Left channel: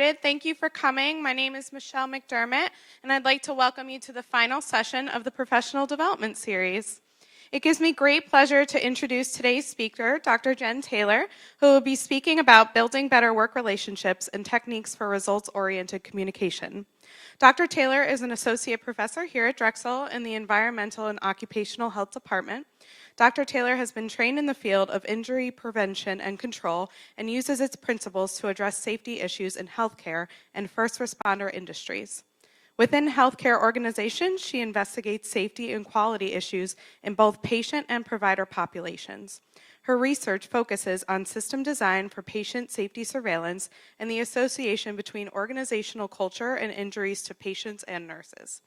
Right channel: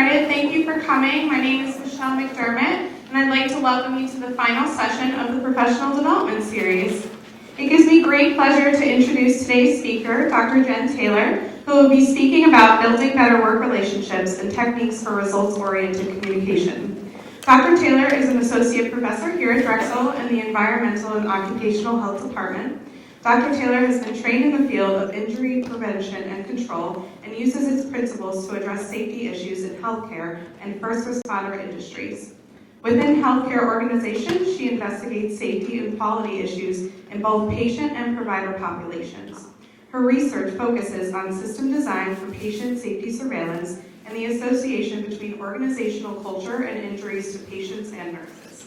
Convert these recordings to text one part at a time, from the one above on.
started, thank you for coming. My name is Michelle McDermott, and I'd like to welcome you to the final session of the Professional Development Series. It gives me great pleasure to introduce today's speaker, Dr. Jen Taylor, who will be speaking about building better work relationships and techniques for results-oriented communication. Dr. Taylor is an associate professor here at Drexel in the Environmental and Occupational Health Department. Dr. Taylor has been trained in the field of injury prevention and control and uses its principles to address safety issues in healthcare and first responder industries. Within healthcare organizations, she investigates safety and quality issues in both patient and provider populations. Her research focuses on system design for patient safety surveillance and the association between organizational culture and injuries to patients and nurses.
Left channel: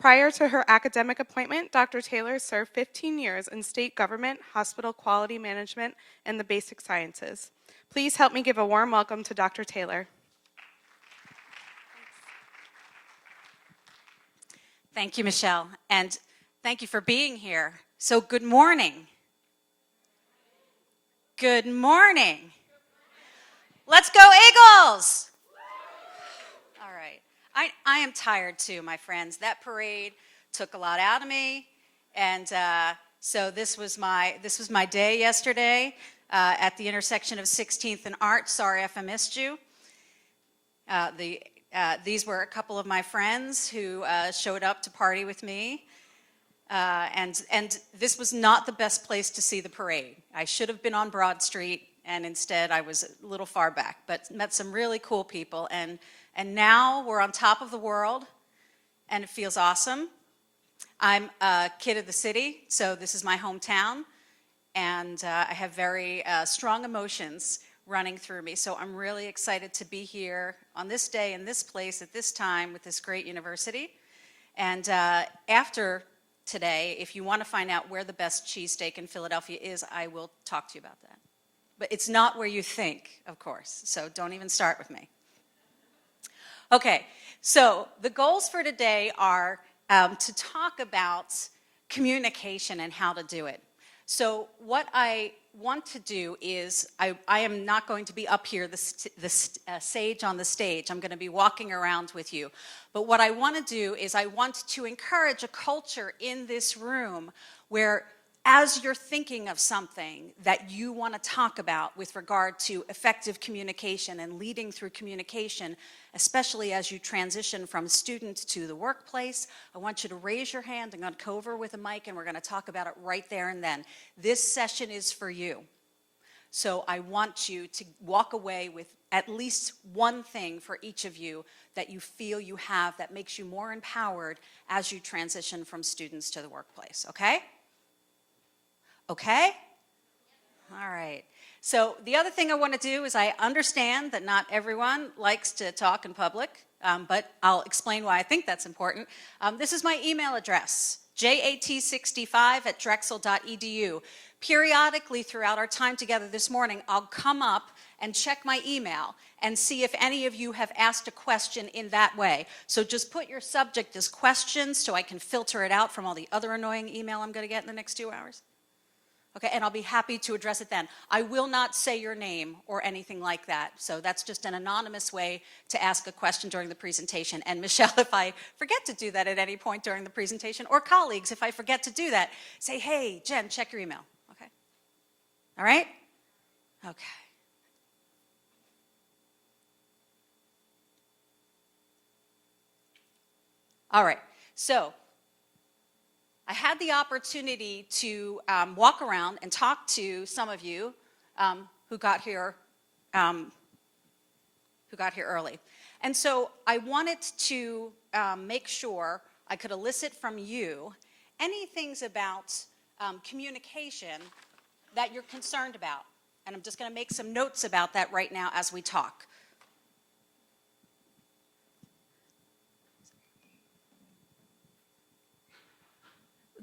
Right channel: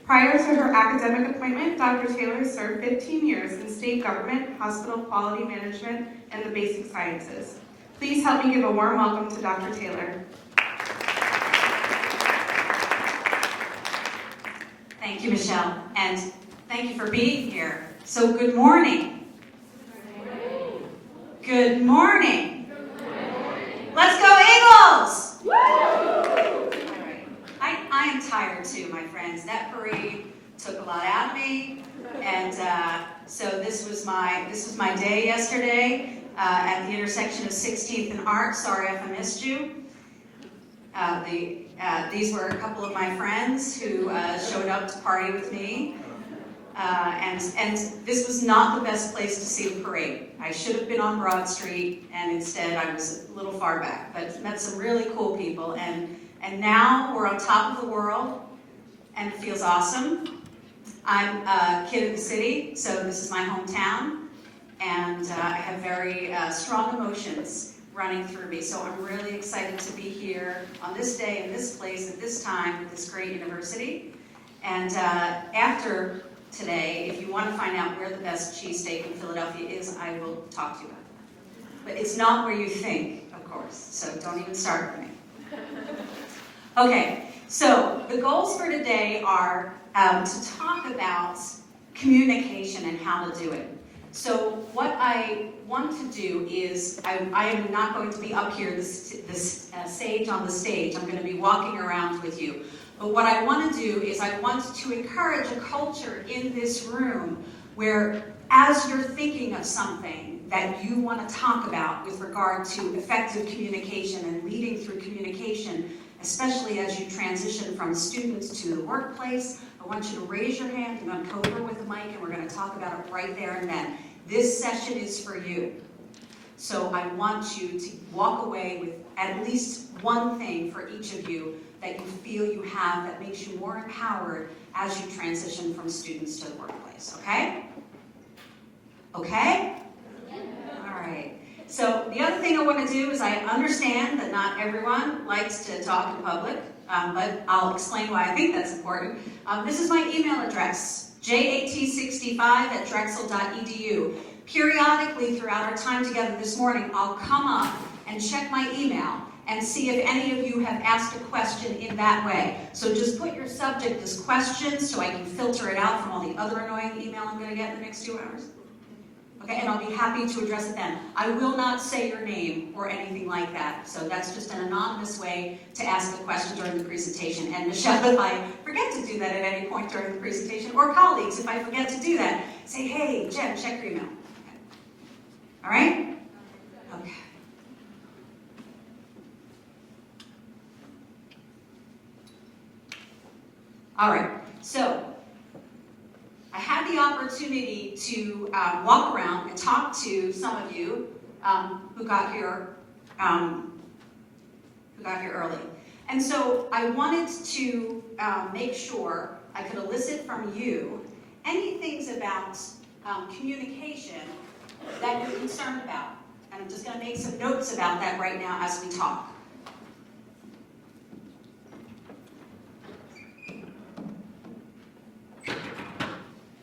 Prior to her academic appointment, Dr. Taylor served 15 years in state government, hospital quality management, and the basic sciences. Please help me give a warm welcome to Dr. Taylor. Thank you, Michelle, and thank you for being here. So good morning. Good morning. Let's go Eagles! I am tired too, my friends. That parade took a lot out of me, and so this was my day yesterday at the intersection of 16th and Art. Sorry if I missed you. These were a couple of my friends who showed up to party with me, and this was not the best place to see the parade. I should have been on Broad Street, and instead I was a little far back, but met some really cool people, and now we're on top of the world, and it feels awesome. I'm a kid of the city, so this is my hometown, and I have very strong emotions running through me. So I'm really excited to be here on this day, in this place, at this time, at this great university. And after today, if you want to find out where the best cheesesteak in Philadelphia is, I will talk to you about that. But it's not where you think, of course, so don't even start with me. Okay, so the goals for today are to talk about communication and how to do it. So what I want to do is, I am not going to be up here, this sage on the stage. I'm going to be walking around with you. But what I want to do is I want to encourage a culture in this room where, as you're thinking of something that you want to talk about with regard to effective communication and leading through communication, especially as you transition from students to the workplace, I want you to raise your hand. I'm going to go over with the mic, and we're going to talk about it right there and then. This session is for you. So I want you to walk away with at least one thing for each of you that you feel you have that makes you more empowered as you transition from students to the workplace, okay? Okay? All right. So the other thing I want to do is I understand that not everyone likes to talk in public, but I'll explain why I think that's important. This is my email address, jat65@drexel.edu. Periodically throughout our time together this morning, I'll come up and check my email and see if any of you have asked a question in that way. So just put your subject as questions so I can filter it out from all the other annoying email I'm going to get in the next 2 hours. Okay, and I'll be happy to address it then. I will not say your name or anything like that. So that's just an anonymous way to ask a question during the presentation. And Michelle, if I forget to do that at any point during the presentation, or colleagues, if I forget to do that, say, hey, Jen, check your email. Okay. All right? Okay. All right, so I had the opportunity to walk around and talk to some of you who got here early. And so I wanted to make sure I could elicit from you any things about communication that you're concerned about. And I'm just going to make some notes about that right now as we talk.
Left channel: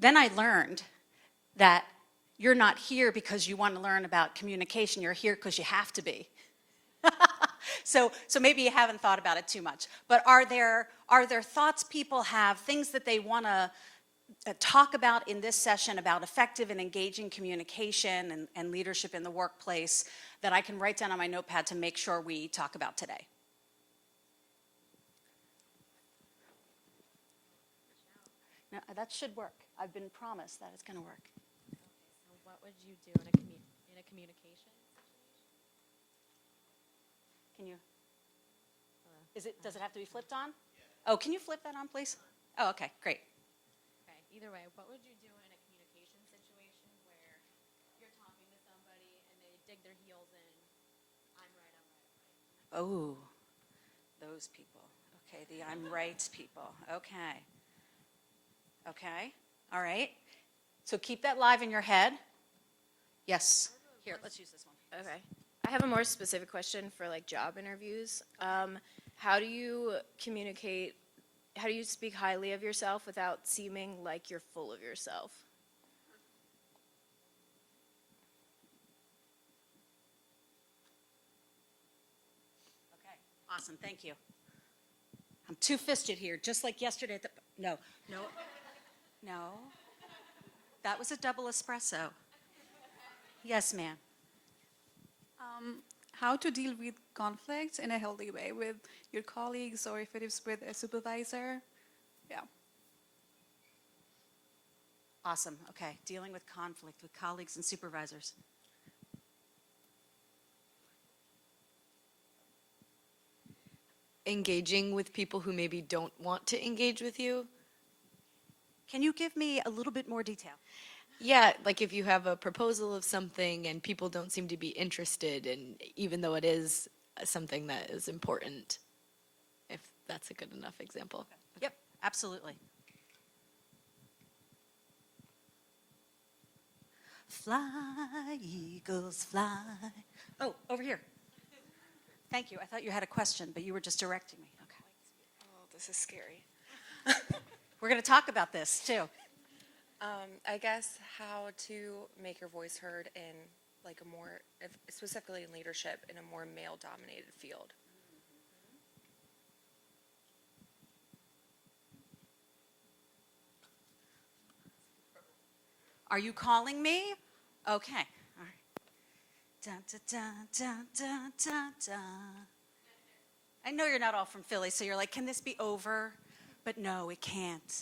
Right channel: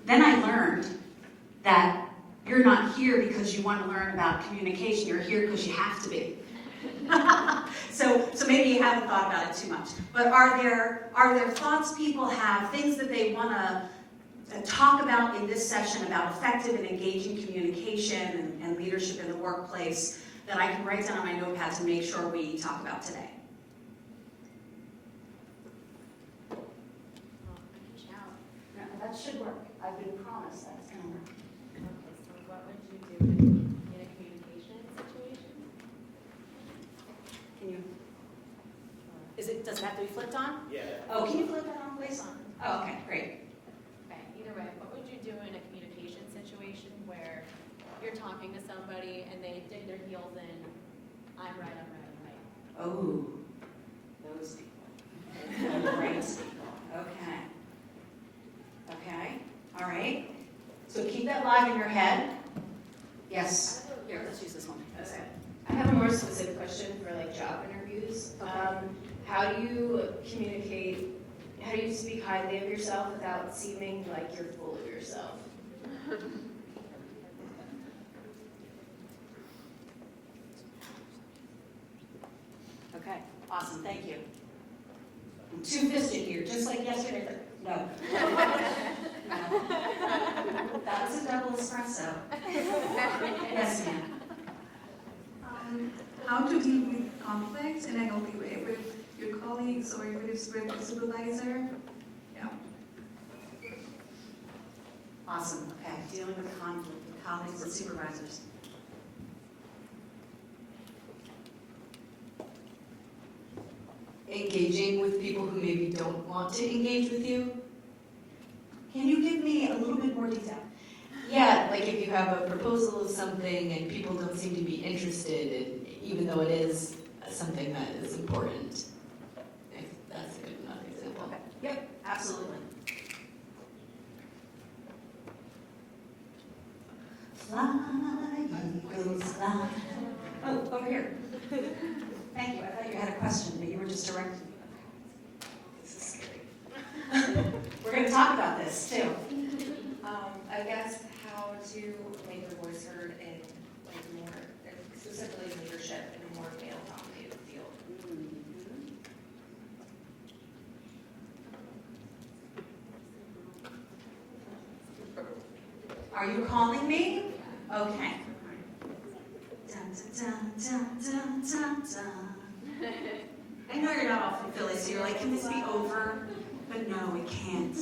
Then I learned that you're not here because you want to learn about communication. You're here because you have to be. So maybe you haven't thought about it too much. But are there thoughts people have, things that they want to talk about in this session about effective and engaging communication and leadership in the workplace that I can write down on my notepad to make sure we talk about today? it have to be flipped on? Yeah. Oh, can you flip that on, please? Oh, okay, great. Okay, either way, what would you do in a communication situation where you're talking to somebody and they dig their heels in, I'm right, I'm right, I'm right. Oh, those people. Right people. Okay. Okay. All right. So keep that live in your head. Yes. Here, let's use this one. Okay. I have a more specific question for like job interviews. How do you communicate, how do you speak highly of yourself without seeming like you're full of yourself? Okay. Awesome. Thank you. I'm two-fisted here, just like yesterday. No. No. That was a double espresso. Yes, ma'am. How to deal with conflict in a healthy way with your colleagues or if it is with a supervisor. Yeah. Awesome. Okay. Dealing with conflict with colleagues and supervisors. Engaging with people who maybe don't want to engage with you. Can you give me a little bit more detail? Yeah, like if you have a proposal of something and people don't seem to be interested, even though it is something that is important. If that's a good enough example. Okay. Yep, absolutely. Fly, eagles, fly. Oh, over here. Thank you. I thought you had a question, but you were just directing me. Okay. This is scary. We're going to talk about this too. I guess how to make your voice heard in like more, specifically leadership in a more male-dominated field. Are you calling me? Okay. Dun, dun, dun, dun, dun, dun. I know you're not all from Philly, so you're like, can this be over? But no, it can't.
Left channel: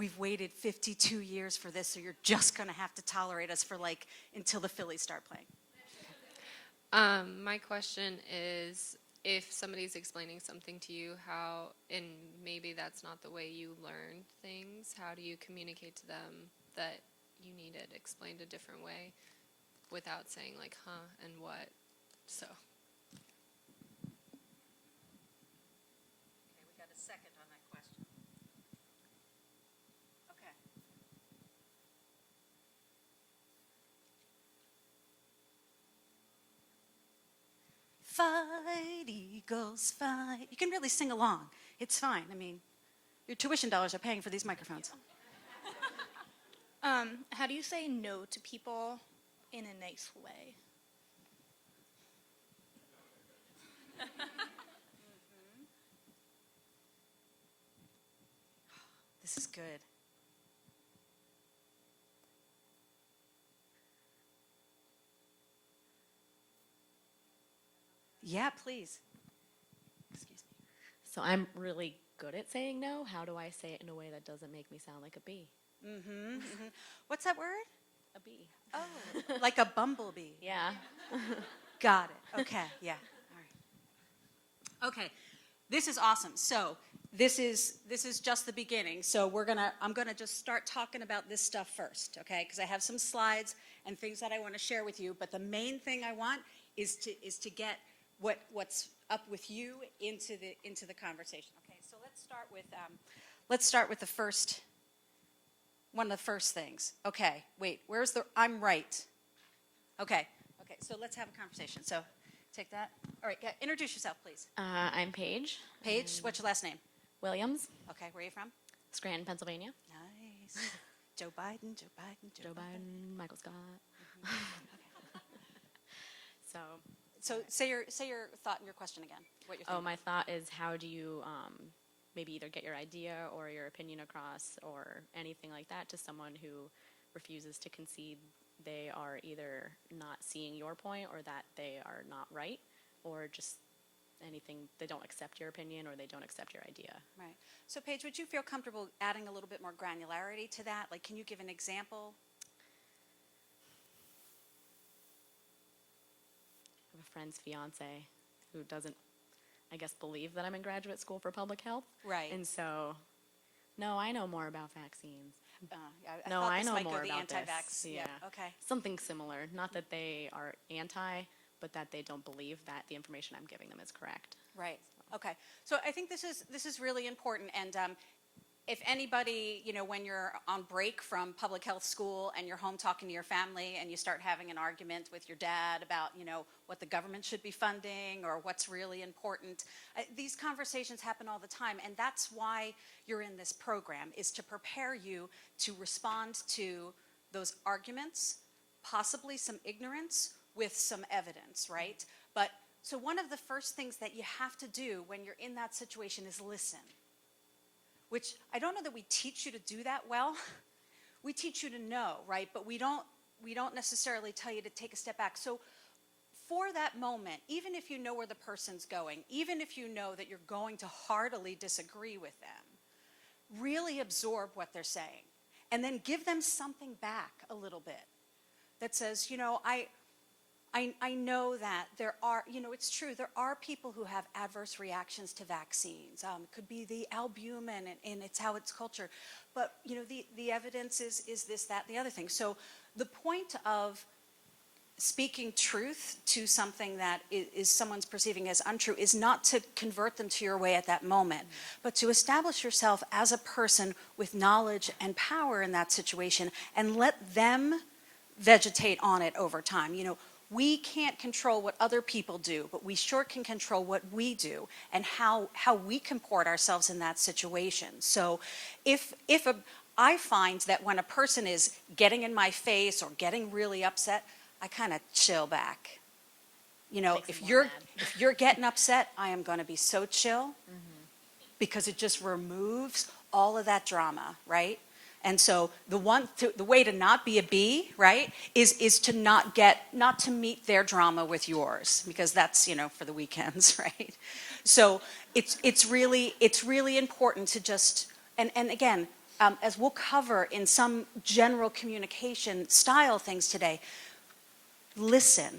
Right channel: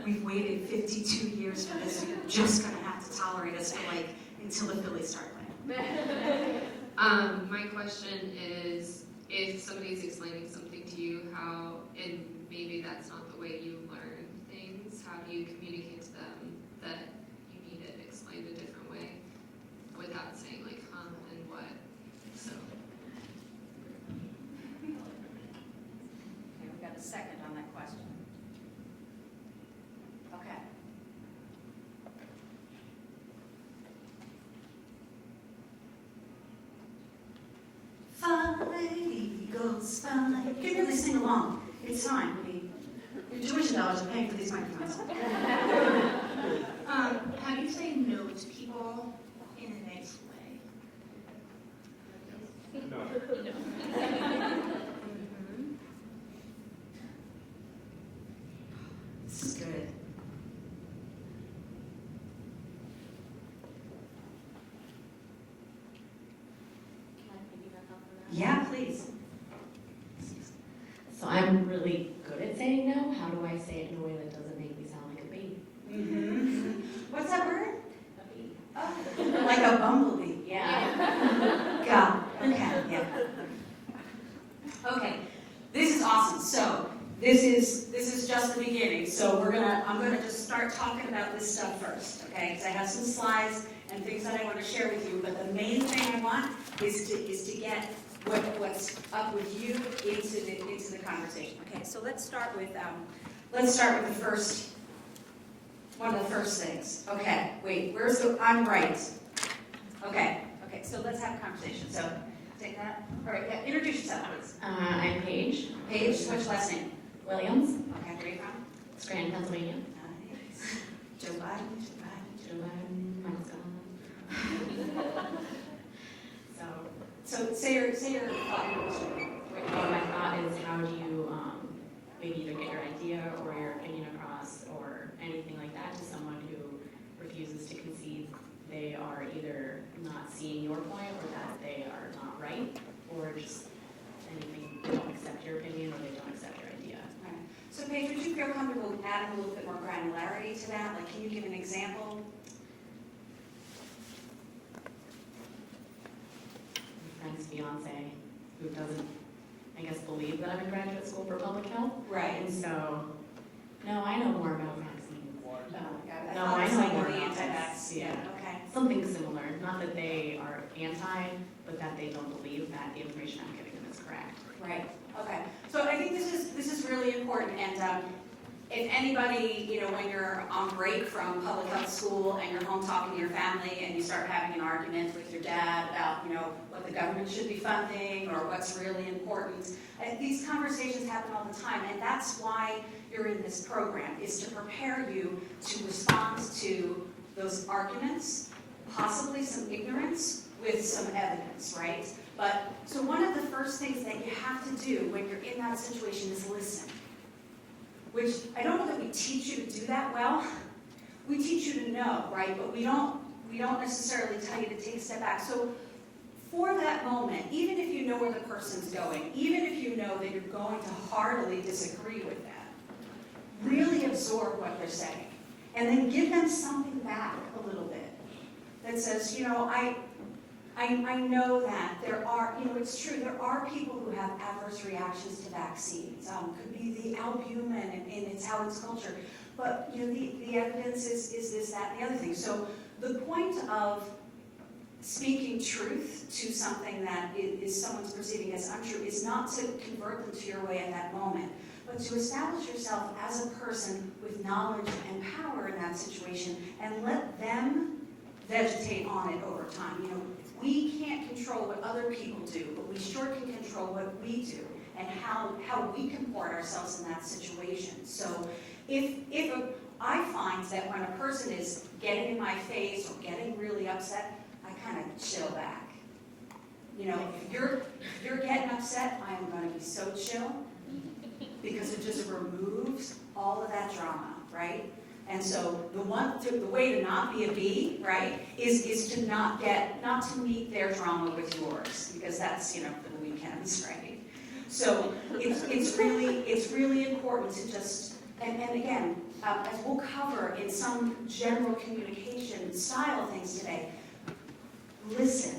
We've waited 52 years for this, and you're just going to have to tolerate us for like until the Phillies start playing. My question is, if somebody's explaining something to you, how, and maybe that's not the way you learn things, how do you communicate to them that you need it explained a different way without saying like, and what, so. Okay, we've got a second on that question. Okay. Fine, eagles, fine. You can really sing along. It's fine. I mean, your tuition dollars are paying for these microphones. How do you say no to people in a nice way? This is good. Can I piggyback off of that? Yeah, please. So I'm really good at saying no. How do I say it in a way that doesn't make me sound like a bee? Mm-hmm. What's that word? A bee. Oh, like a bumblebee. Yeah. Got it. Okay, yeah. Okay, this is awesome. So this is just the beginning. So I'm gonna just start talking about this stuff first, okay? Because I have some slides and things that I want to share with you. But the main thing I want is to get what's up with you into the conversation. Okay, so let's start with the first one of the first things. Okay, wait, where's the I'm right? Okay, so let's have a conversation. So take that. All right, introduce yourself, please. I'm Paige Paige, what's your last name? Williams, Okay, where are you from? Scranton, Pennsylvania. Nice. Joe Biden. Joe Biden, mine's gone. So say your thought. What my thought is, how do you maybe either get your idea or your opinion across or anything like that to someone who refuses to concede they are either not seeing your point or that they are not right or just anything, they don't accept your opinion or they don't accept your idea. Right. So so, no, I know more about vaccines. No, No, I I know like more the about anti-vax. yeah. Okay. Something similar, not that they are anti, but that they don't believe that the information I'm giving is correct. Right. Okay. So I think this is really important. And if anybody, when you're on break from public health school and you're home talking to your family and you start having an argument with your dad about, what the government should be funding or what's really important, these conversations happen all the time, and that's why you're in this program, is to prepare you to respond to those arguments, possibly some ignorance with some evidence, right? But so one of the first things that you have to do when you're in that situation is listen. Which I don't know that we teach you to do that well. We teach you to know, right? But we don't necessarily tell you to take a step back. So for that moment, even if you know where the person's going, even if you know that you're going to heartily disagree with them, really absorb what they're saying. And then give them something back a little bit that says, I know that there are, it's true, there are people who have adverse reactions to vaccines. Could be the albumin and it's how it's cultured. But, the evidence is this, that, and the other thing. So the point of speaking truth to something that is someone's perceiving as untrue is not to convert them to your way at that moment, but to establish yourself as a person with knowledge and power in that situation and let them vegetate on it over time. We can't control what other people do, but we sure can control what we do and how we comport ourselves in that situation. So I find that when a person is getting in my face or getting really upset, I kind of chill back. If you're getting upset, I am going to be so chill because it just removes all of that drama, right? And so the way to not be a bee, right, is to not to meet their drama with yours, because that's, for the weekends, right? So it's really important to just, and again, as we'll cover in some general communication style things today, listen,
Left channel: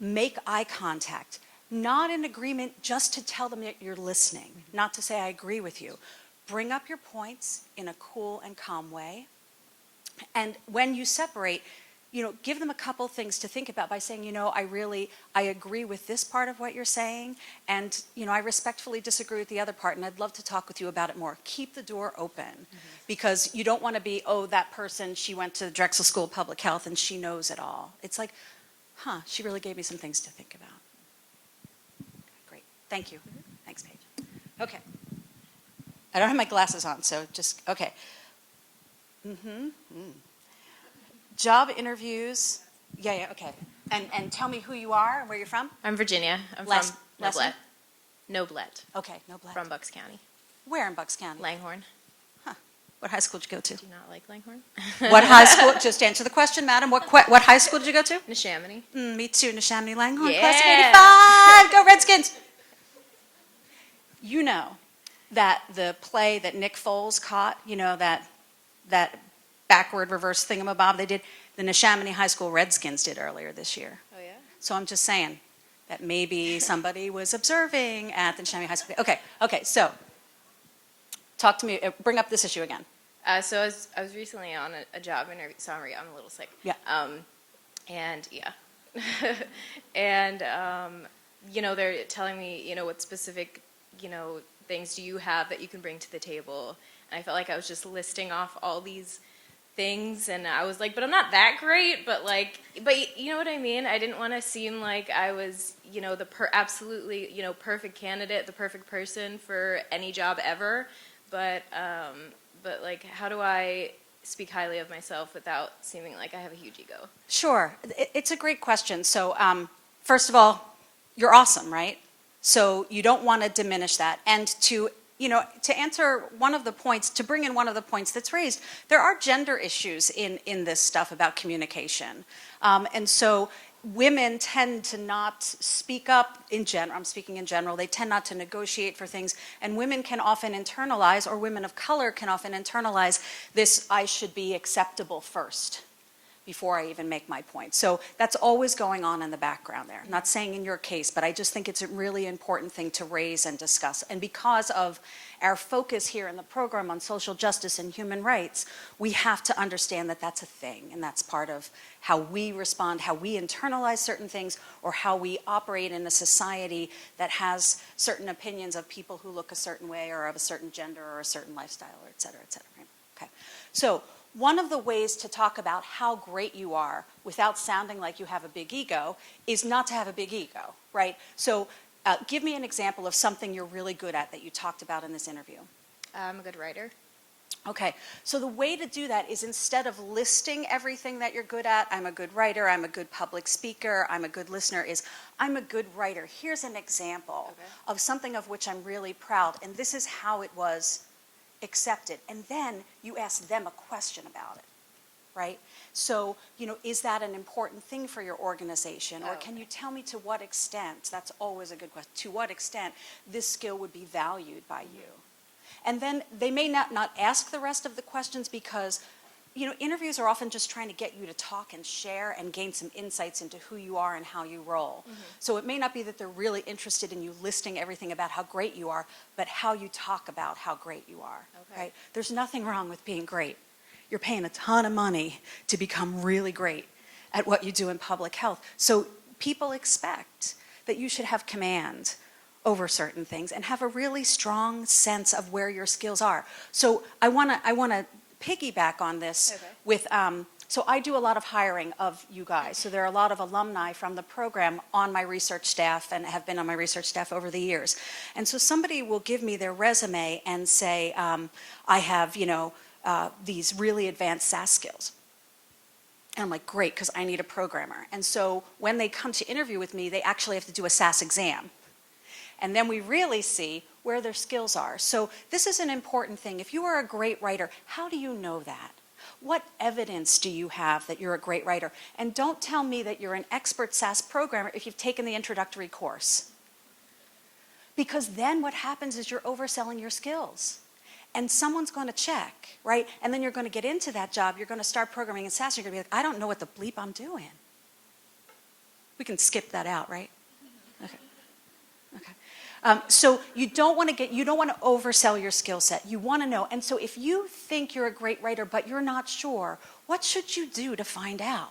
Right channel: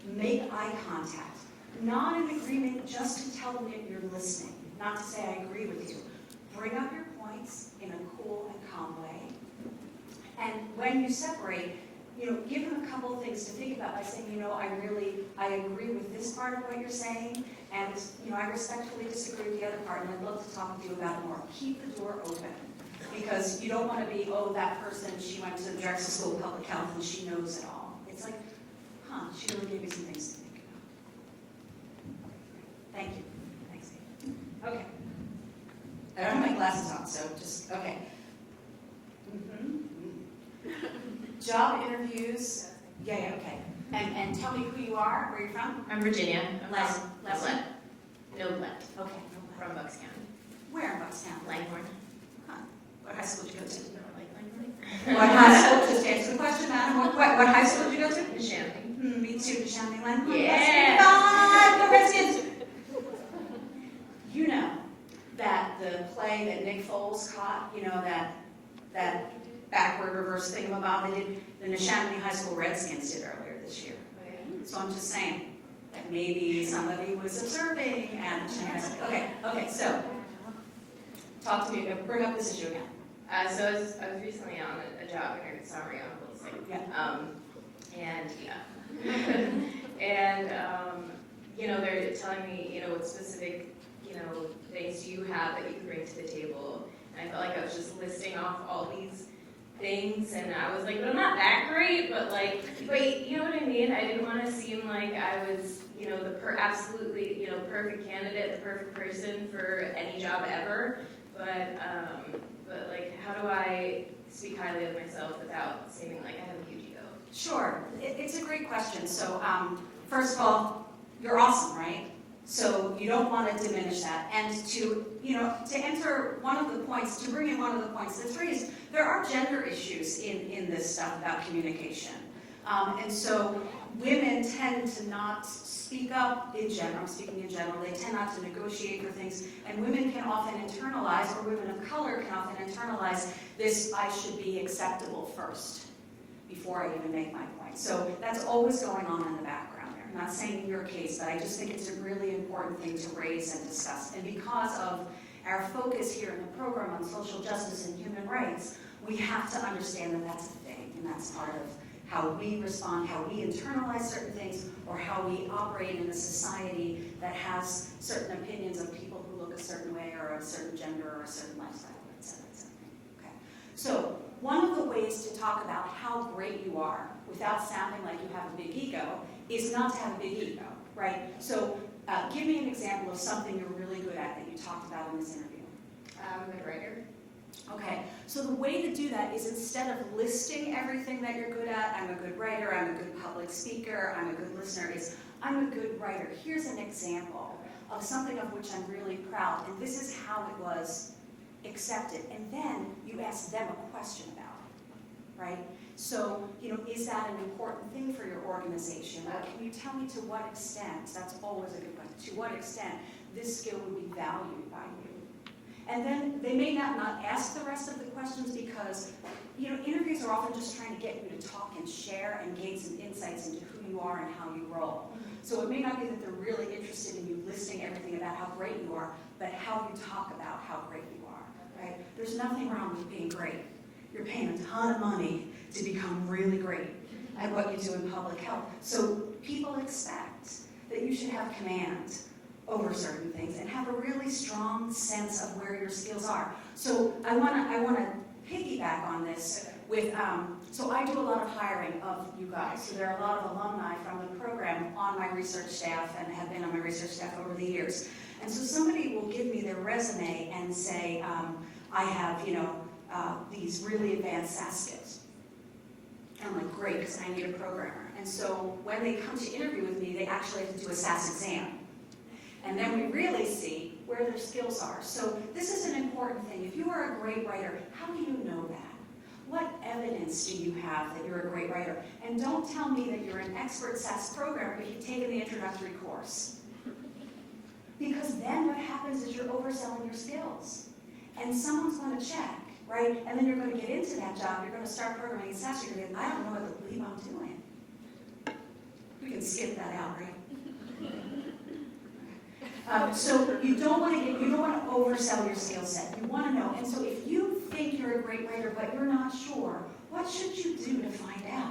make eye contact, not in agreement, just to tell them that you're listening, not to say I agree with you. Bring up your points in a cool and calm way. And when you separate, give them a couple things to think about by saying, I agree with this part of what you're saying, and, I respectfully disagree with the other part, and I'd love to talk with you about it more. Keep the door open, because you don't want to be, that person, she went to Drexel School of Public Health and she knows it all. It's like, she really gave me some things to think about. Great, thank you. Thanks, Paige. Okay. I don't have my glasses on, so just, okay. Job interviews. Yeah, okay. And tell me who you are, where you're from. I'm Virginia. I'm Last from name? Noblette. Okay, Noblette. From Bucks County. Where in Bucks County? Langhorne. Huh. What high school did you go to? Not like Langhorne. What high school? Just answer the question, madam. What high school did you go to? Neshaminy. Me too, Neshaminy Langhorne. Yeah. Class 85. Go Redskins. You know that the play that Nick Foles caught, that backward reverse thingamabob they did, the Neshaminy High School Redskins did earlier this year. Oh, yeah? So I'm just saying that maybe somebody was observing at the Neshaminy High School. Okay, so talk to me, bring up this issue again. So I was recently on a job interview. Sorry, I'm a little sick. Yeah. They're telling me, what specific, things do you have that you can bring to the table? And I felt like I was just listing off all these things, and I was like, but I'm not that great, but you know what I mean? I didn't want to seem like I was, absolutely, perfect candidate, the perfect person for any job ever, but how do I speak highly of myself without seeming like I have a huge ego? Sure, it's a great question. So first of all, you're awesome, right? So you don't want to diminish that. And to answer one of the points, to bring in one of the points that's raised, there are gender issues in this stuff about communication. And so women tend to not speak up in general. I'm speaking in general. They tend not to negotiate for things. And women can often internalize, or women of color can often internalize this, I should be acceptable first. before I even make my point. So that's always going on in the background there. I'm not saying in your case, but I just think it's a really important thing to raise and discuss. And because of our focus here in the program on social justice and human rights, we have to understand that that's a thing, and that's part of how we respond, how we internalize certain things, or how we operate in a society that has certain opinions of people who look a certain way or of a certain gender or a certain lifestyle, or et cetera, et cetera. Okay. So one of the ways to talk about how great you are without sounding like you have a big ego is not to have a big ego, right? So give me an example of something you're really good at that you talked about in this interview. I'm a good writer. Okay, so the way to do that is instead of listing everything that you're good at, I'm a good writer, I'm a good public speaker, I'm a good listener, is I'm a good writer. Here's an example of something of which I'm really proud, and this is how it was accepted. And then you ask them a question about it, right? So, is that an important thing for your organization? Or can you tell me to what extent, that's always a good question, to what extent this skill would be valued by you? And then they may not ask the rest of the questions because, interviews are often just trying to get you to talk and share and gain some insights into who you are and how you roll. So it may not be that they're really interested in you listing everything about how great you are, but how you talk about how great you are, right? There's nothing wrong with being great. You're paying a ton of money to become really great at what you do in public health. So people expect that you should have command over certain things and have a really strong sense of where your skills are. So I want to piggyback on this with, so I do a lot of hiring of you guys. So there are a lot of alumni from the program on my research staff and have been on my research staff over the years. And so somebody will give me their resume and say, I have, these really advanced SAS skills. And I'm like, great, because I need a programmer. And so when they come to interview with me, they actually have to do a SAS exam. And then we really see where their skills are. So this is an important thing. If you are a great writer, how do you know that? What evidence do you have that you're a great writer? And don't tell me that you're an expert SAS programmer if you've taken the introductory course. Because then what happens is you're overselling your skills. And someone's going to check, right? And then you're going to get into that job. You're going to start programming in SAS. You're going to be like, I don't know what the bleep I'm doing. We can skip that out, right? So you don't want to oversell your skill set. You want to know. And so if you think you're a great writer but you're not sure, what should you do to find out?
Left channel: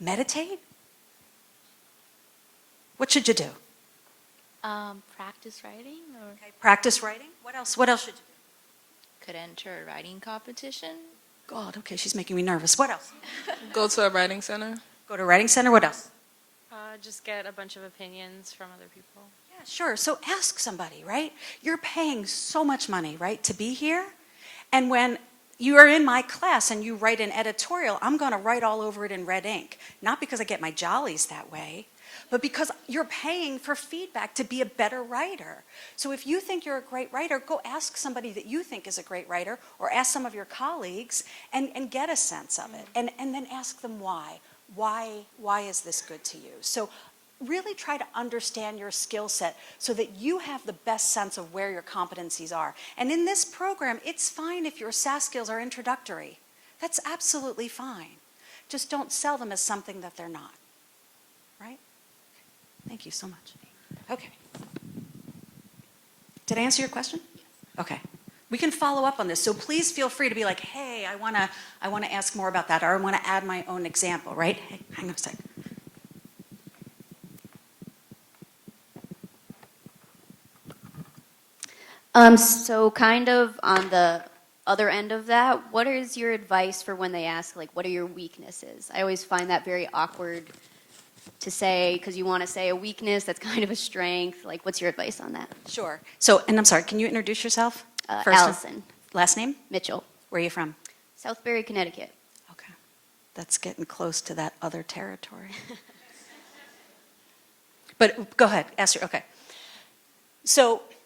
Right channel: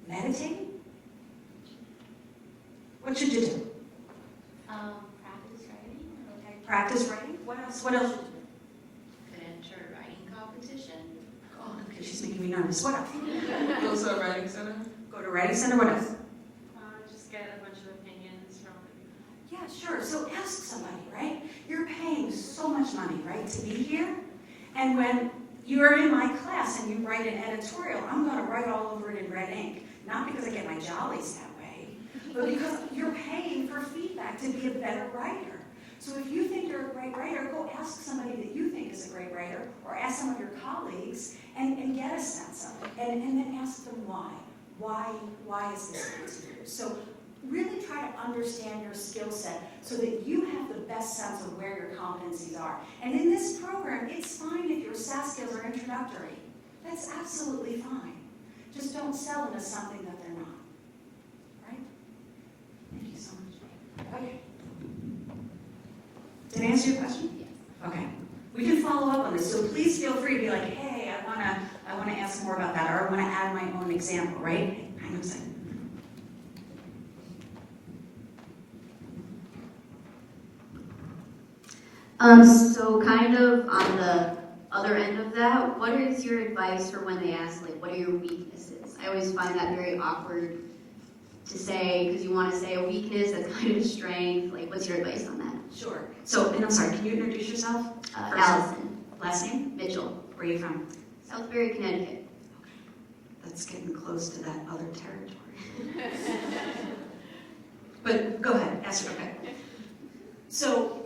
Meditate? What should you do? Practice writing. Okay. Practice writing? What else? What else should you do? Could enter a writing competition. God, okay, she's making me nervous. What else? Go to a writing center. Go to a writing center. What else? Just get a bunch of opinions from other people. Yeah, sure. So ask somebody, right? You're paying so much money, right, to be here. And when you are in my class and you write an editorial, I'm going to write all over it in red ink. Not because I get my jollies that way, but because you're paying for feedback to be a better writer. So if you think you're a great writer, go ask somebody that you think is a great writer, or ask some of your colleagues and get a sense of it. And then ask them why. Why is this good to you? So really try to understand your skill set so that you have the best sense of where your competencies are. And in this program, it's fine if your SAS skills are introductory. That's absolutely fine. Just don't sell them as something that they're not. Right? Thank you so much. Okay. Did I answer your question? Yes. Okay. We can follow up on this, so please feel free to be like, hey, I want to ask more about that, or I want to add my own example, right? Hang on a second. So kind of on the other end of that, what is your advice for when they ask, like, what are your weaknesses? I always find that very awkward to say, because you want to say a weakness that's kind of a strength. Like, what's your advice on that? Sure. So, and I'm sorry, can you introduce yourself? Allison. Last name? Mitchell. Where are you from? Southbury, Connecticut. Okay. That's getting close to that other territory. But go ahead, ask your, okay. So,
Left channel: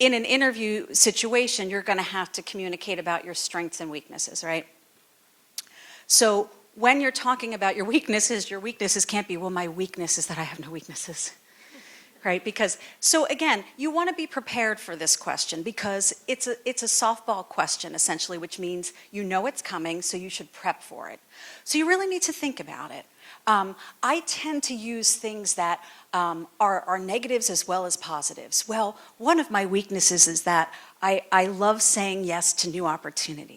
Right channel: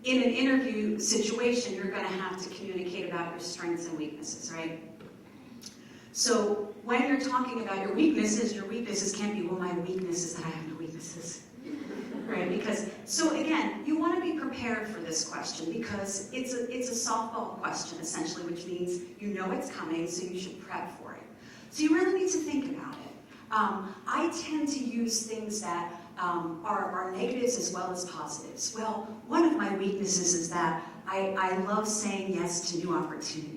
in an interview situation, you're going to have to communicate about your strengths and weaknesses, right? So when you're talking about your weaknesses can't be, well, my weakness is that I have no weaknesses. right? Because, so again, you want to be prepared for this question because it's a softball question, essentially, which means you know it's coming, so you should prep for it. So you really need to think about it. I tend to use things that are negatives as well as positives. Well, one of my weaknesses is that I love saying yes to new opportunities.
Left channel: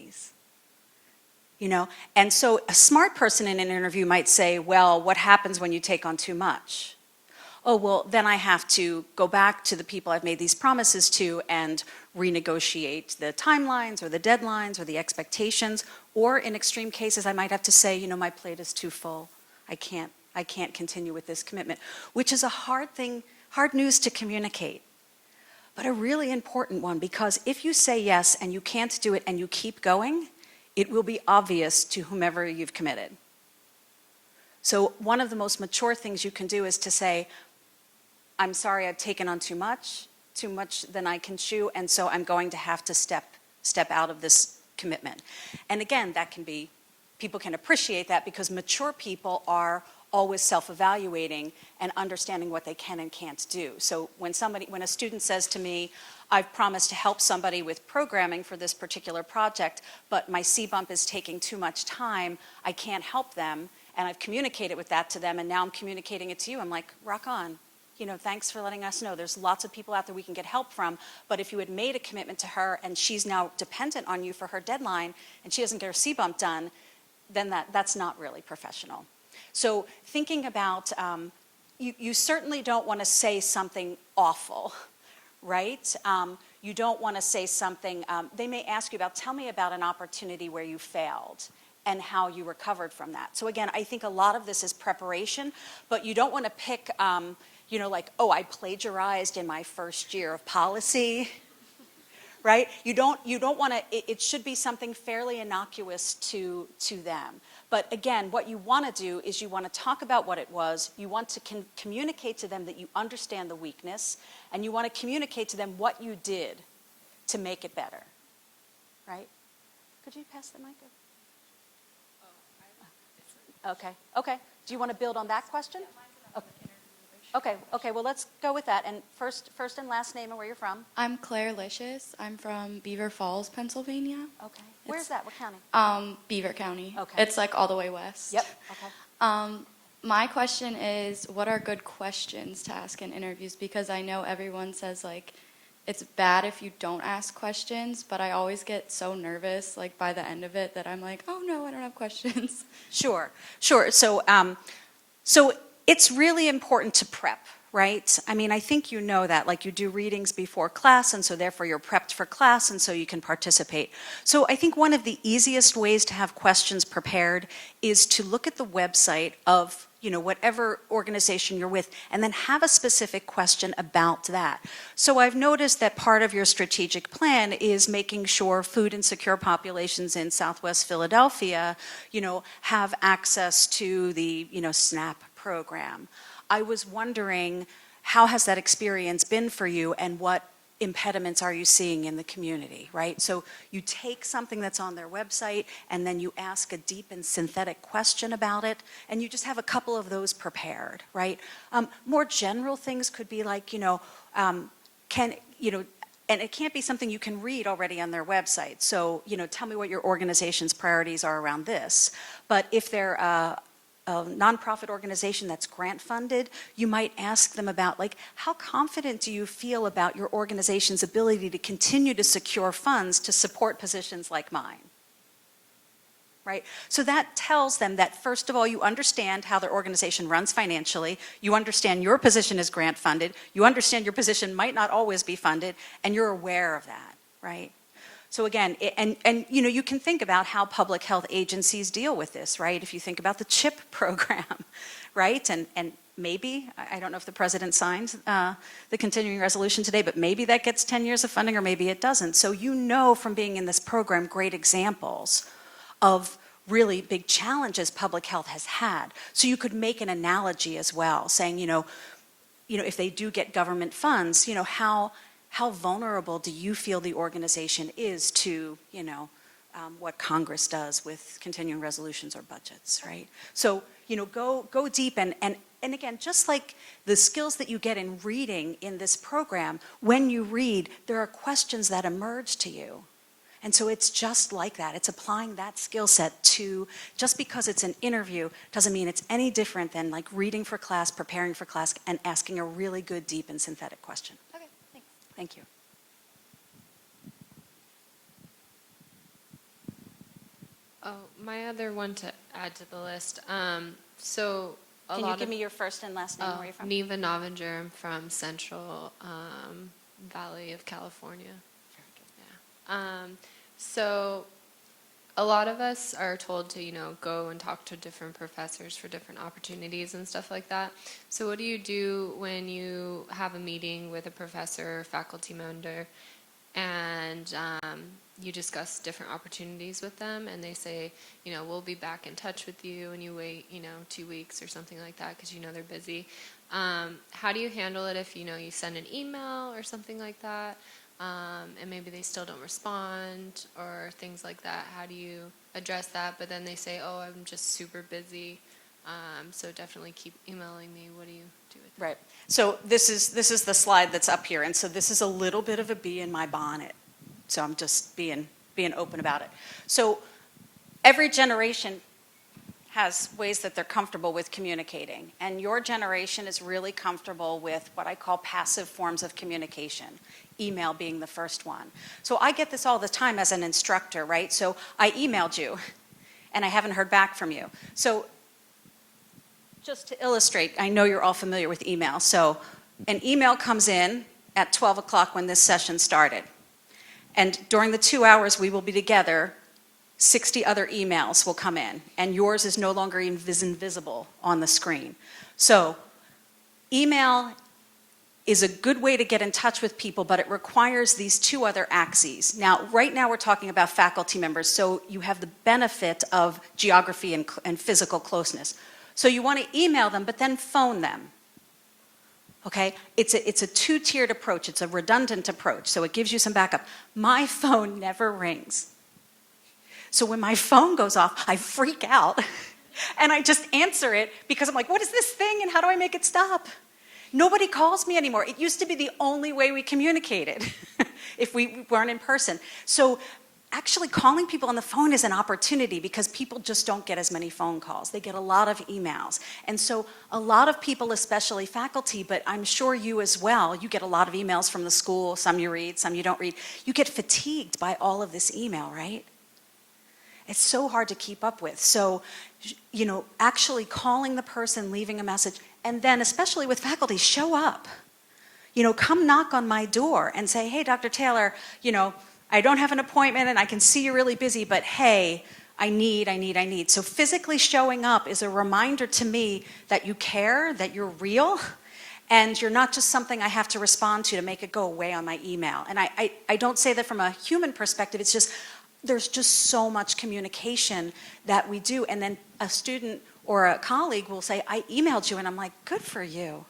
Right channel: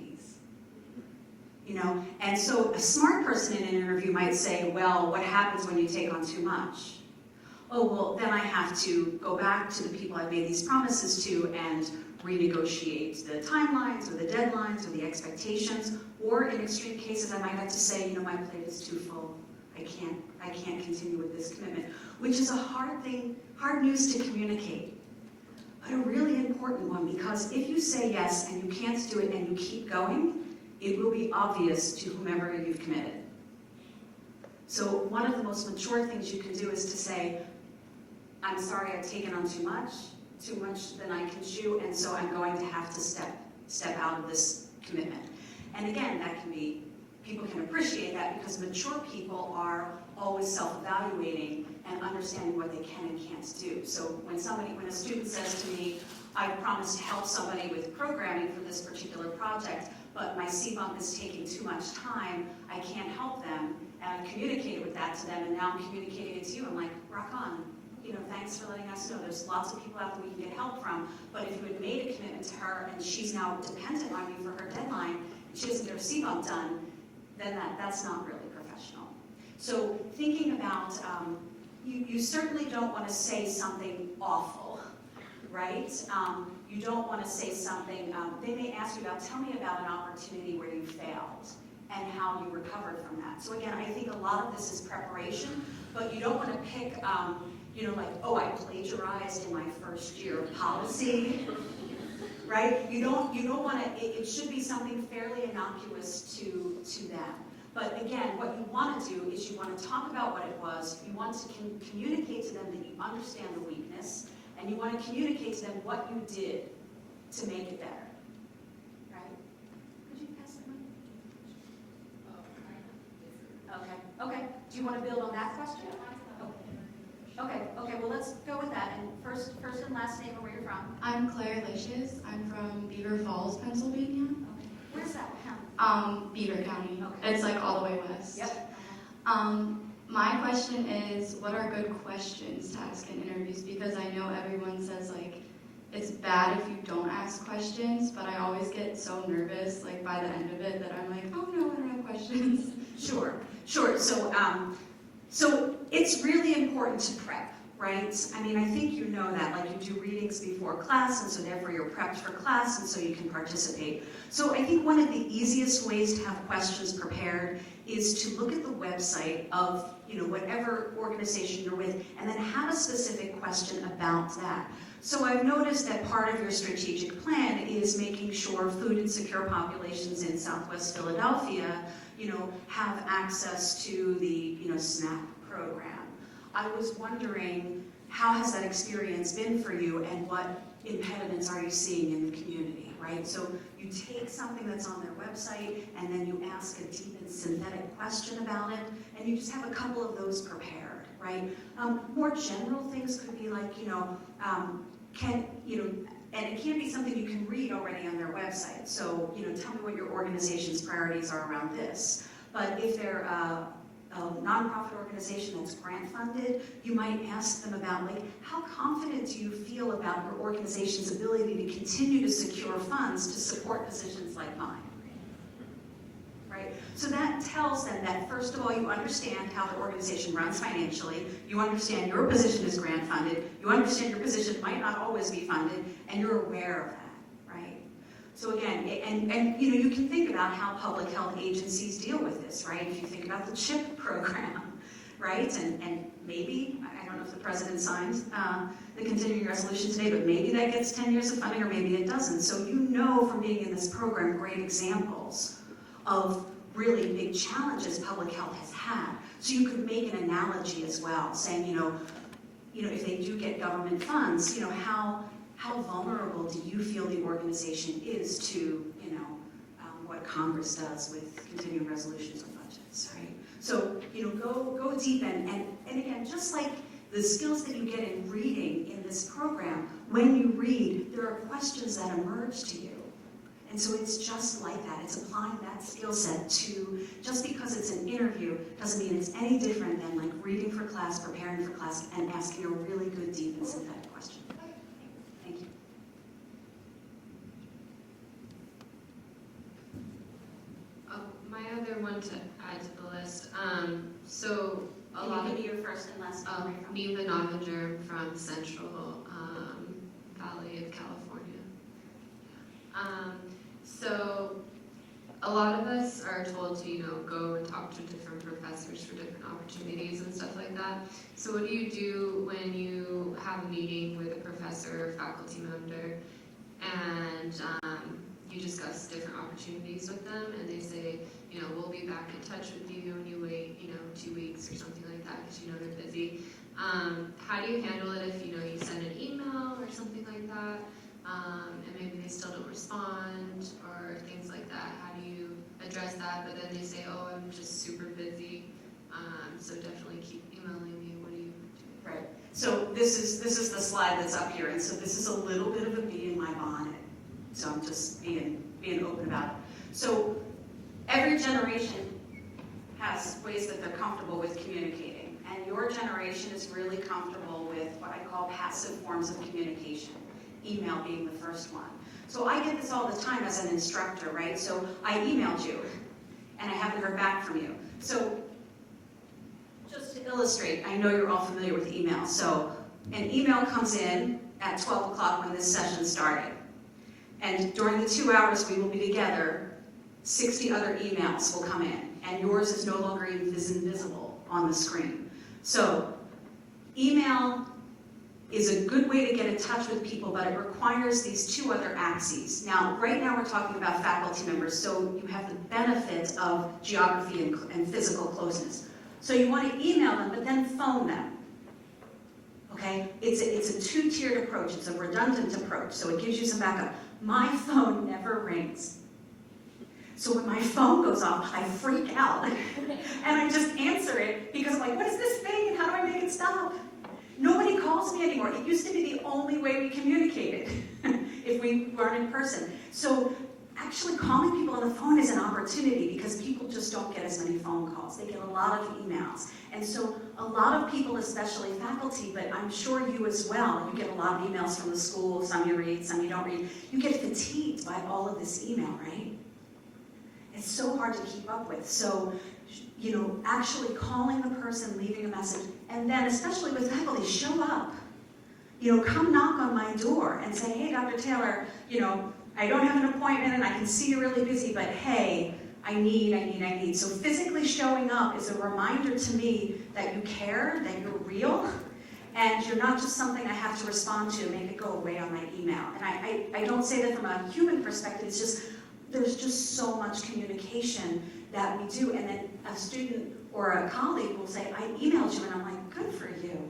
You know, and so a smart person in an interview might say, well, what happens when you take on too much? Oh, well, then I have to go back to the people I've made these promises to and renegotiate the timelines or the deadlines or the expectations. Or in extreme cases, I might have to say, you know, my plate is too full. I can't continue with this commitment, which is a hard thing, hard news to communicate, but a really important one, because if you say yes and you can't do it and you keep going, it will be obvious to whomever you've committed. So one of the most mature things you can do is to say, I'm sorry, I've taken on too much than I can chew, and so I'm going to have to step out of this commitment. And again, that can be, people can appreciate that because mature people are always self-evaluating and understanding what they can and can't do. So when a student says to me, I've promised to help somebody with programming for this particular project, but my C-bump is taking too much time, I can't help them, and I've communicated with that to them, and now I'm communicating it to you, I'm like, rock on. You know, thanks for letting us know. There's lots of people out there we can get help from, but if you had made a commitment to her and she's now dependent on you for her deadline, and she doesn't get her C-bump done, then that's not really professional. So thinking about, you certainly don't want to say something awful, right? You don't want to say something, they may ask you about, tell me about an opportunity where you failed and how you recovered from that. So again, I think a lot of this is preparation, but you don't want to pick, you know, like, oh, I plagiarized in my first year of policy, right? You don't want to, it should be something fairly innocuous to them. But again, what you want to do is you want to talk about what it was, you want to communicate to them that you understand the weakness, and you want to communicate to them what you did to make it better, right? Could you pass the mic? Okay. Do you want to build on that question? Okay, well, let's go with that. And first and last name and where you're from. I'm Claire Licious. I'm from Beaver Falls, Pennsylvania. Okay. Where's that? What county? Beaver County. Okay. It's like all the way west. Yep. Okay. My question is, what are good questions to ask in interviews? Because I know everyone says, like, it's bad if you don't ask questions, but I always get so nervous, like, by the end of it that I'm like, oh, no, I don't have questions. Sure. So it's really important to prep, right? I mean, I think you know that, like you do readings before class, and so therefore you're prepped for class, and so you can participate. So I think one of the easiest ways to have questions prepared is to look at the website of, you know, whatever organization you're with, and then have a specific question about that. So I've noticed that part of your strategic plan is making sure food insecure populations in Southwest Philadelphia, you know, have access to the, you know, SNAP program. I was wondering, how has that experience been for you, and what impediments are you seeing in the community, right? So you take something that's on their website, and then you ask a deep and synthetic question about it, and you just have a couple of those prepared, right? More general things could be like, you know, and it can't be something you can read already on their website. So, you know, tell me what your organization's priorities are around this. But if they're a nonprofit organization that's grant funded, you might ask them about, like, how confident do you feel about your organization's ability to continue to secure funds to support positions like mine? Right? So that tells them that, first of all, you understand how their organization runs financially, you understand your position is grant funded, you understand your position might not always be funded, and you're aware of that, right? So again, and you know, you can think about how public health agencies deal with this, right? If you think about the CHIP program, right? And maybe, I don't know if the president signed the continuing resolution today, but maybe that gets 10 years of funding, or maybe it doesn't. So you know from being in this program great examples of really big challenges public health has had. So you could make an analogy as well, saying, you know, if they do get government funds, you know, how vulnerable do you feel the organization is to, you know, what Congress does with continuing resolutions or budgets, right? So, you know, go deep, and again, just like The skills that you get in reading in this program, when you read, there are questions that emerge to you. And so it's just like that. It's applying that skill set to, just because it's an interview doesn't mean it's any different than like reading for class, preparing for class, and asking a really good, deep, and synthetic question. Okay, thanks. Thank you. My other one to add to the list. So a Can lot you give of me your first and last name? Where are you from? Neva Novinger from Central Valley of California. So a lot of us are told to, go and talk to different professors for different opportunities and stuff like that. So what do you do when you have a meeting with a professor or faculty member and you discuss different opportunities with them and they say, we'll be back in touch with you, and you wait, 2 weeks or something like that because they're busy. How do you handle it if, you send an email or something like that, and maybe they still don't respond or things like that? How do you address that? But then they say, oh, I'm just super busy, so definitely keep emailing me. What do you do? Right. So this is the slide that's up here, and so this is a little bit of a bee in my bonnet. So I'm just being open about it. So every generation has ways that they're comfortable with communicating, and your generation is really comfortable with what I call passive forms of communication, email being the first one. So I get this all the time as an instructor, right? So I emailed you, and I haven't heard back from you. So just to illustrate, I know you're all familiar with email. So an email comes in at 12 o'clock when this session started. And during the 2 hours we will be together, 60 other emails will come in, and yours is no longer even invisible on the screen. So email is a good way to get in touch with people, but it requires these two other axes. Now, right now we're talking about faculty members, so you have the benefit of geography and physical closeness. So you want to email them, but then phone them. Okay, it's a two-tiered approach. It's a redundant approach, so it gives you some backup. My phone never rings. So when my phone goes off, I freak out, and I just answer it because I'm like, what is this thing, and how do I make it stop? Nobody calls me anymore. It used to be the only way we communicated if we weren't in person. So actually calling people on the phone is an opportunity because people just don't get as many phone calls. They get a lot of emails. And so a lot of people, especially faculty, but I'm sure you as well, you get a lot of emails from the school, some you read, some you don't read. You get fatigued by all of this email, right? It's so hard to keep up with. So, actually calling the person, leaving a message, and then especially with faculty, show up. Come knock on my door and say, hey, Dr. Taylor, I don't have an appointment and I can see you're really busy, but hey, I need. So physically showing up is a reminder to me that you care, that you're real, and you're not just something I have to respond to make it go away on my email. And I don't say that from a human perspective, it's just, there's just so much communication that we do, and then a student or a colleague will say, I emailed you, and I'm like, good for you.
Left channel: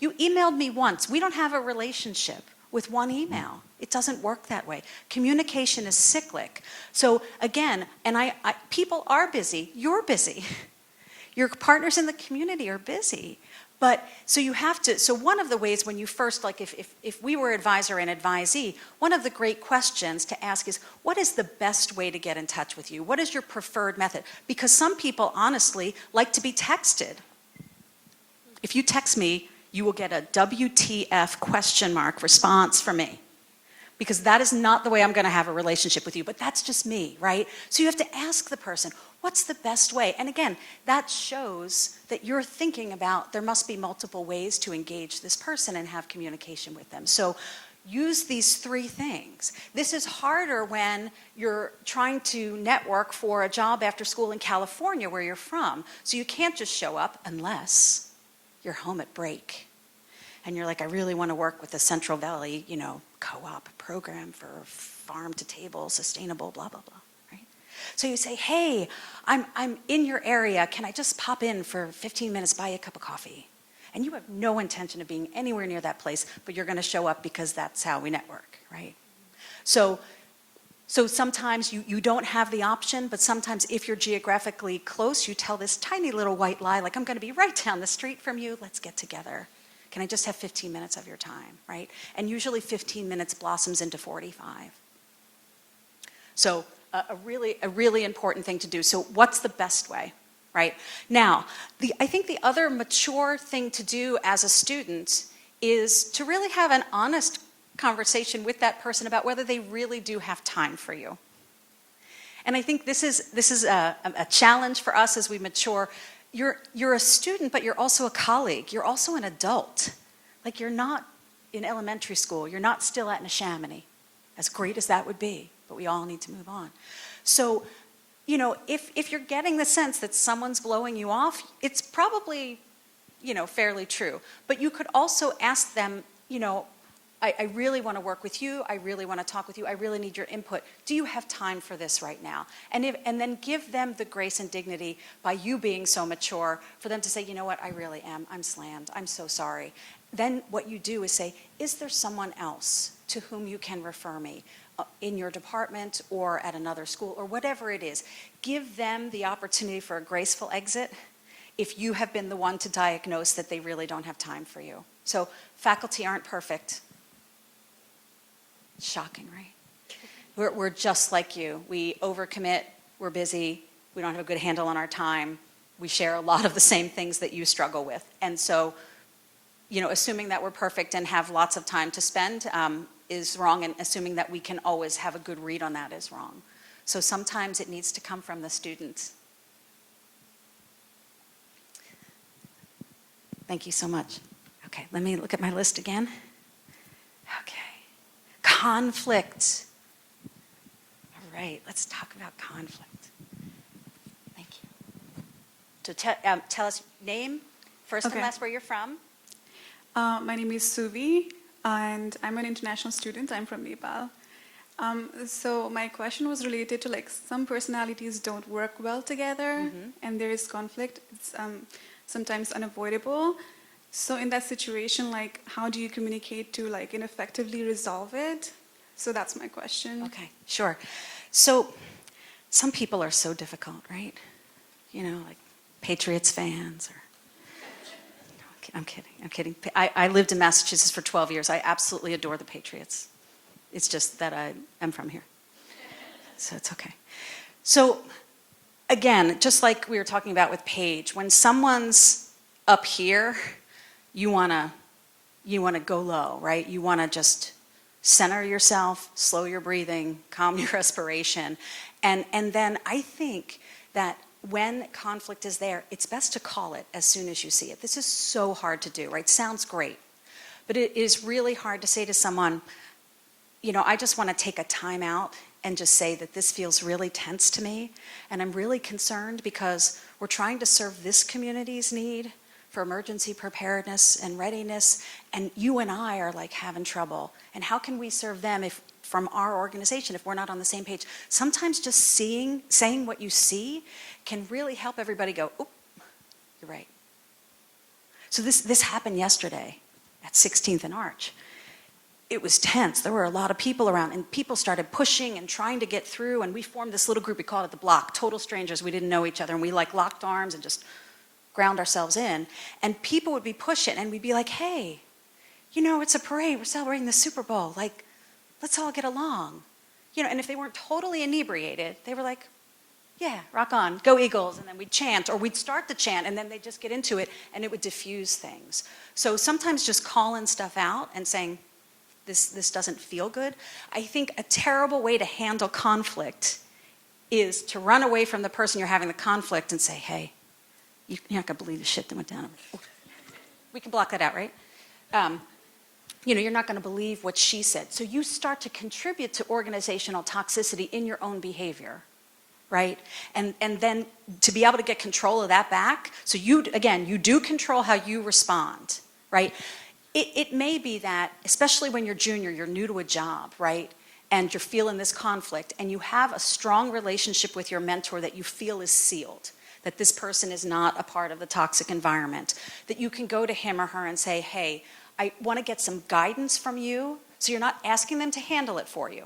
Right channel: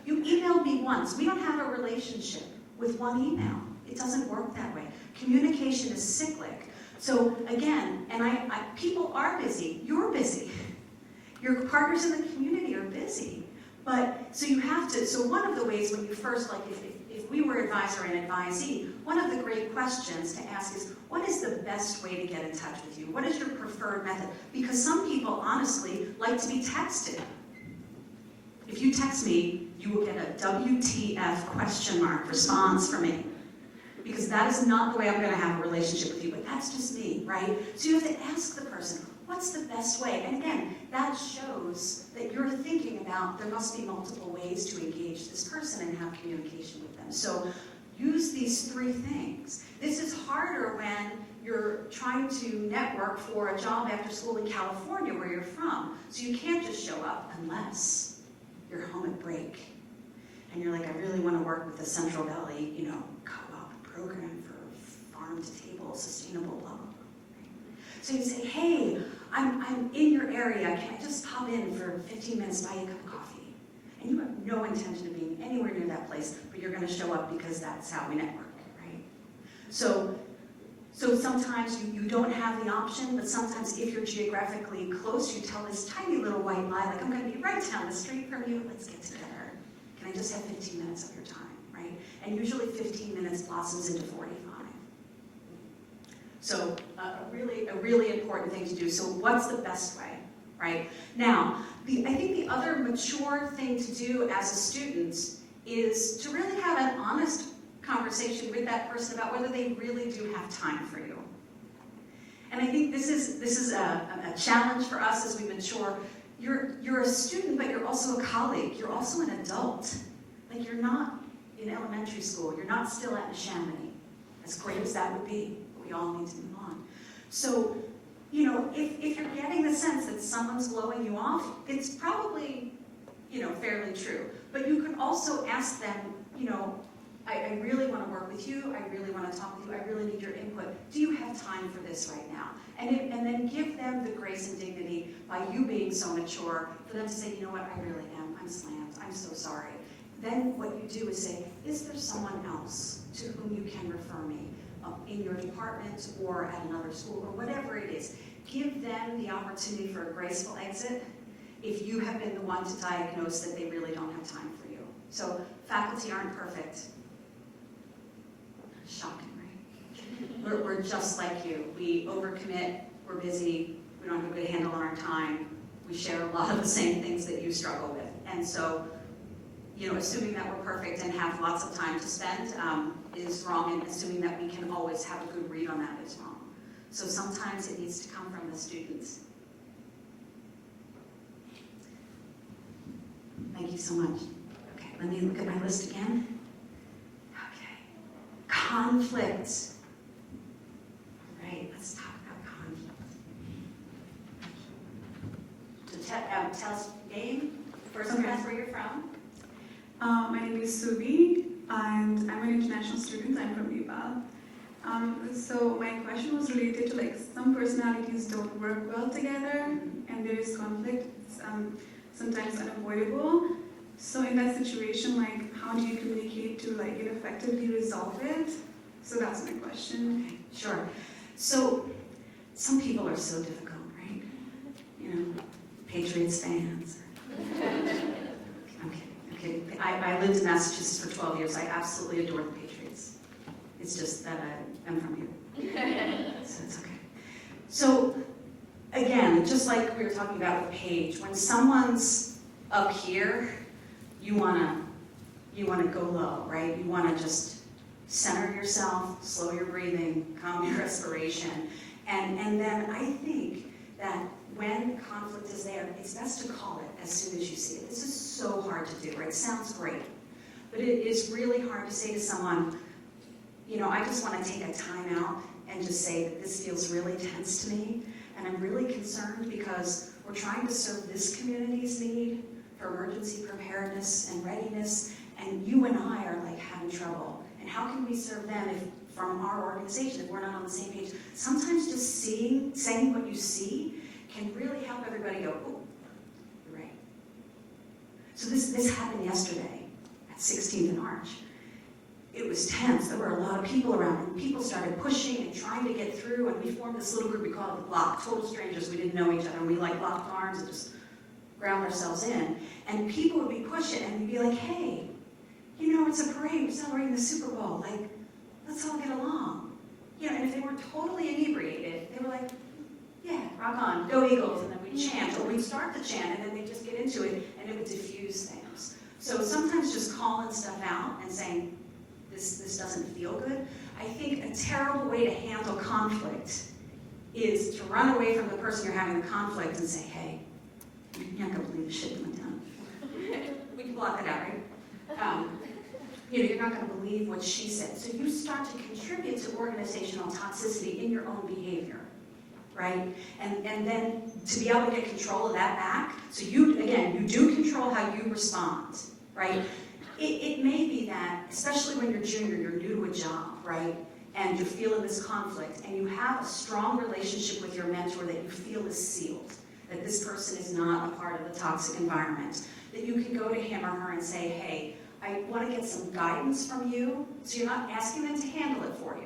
You emailed me once. We don't have a relationship with one email. It doesn't work that way. Communication is cyclic. So again, and people are busy. You're busy. Your partners in the community are busy. But, so you have to, so one of the ways when you first, like if we were advisor and advisee, one of the great questions to ask is, what is the best way to get in touch with you? What is your preferred method? Because some people, honestly, like to be texted. If you text me, you will get a WTF ? Response from me. Because that is not the way I'm going to have a relationship with you, but that's just me, right? So you have to ask the person, what's the best way? And again, that shows that you're thinking about there must be multiple ways to engage this person and have communication with them. So use these three things. This is harder when you're trying to network for a job after school in California where you're from. So you can't just show up unless you're home at break. And you're like, I really want to work with the Central Valley, co-op program for farm to table, sustainable, blah, blah, blah, right? So you say, hey, I'm in your area. Can I just pop in for 15 minutes, buy a cup of coffee? And you have no intention of being anywhere near that place, but you're going to show up because that's how we network, right? So So sometimes you don't have the option, but sometimes if you're geographically close, you tell this tiny little white lie, like, I'm going to be right down the street from you, let's get together. Can I just have 15 minutes of your time, right? And usually 15 minutes blossoms into 45. So a really important thing to do. So what's the best way, right? Now, I think the other mature thing to do as a student is to really have an honest conversation with that person about whether they really do have time for you. And I think this is a challenge for us as we mature. You're a student, but you're also a colleague. You're also an adult. Like, you're not in elementary school. You're not still at Neshaminy, as great as that would be, but we all need to move on. So, if you're getting the sense that someone's blowing you off, it's probably, fairly true. But you could also ask them, I really want to work with you. I really want to talk with you. I really need your input. Do you have time for this right now? And then give them the grace and dignity by you being so mature for them to say, you know what, I really am. I'm slammed. I'm so sorry. Then what you do is say, is there someone else to whom you can refer me in your department or at another school or whatever it is? Give them the opportunity for a graceful exit if you have been the one to diagnose that they really don't have time for you. So faculty aren't perfect. Shocking, right? We're just like you. We overcommit, we're busy, we don't have a good handle on our time, we share a lot of the same things that you struggle with. And so, assuming that we're perfect and have lots of time to spend is wrong, and assuming that we can always have a good read on that is wrong. So sometimes it needs to come from the students. Thank you so much. Okay, let me look at my list again. Conflict. All right, let's talk about conflict. Thank you. So tell us name, first and last, where you're from. My name is Suvi, and I'm an international student. I'm from Nepal. So my question was related to some personalities don't work well together, and there is conflict. It's sometimes unavoidable. So in that situation, how do you communicate to effectively resolve it? So that's my question. Okay, sure. So some people are so difficult, right? Patriots fans. I'm kidding. I lived in Massachusetts for 12 years. I absolutely adore the Patriots. It's just that I'm from here. So it's okay. So again, just like we were talking about with Paige, when someone's up here, you want to go low, right? You want to just center yourself, slow your breathing, calm your respiration. And then I think that when conflict is there, it's best to call it as soon as you see it. This is so hard to do, right? Sounds great. But it is really hard to say to someone, I just want to take a time out and just say that this feels really tense to me. And I'm really concerned because we're trying to serve this community's need for emergency preparedness and readiness, and you and I are having trouble. And how can we serve them from our organization if we're not on the same page? Sometimes just saying what you see can really help everybody go, oh, you're right. So this happened yesterday at 16th and Arch. It was tense. There were a lot of people around, and people started pushing and trying to get through, and we formed this little group. We called it the Block, total strangers. We didn't know each other, and we locked arms and just ground ourselves in. And people would be pushing, and we'd be like, hey, it's a parade. We're celebrating the Super Bowl. Let's all get along. And if they weren't totally inebriated, they were like, yeah, rock on, go Eagles. And then we'd chant, or we'd start the chant, and then they'd just get into it, and it would diffuse things. So sometimes just calling stuff out and saying, this doesn't feel good. I think a terrible way to handle conflict is to run away from the person you're having the conflict and say, hey, you're not going to believe the shit that went down. We can block that out, right? You're not going to believe what she said. So you start to contribute to organizational toxicity in your own behavior, right? And then to be able to get control of that back, so you do control how you respond, right? It may be that, especially when you're junior, you're new to a job, right? And you're feeling this conflict, and you have a strong relationship with your mentor that you feel is sealed, that this person is not a part of the toxic environment, that you can go to him or her and say, hey, I want to get some guidance from you, so you're not asking them to handle it for you.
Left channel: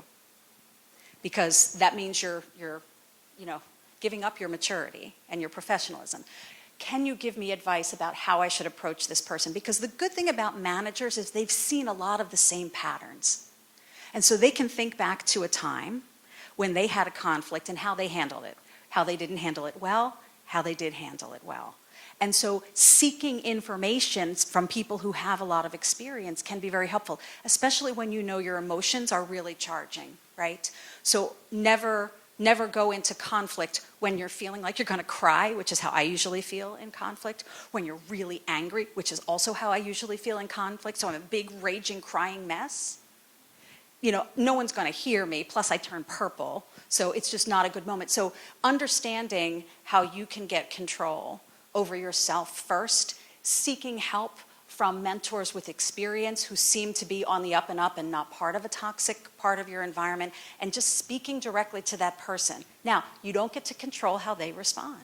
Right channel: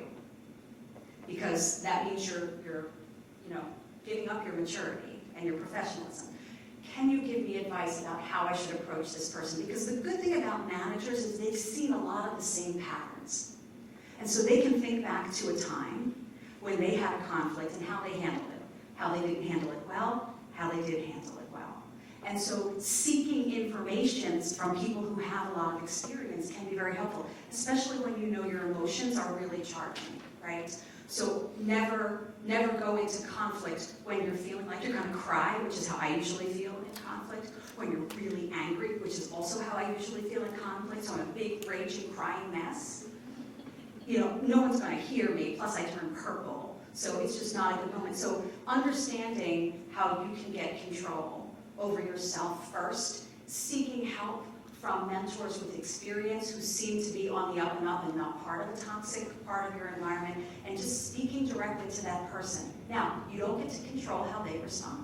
because that means you're giving up your maturity and your professionalism. Can you give me advice about how I should approach this person? Because the good thing about managers is they've seen a lot of the same patterns. And so they can think back to a time when they had a conflict and how they handled it, how they didn't handle it well, how they did handle it well. And so seeking information from people who have a lot of experience can be very helpful, especially when you know your emotions are really charging, right? So never go into conflict when you're feeling like you're going to cry, which is how I usually feel in conflict. When you're really angry, which is also how I usually feel in conflict. So I'm a big, raging, crying mess. No one's going to hear me. Plus, I turn purple. So it's just not a good moment. So understanding how you can get control over yourself first, seeking help from mentors with experience who seem to be on the up and up and not part of a toxic part of your environment, and just speaking directly to that person. Now, you don't get to control how they respond.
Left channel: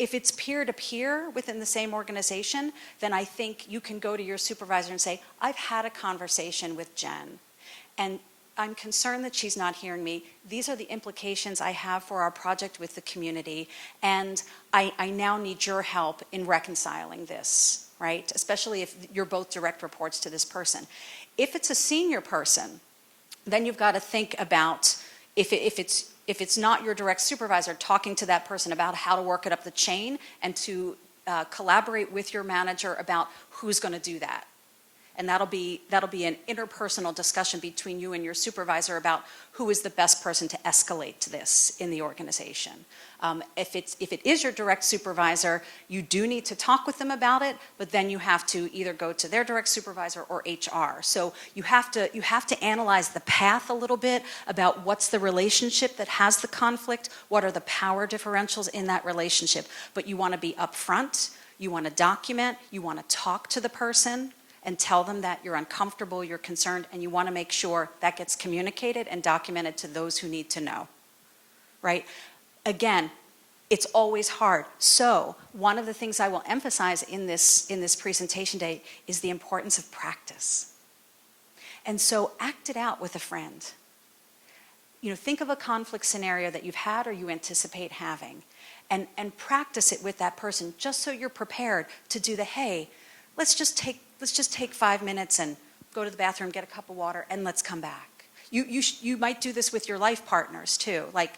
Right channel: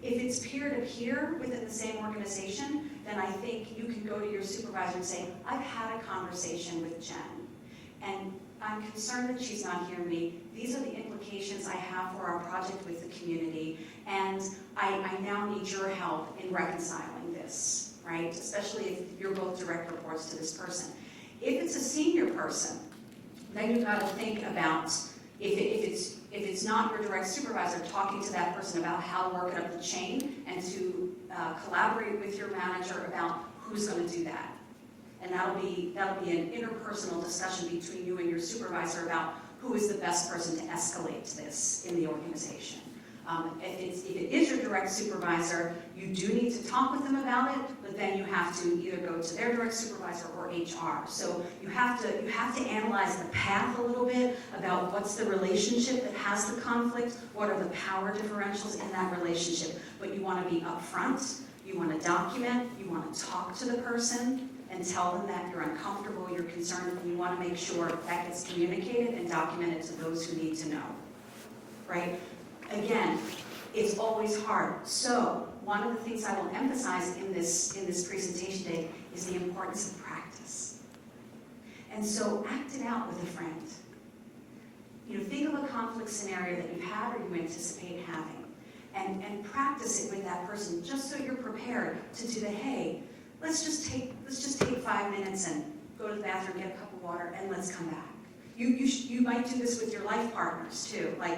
If it's peer-to-peer within the same organization, then I think you can go to your supervisor and say, I've had a conversation with Jen, and I'm concerned that she's not hearing me. These are the implications I have for our project with the community, and I now need your help in reconciling this. Right? Especially if you're both direct reports to this person. If it's a senior person, then you've got to think about if it's not your direct supervisor, talking to that person about how to work it up the chain and to collaborate with your manager about who's going to do that. And that'll be an interpersonal discussion between you and your supervisor about who is the best person to escalate this in the organization. If it is your direct supervisor, you do need to talk with them about it, but then you have to either go to their direct supervisor or HR. So you have to analyze the path a little bit about what's the relationship that has the conflict, what are the power differentials in that relationship. But you want to be upfront, you want to document, you want to talk to the person and tell them that you're uncomfortable, you're concerned, and you want to make sure that gets communicated and documented to those who need to know, right? Again, it's always hard. So one of the things I will emphasize in this presentation day is the importance of practice. And so act it out with a friend. Think of a conflict scenario that you've had or you anticipate having, and practice it with that person just so you're prepared to do the, hey, let's just take 5 minutes and go to the bathroom, get a cup of water, and let's come back. You might do this with your life partners too. Like,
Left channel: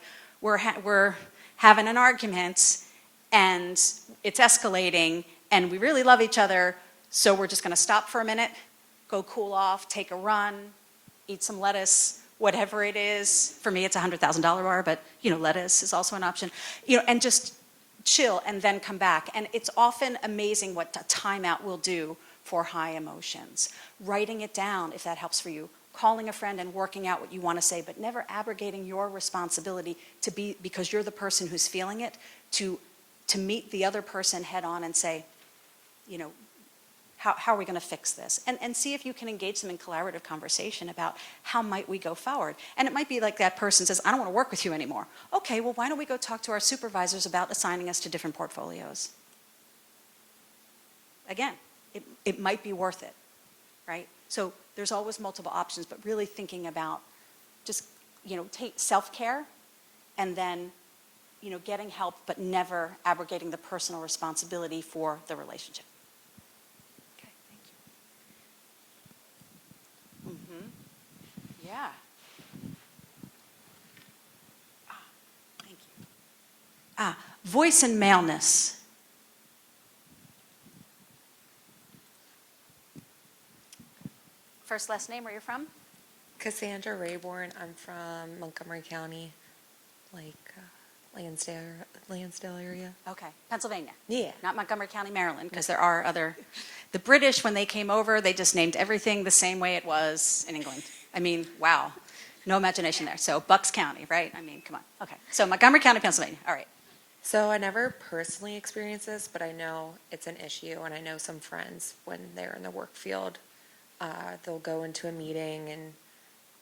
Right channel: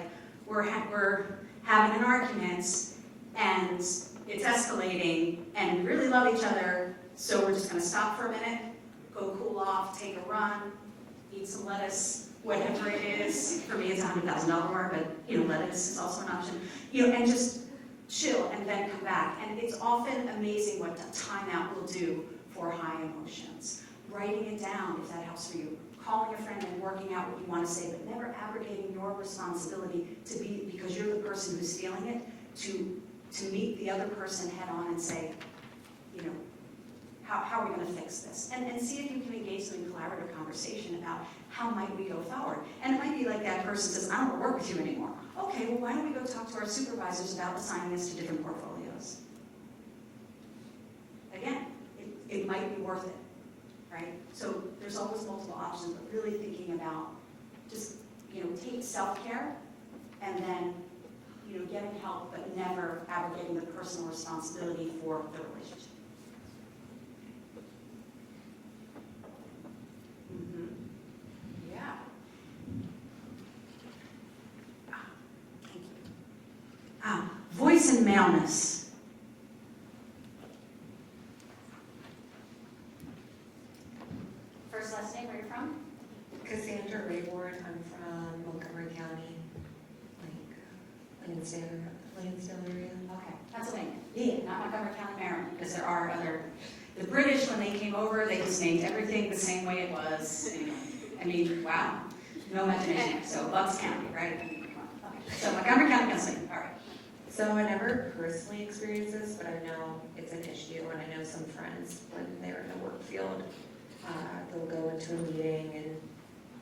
we're having an argument, and it's escalating, and we really love each other, so we're just going to stop for a minute, go cool off, take a run, eat some lettuce, whatever it is. For me, it's a $100,000 bar, but lettuce is also an option. And just chill and then come back. And it's often amazing what a timeout will do for high emotions. Writing it down, if that helps for you. Calling a friend and working out what you want to say, but never abrogating your responsibility to be, because you're the person who's feeling it, to meet the other person head on and say, how are we going to fix this? And see if you can engage them in collaborative conversation about how might we go forward. And it might be like that person says, I don't want to work with you anymore. Okay, well, why don't we go talk to our supervisors about assigning us to different portfolios? Again, it might be worth it. Right? So there's always multiple options, but really thinking about just, take self-care and then, getting help, but never abrogating the personal responsibility for the relationship. Okay. Yeah. Thank you. Voice and maleness. First, last name, where you're from? Cassandra Rayborn. I'm from Montgomery County, Lansdale area. Okay, Pennsylvania. Yeah. Not Montgomery County, Maryland, because there are other. The British, when they came over, they just named everything the same way it was in England. I mean, wow, no imagination there. So Bucks County, right? I mean, come on. Okay, so Montgomery County, Pennsylvania. All right. So I never personally experienced this, but I know it's an issue, and I know some friends when they're in the work field. They'll go into a meeting and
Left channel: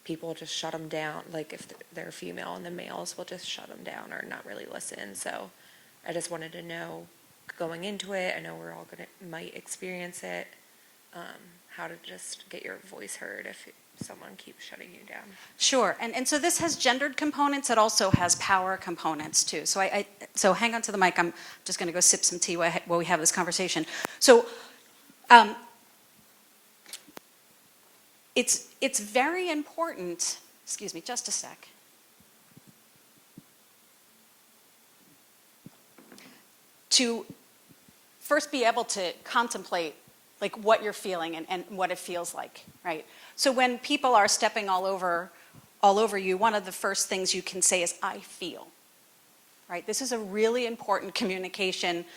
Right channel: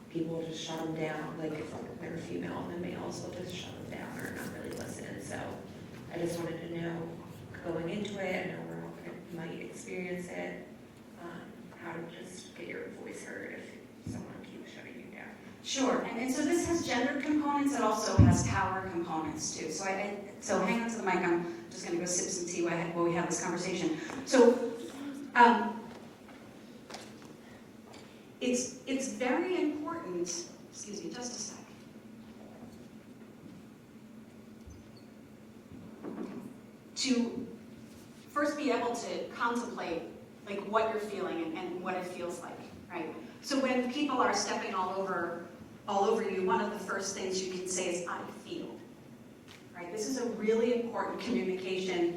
people just shut them down. Like if they're female, and the males will just shut them down or not really listen. So I just wanted to know, going into it, I know we're all might experience it, how to just get your voice heard if someone keeps shutting you down. Sure, and so this has gendered components, it also has power components too. So hang on to the mic, I'm just gonna go sip some tea while we have this conversation. So, it's very important, excuse me, just a sec. To first be able to contemplate like what you're feeling and what it feels like, right? So when people are stepping all over you, one of the first things you can say is, I feel, right? This is a really important communication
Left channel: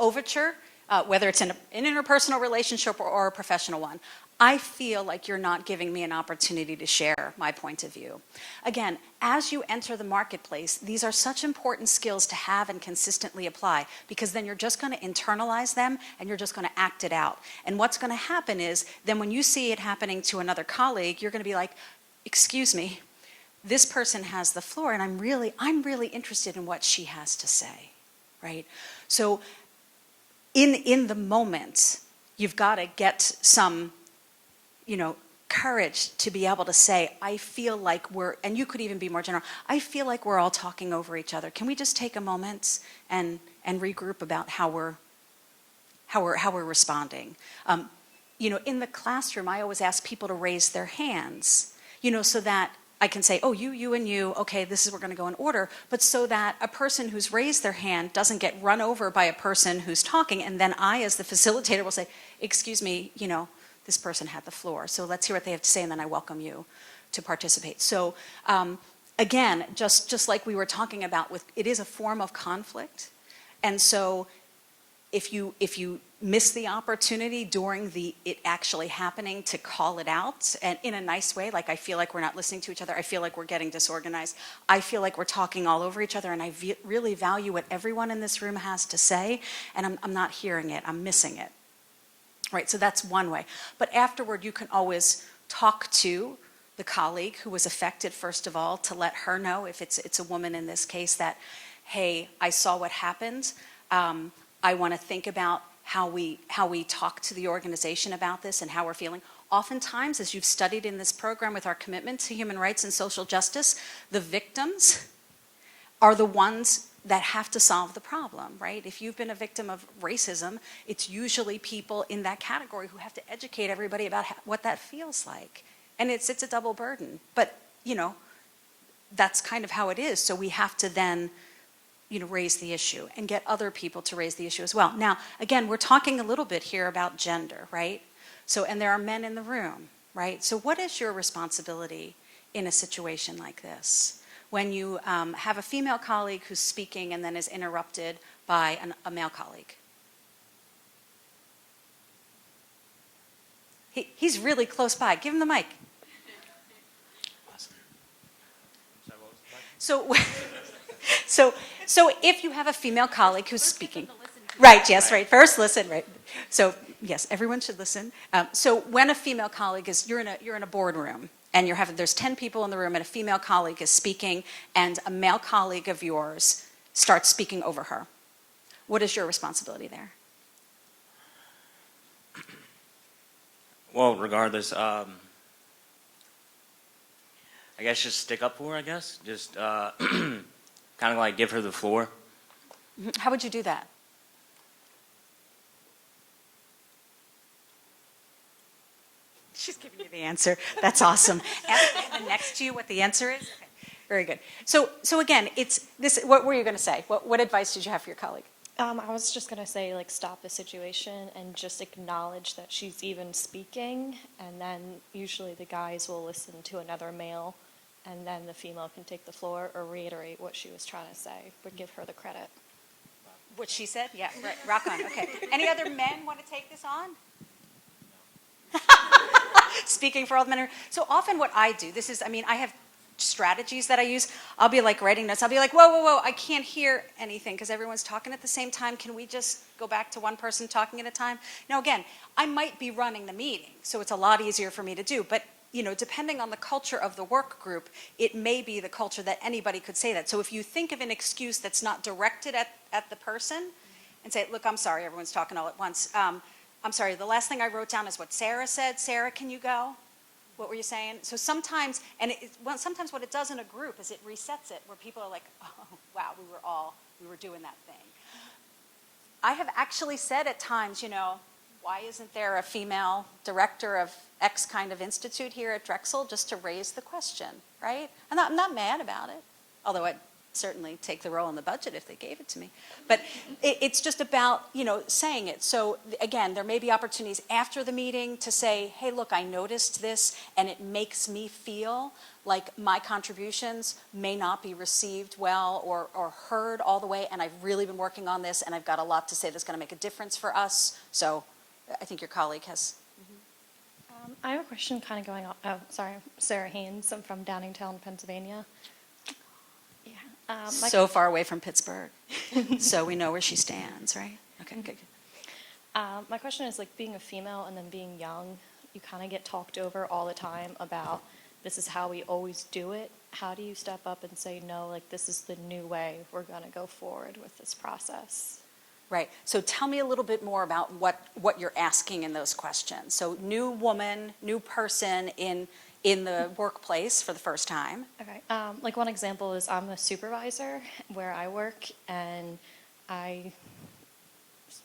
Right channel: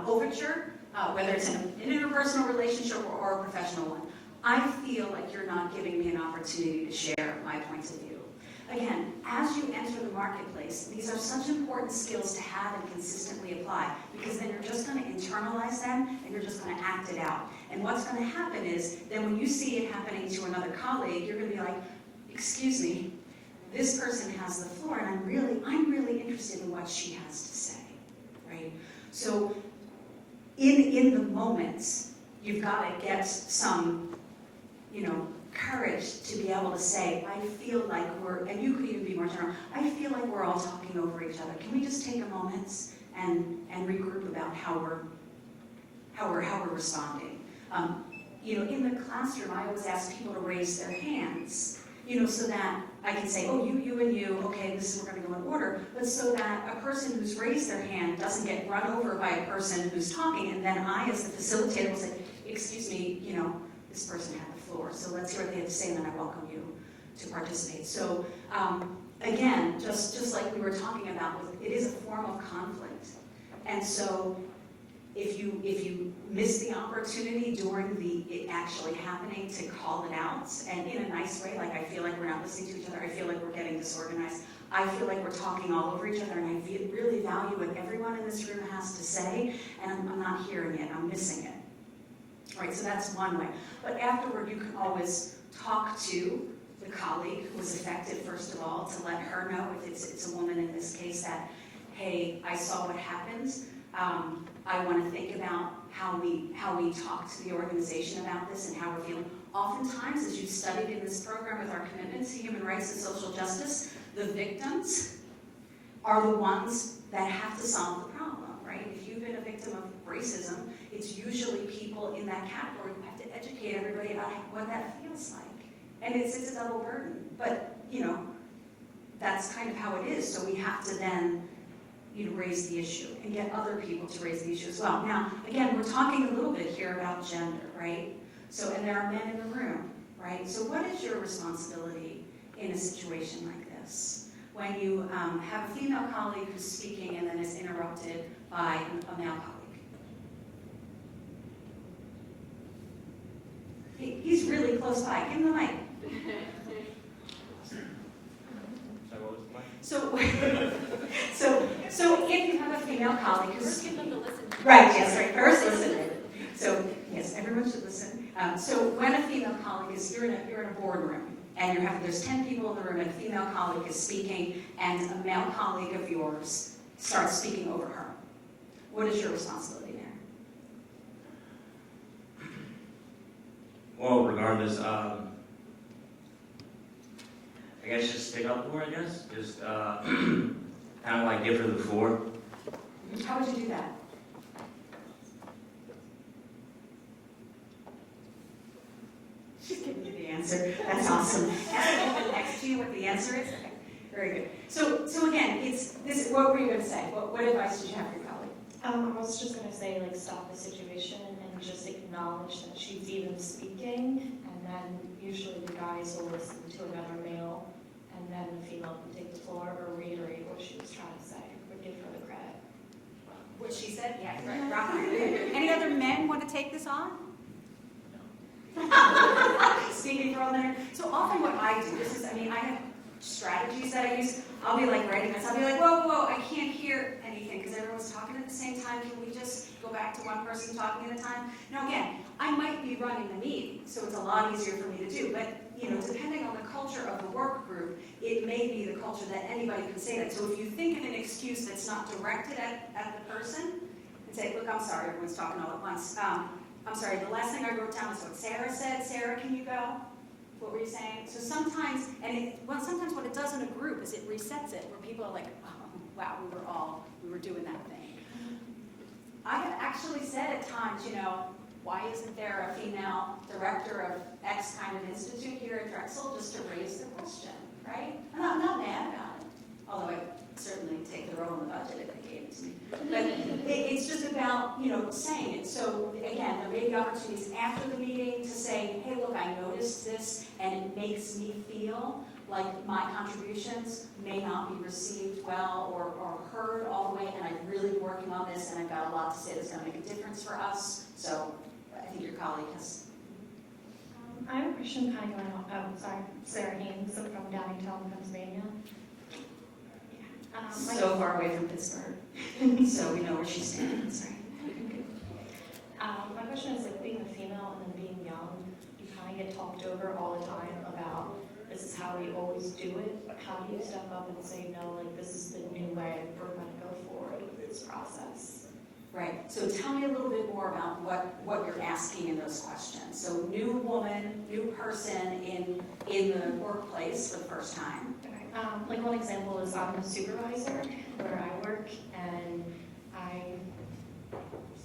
overture, whether it's in an interpersonal relationship or a professional one. I feel like you're not giving me an opportunity to share my point of view. Again, as you enter the marketplace, these are such important skills to have and consistently apply, because then you're just going to internalize them and you're just going to act it out. And what's going to happen is, then when you see it happening to another colleague, you're going to be like, excuse me, this person has the floor and I'm really interested in what she has to say, right? So in the moment, you've got to get some, courage to be able to say, I feel like and you could even be more general, I feel like we're all talking over each other. Can we just take a moment and regroup about how we're responding? In the classroom, I always ask people to raise their hands, so that I can say, oh, you, and you, okay, we're gonna go in order, but so that a person who's raised their hand doesn't get run over by a person who's talking, and then I, as the facilitator, will say, excuse me, this person had the floor, so let's hear what they have to say, and then I welcome you to participate. So again, just like we were talking about, it is a form of conflict, and so if you miss the opportunity during it actually happening to call it out, and in a nice way, like I feel like we're not listening to each other, I feel like we're getting disorganized, I feel like we're talking all over each other, and I really value what everyone in this room has to say, and I'm not hearing it, I'm missing it. Right, so that's one way. But afterward, you can always talk to the colleague who was affected, first of all, to let her know, if it's a woman in this case, that, hey, I saw what happened. I want to think about how we talk to the organization about this and how we're feeling. Oftentimes, as you've studied in this program with our commitment to human rights and social justice, the victims are the ones that have to solve the problem, right? If you've been a victim of racism, it's usually people in that category who have to educate everybody about what that feels like. And it's a double burden. But, that's kind of how it is. So we have to then, raise the issue and get other people to raise the issue as well. Now, again, we're talking a little bit here about gender, right? So, and there are men in the room, right? So what is your responsibility in a situation like this? When you have a female colleague who's speaking and then is interrupted by a male colleague. He's really close by. Give him the mic. So if you have a female colleague who's speaking, right? Yes, right. First, listen, right? So yes, everyone should listen. So when a female colleague you're in a boardroom. And there's 10 people in the room, and a female colleague is speaking, and a male colleague of yours starts speaking over her. What is your responsibility there? Well, regardless, I guess just stick up for her, I guess. Just kind of like give her the floor. How would you do that? She's giving you the answer. That's awesome. Ask the woman next to you what the answer is. Okay. Very good. So again, it's this. What were you going to say? What advice did you have for your colleague? I was just going to say, stop the situation and just acknowledge that she's even speaking, and then usually the guys will listen to another male, and then the female can take the floor or reiterate what she was trying to say, but give her the credit. What she said? Yeah, right. Rock on. Okay. Any other men want to take this on? Speaking for all the men. So often what I do, I have strategies that I use. I'll be writing notes. I'll be like, whoa, I can't hear anything because everyone's talking at the same time. Can we just go back to one person talking at a time? Now again, I might be running the meeting, so it's a lot easier for me to do. But depending on the culture of the work group, it may be the culture that anybody could say that. So if you think of an excuse that's not directed at the person, and say, look, I'm sorry, everyone's talking all at once. I'm sorry, the last thing I wrote down is what Sarah said. Sarah, can you go? What were you saying? So sometimes, sometimes what it does in a group is it resets it, where people are like, oh, wow, we were doing that thing. I have actually said at times, why isn't there a female director of X kind of institute here at Drexel, just to raise the question, right? And I'm not mad about it, although I'd certainly take the role in the budget if they gave it to me. But it's just about, saying it. So again, there may be opportunities after the meeting to say, hey, look, I noticed this, and it makes me feel like my contributions may not be received well or heard all the way, and I've really been working on this, and I've got a lot to say that's going to make a difference for us. So I think your colleague has. I have a question kind of going on. Oh, sorry, Sarah Haynes. I'm from Downingtown, Pennsylvania. So far away from Pittsburgh, so we know where she stands, right? Okay, good. My question is, like, being a female and then being young, you kind of get talked over all the time about this is how we always do it. How do you step up and say, no, like, this is the new way, we're going to go forward with this process? Right, so tell me a little bit more about what you're asking in those questions. So new woman, new person in the workplace for the first time. Like one example is I'm a supervisor where I work, and I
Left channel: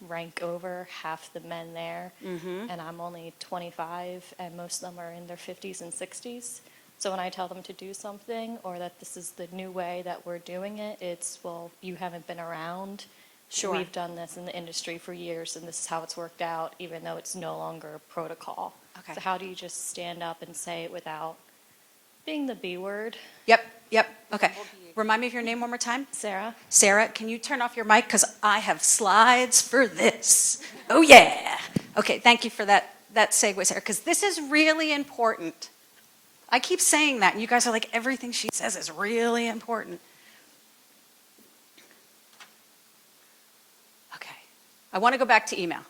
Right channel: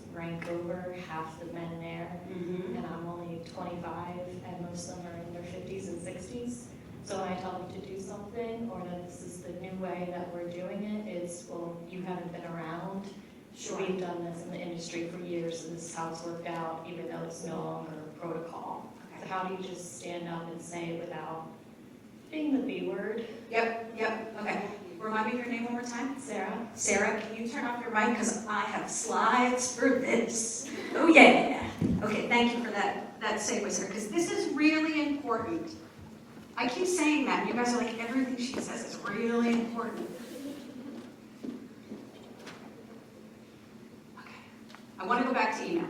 rank over half the men there, and I'm only 25, and most of them are in their 50s and 60s. So when I tell them to do something, or that this is the new way that we're doing it, it's, well, you haven't been around. Sure. We've done this in the industry for years, and this is how it's worked out, even though it's no longer a protocol. Okay. So how do you just stand up and say without being the B word? Yep, okay. Remind me of your name one more time. Sarah. Sarah, can you turn off your mic? Because I have slides for this. Oh, yeah. Okay, thank you for that segue, Sarah, because this is really important. I keep saying that, and you guys are like, everything she says is really important. Okay. I want to go back to email.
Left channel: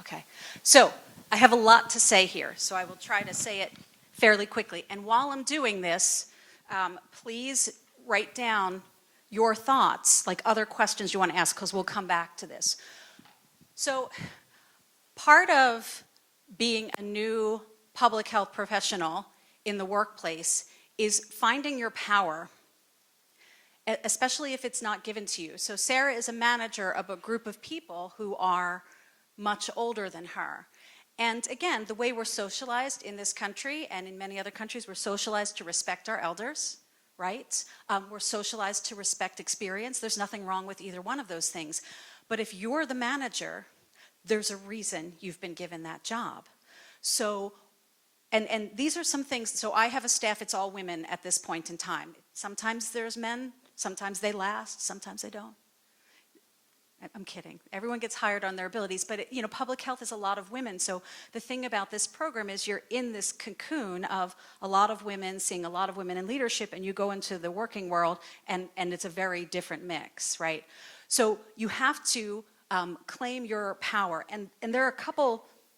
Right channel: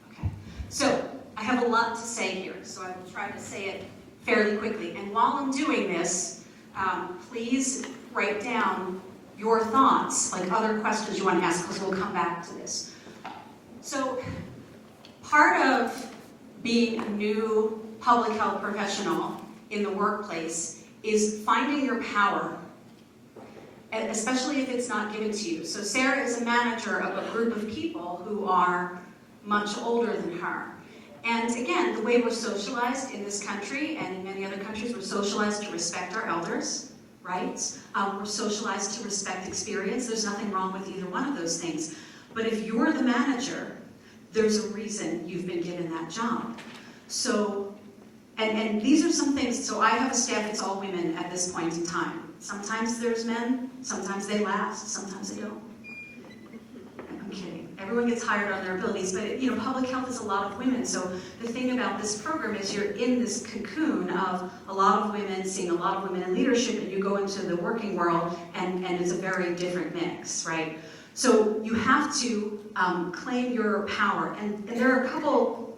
Okay. So I have a lot to say here, so I will try to say it fairly quickly. And while I'm doing this, please write down your thoughts, like other questions you want to ask, because we'll come back to this. So part of being a new public health professional in the workplace is finding your power, especially if it's not given to you. So Sarah is a manager of a group of people who are much older than her. And again, the way we're socialized in this country and in many other countries, we're socialized to respect our elders, right? We're socialized to respect experience. There's nothing wrong with either one of those things. But if you're the manager, there's a reason you've been given that job. So, and these are some things, so I have a staff that's all women at this point in time. Sometimes there's men, sometimes they last, sometimes they don't. I'm kidding. Everyone gets hired on their abilities, but public health is a lot of women. So the thing about this program is you're in this cocoon of a lot of women, seeing a lot of women in leadership, and you go into the working world, and it's a very different mix, right? So you have to claim your power, and there are a couple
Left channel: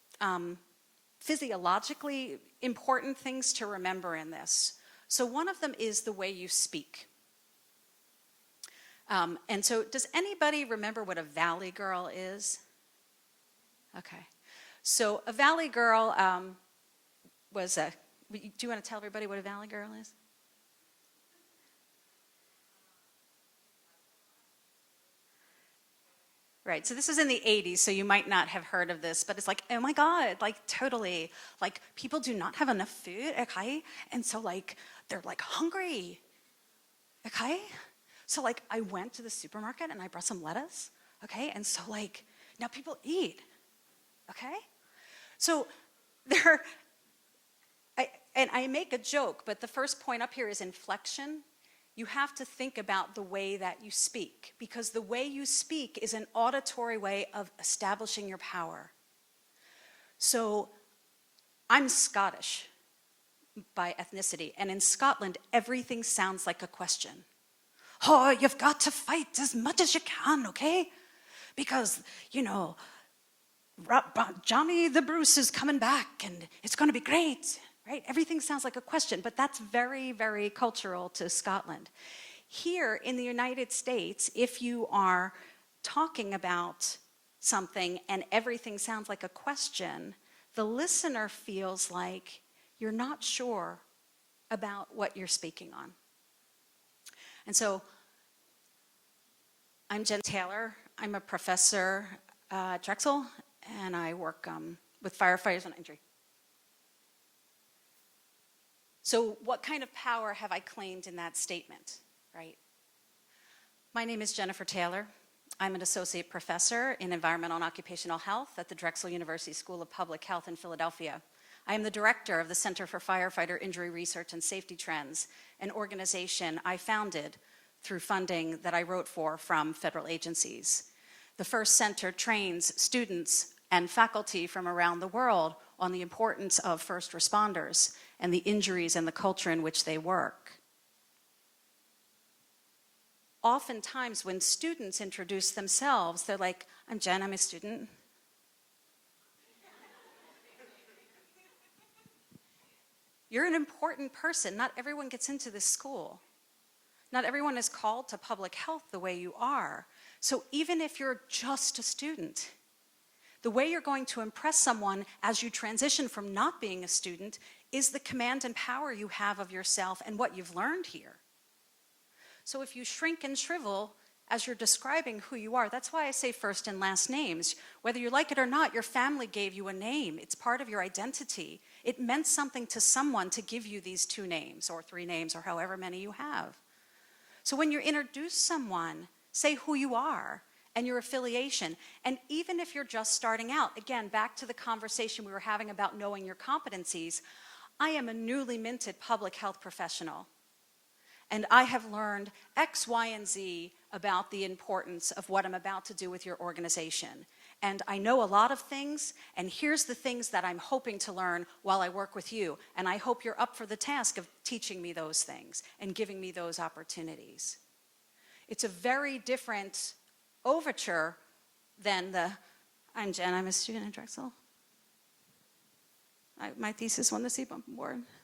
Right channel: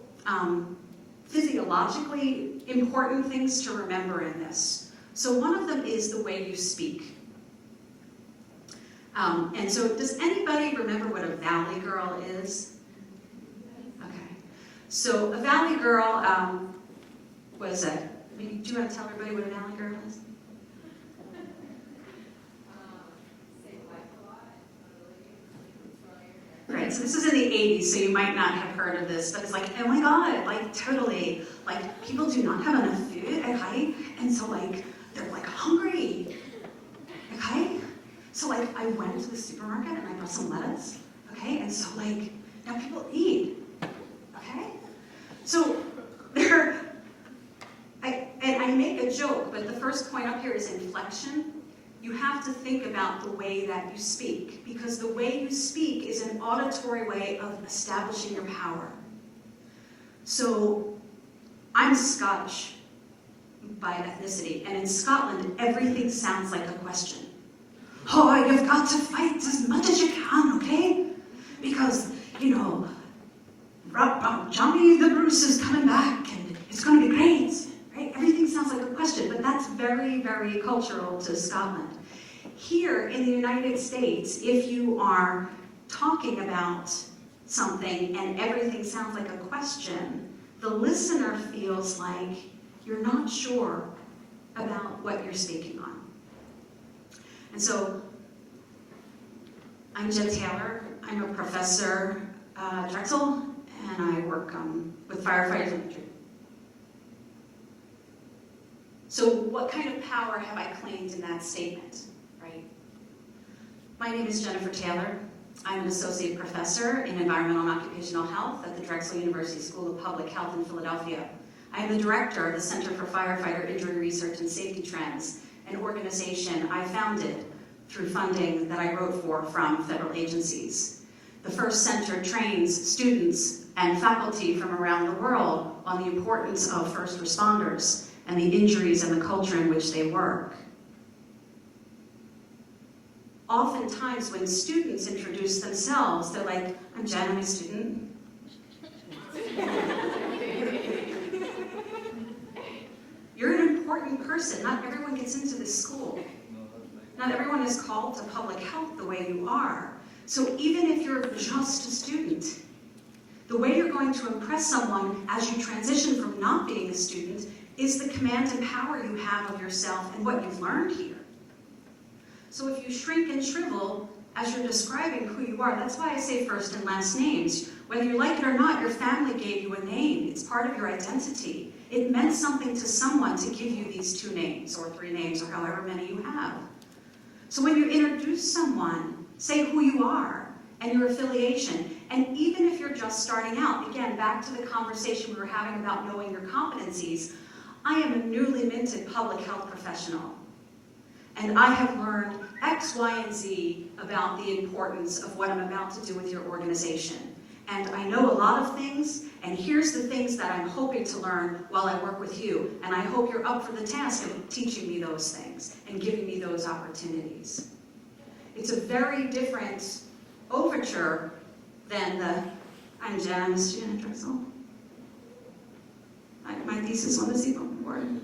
physiologically important things to remember in this. So one of them is the way you speak. And so does anybody remember what a valley girl is? Okay. So a valley girl was a, do you want to tell everybody what a valley girl is? Right, so this is in the 80s, so you might not have heard of this, but it's like, oh my God, like totally, like people do not have enough food, okay? And so like, they're like hungry, okay? So like, I went to the supermarket and I brought some lettuce, okay? And so like, now people eat, okay? So there, and I make a joke, but the first point up here is inflection. You have to think about the way that you speak, because the way you speak is an auditory way of establishing your power. So I'm Scottish by ethnicity, and in Scotland, everything sounds like a question. Oh, you've got to fight as much as you can, okay? Because, Johnny the Bruce is coming back, and it's going to be great. Right? Everything sounds like a question, but that's very, very cultural to Scotland. Here in the United States, if you are talking about something and everything sounds like a question, the listener feels like you're not sure about what you're speaking on. And so, I'm Jen Taylor. I'm a professor at Drexel, and I work with firefighters. So what kind of power have I claimed in that statement, right? My name is Jennifer Taylor. I'm an associate professor in environmental and occupational health at the Drexel University School of Public Health in Philadelphia. I am the director of the Center for Firefighter Injury Research and Safety Trends, an organization I founded through funding that I wrote for from federal agencies. The first center trains students and faculty from around the world on the importance of first responders and the injuries and the culture in which they work. Oftentimes when students introduce themselves, they're like, I'm Jen, I'm a student. You're an important person. Not everyone gets into this school. Not everyone is called to public health the way you are. So even if you're just a student, the way you're going to impress someone as you transition from not being a student is the command and power you have of yourself and what you've learned here. So if you shrink and shrivel as you're describing who you are, that's why I say first and last names. Whether you like it or not, your family gave you a name. It's part of your identity. It meant something to someone to give you these 2 names or 3 names or however many you have. So when you introduce someone, say who you are and your affiliation. And even if you're just starting out, again, back to the conversation we were having about knowing your competencies, I am a newly minted public health professional. And I have learned X, Y, and Z about the importance of what I'm about to do with your organization. And I know a lot of things, and here's the things that I'm hoping to learn while I work with you. And I hope you're up for the task of teaching me those things and giving me those opportunities. It's a very different overture than the, I'm Jen, I'm a student at Drexel. My thesis won the CBOM award.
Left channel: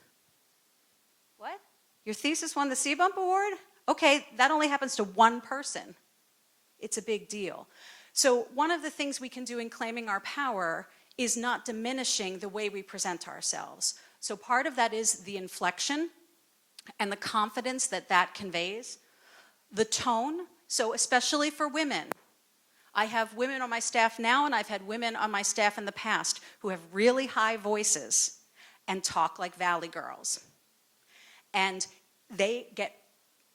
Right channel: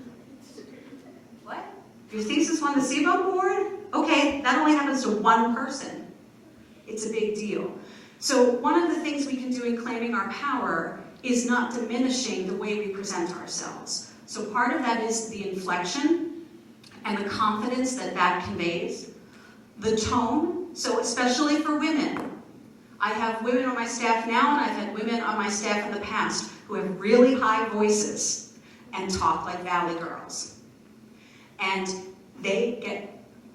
What? Your thesis won the CBOM award? Okay, that only happens to one person. It's a big deal. So one of the things we can do in claiming our power is not diminishing the way we present ourselves. So part of that is the inflection and the confidence that that conveys. The tone, so especially for women. I have women on my staff now, and I've had women on my staff in the past who have really high voices and talk like valley girls. And they get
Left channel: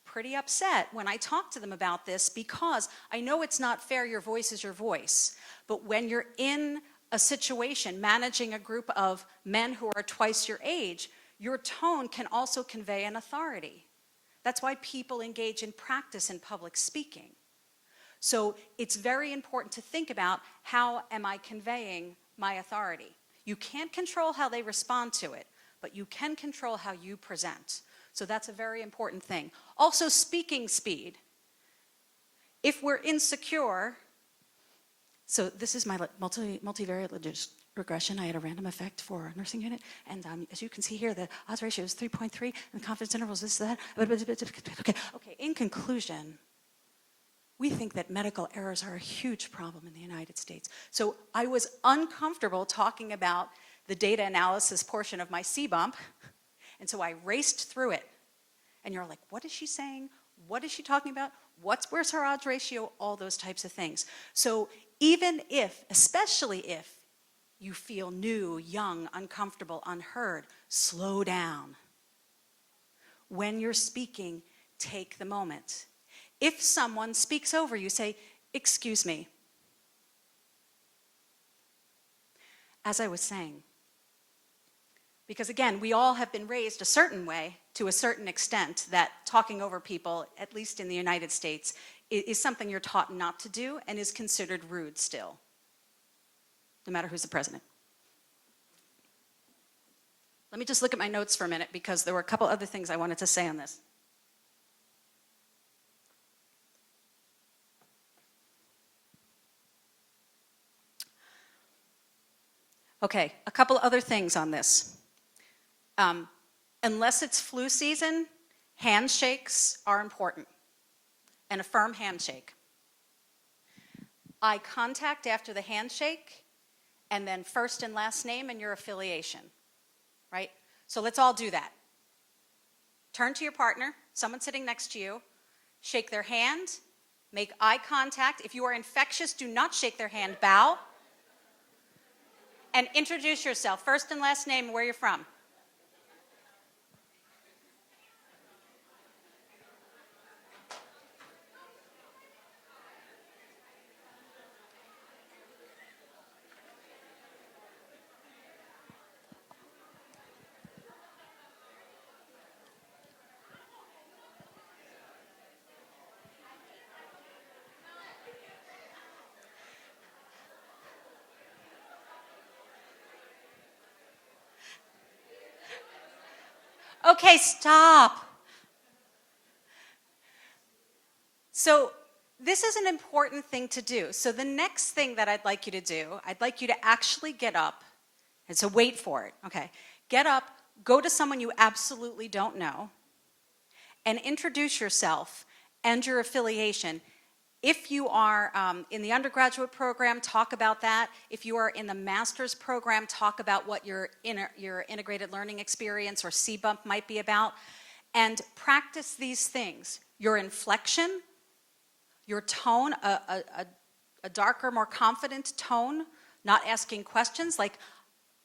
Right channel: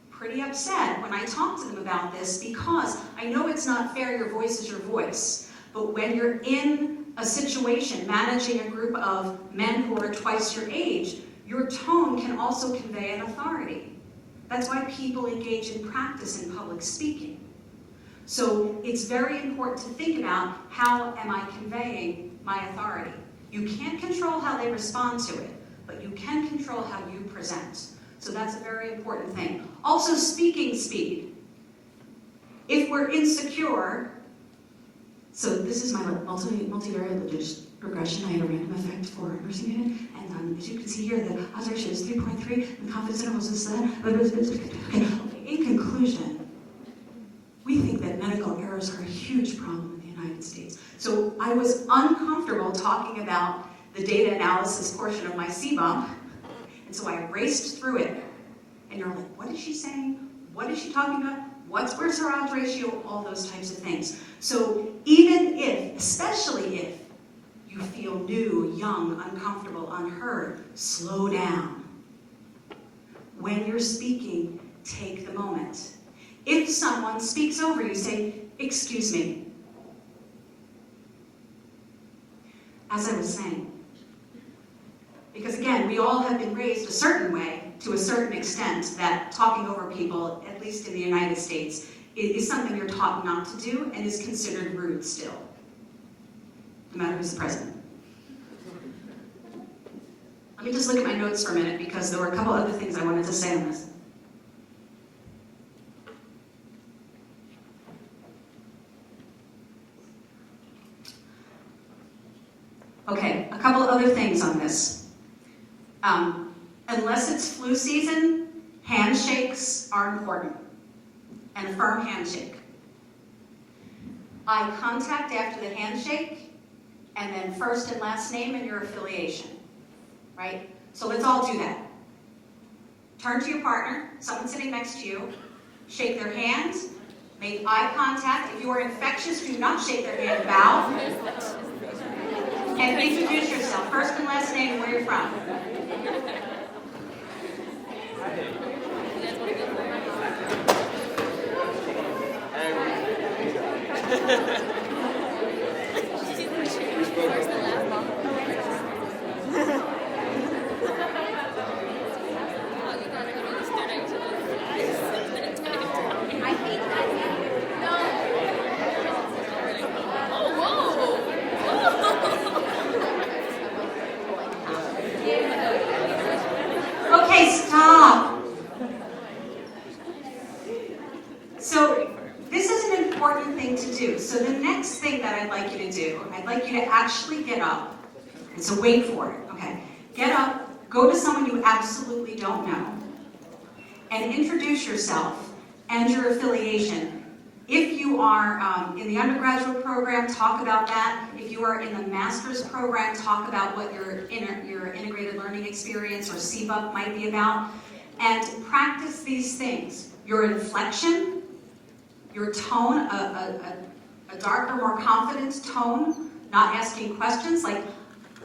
pretty upset when I talk to them about this because I know it's not fair, your voice is your voice. But when you're in a situation managing a group of men who are twice your age, your tone can also convey an authority. That's why people engage in practice in public speaking. So it's very important to think about how am I conveying my authority. You can't control how they respond to it, but you can control how you present. So that's a very important thing. Also, speaking speed. If we're insecure, so this is my multivariate regression. I have a random effect for nursing unit, and as you can see here, the odds ratio is 3.3, and confidence interval is this. Okay. In conclusion, we think that medical errors are a huge problem in the United States. So I was uncomfortable talking about the data analysis portion of my CBOM, and so I raced through it. And you're like, what is she saying? What is she talking about? Where's her odds ratio? All those types of things. So even if, especially if, you feel new, young, uncomfortable, unheard, slow down. When you're speaking, take the moment. If someone speaks over you, say, excuse me. As I was saying, because again, we all have been raised a certain way, to a certain extent, that talking over people, at least in the United States, is something you're taught not to do and is considered rude still, no matter who's the president. Let me just look at my notes for a minute because there were a couple other things I wanted to say on this. Okay, a couple of other things on this. Unless it's flu season, handshakes are important, and a firm handshake. Eye contact after the handshake and then first and last name and your affiliation, right? So let's all do that. Turn to your partner, someone sitting next to you, shake their hand, make eye contact. If you are infectious, do not shake their hand, bow. And introduce yourself, first and last name, where you're from. Okay, stop. So this is an important thing to do. So the next thing that I'd like you to do, I'd like you to actually get up. And so wait for it, okay? Get up, go to someone you absolutely don't know, and introduce yourself and your affiliation. If you are in the undergraduate program, talk about that. If you are in the master's program, talk about what your integrated learning experience or CBUP might be about. And practice these things. Your inflection, your tone, a darker, more confident tone, not asking questions like,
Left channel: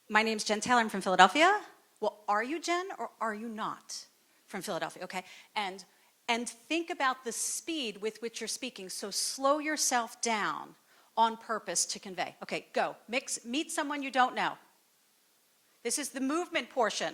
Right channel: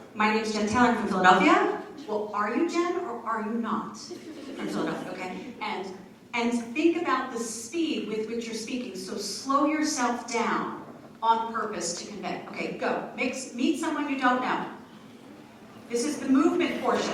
my name is Jen Taylor, I'm from Philadelphia. Well, are you Jen or are you not from Philadelphia, okay? And think about the speed with which you're speaking. So slow yourself down on purpose to convey. Okay, go. Meet someone you don't know. This is the movement portion.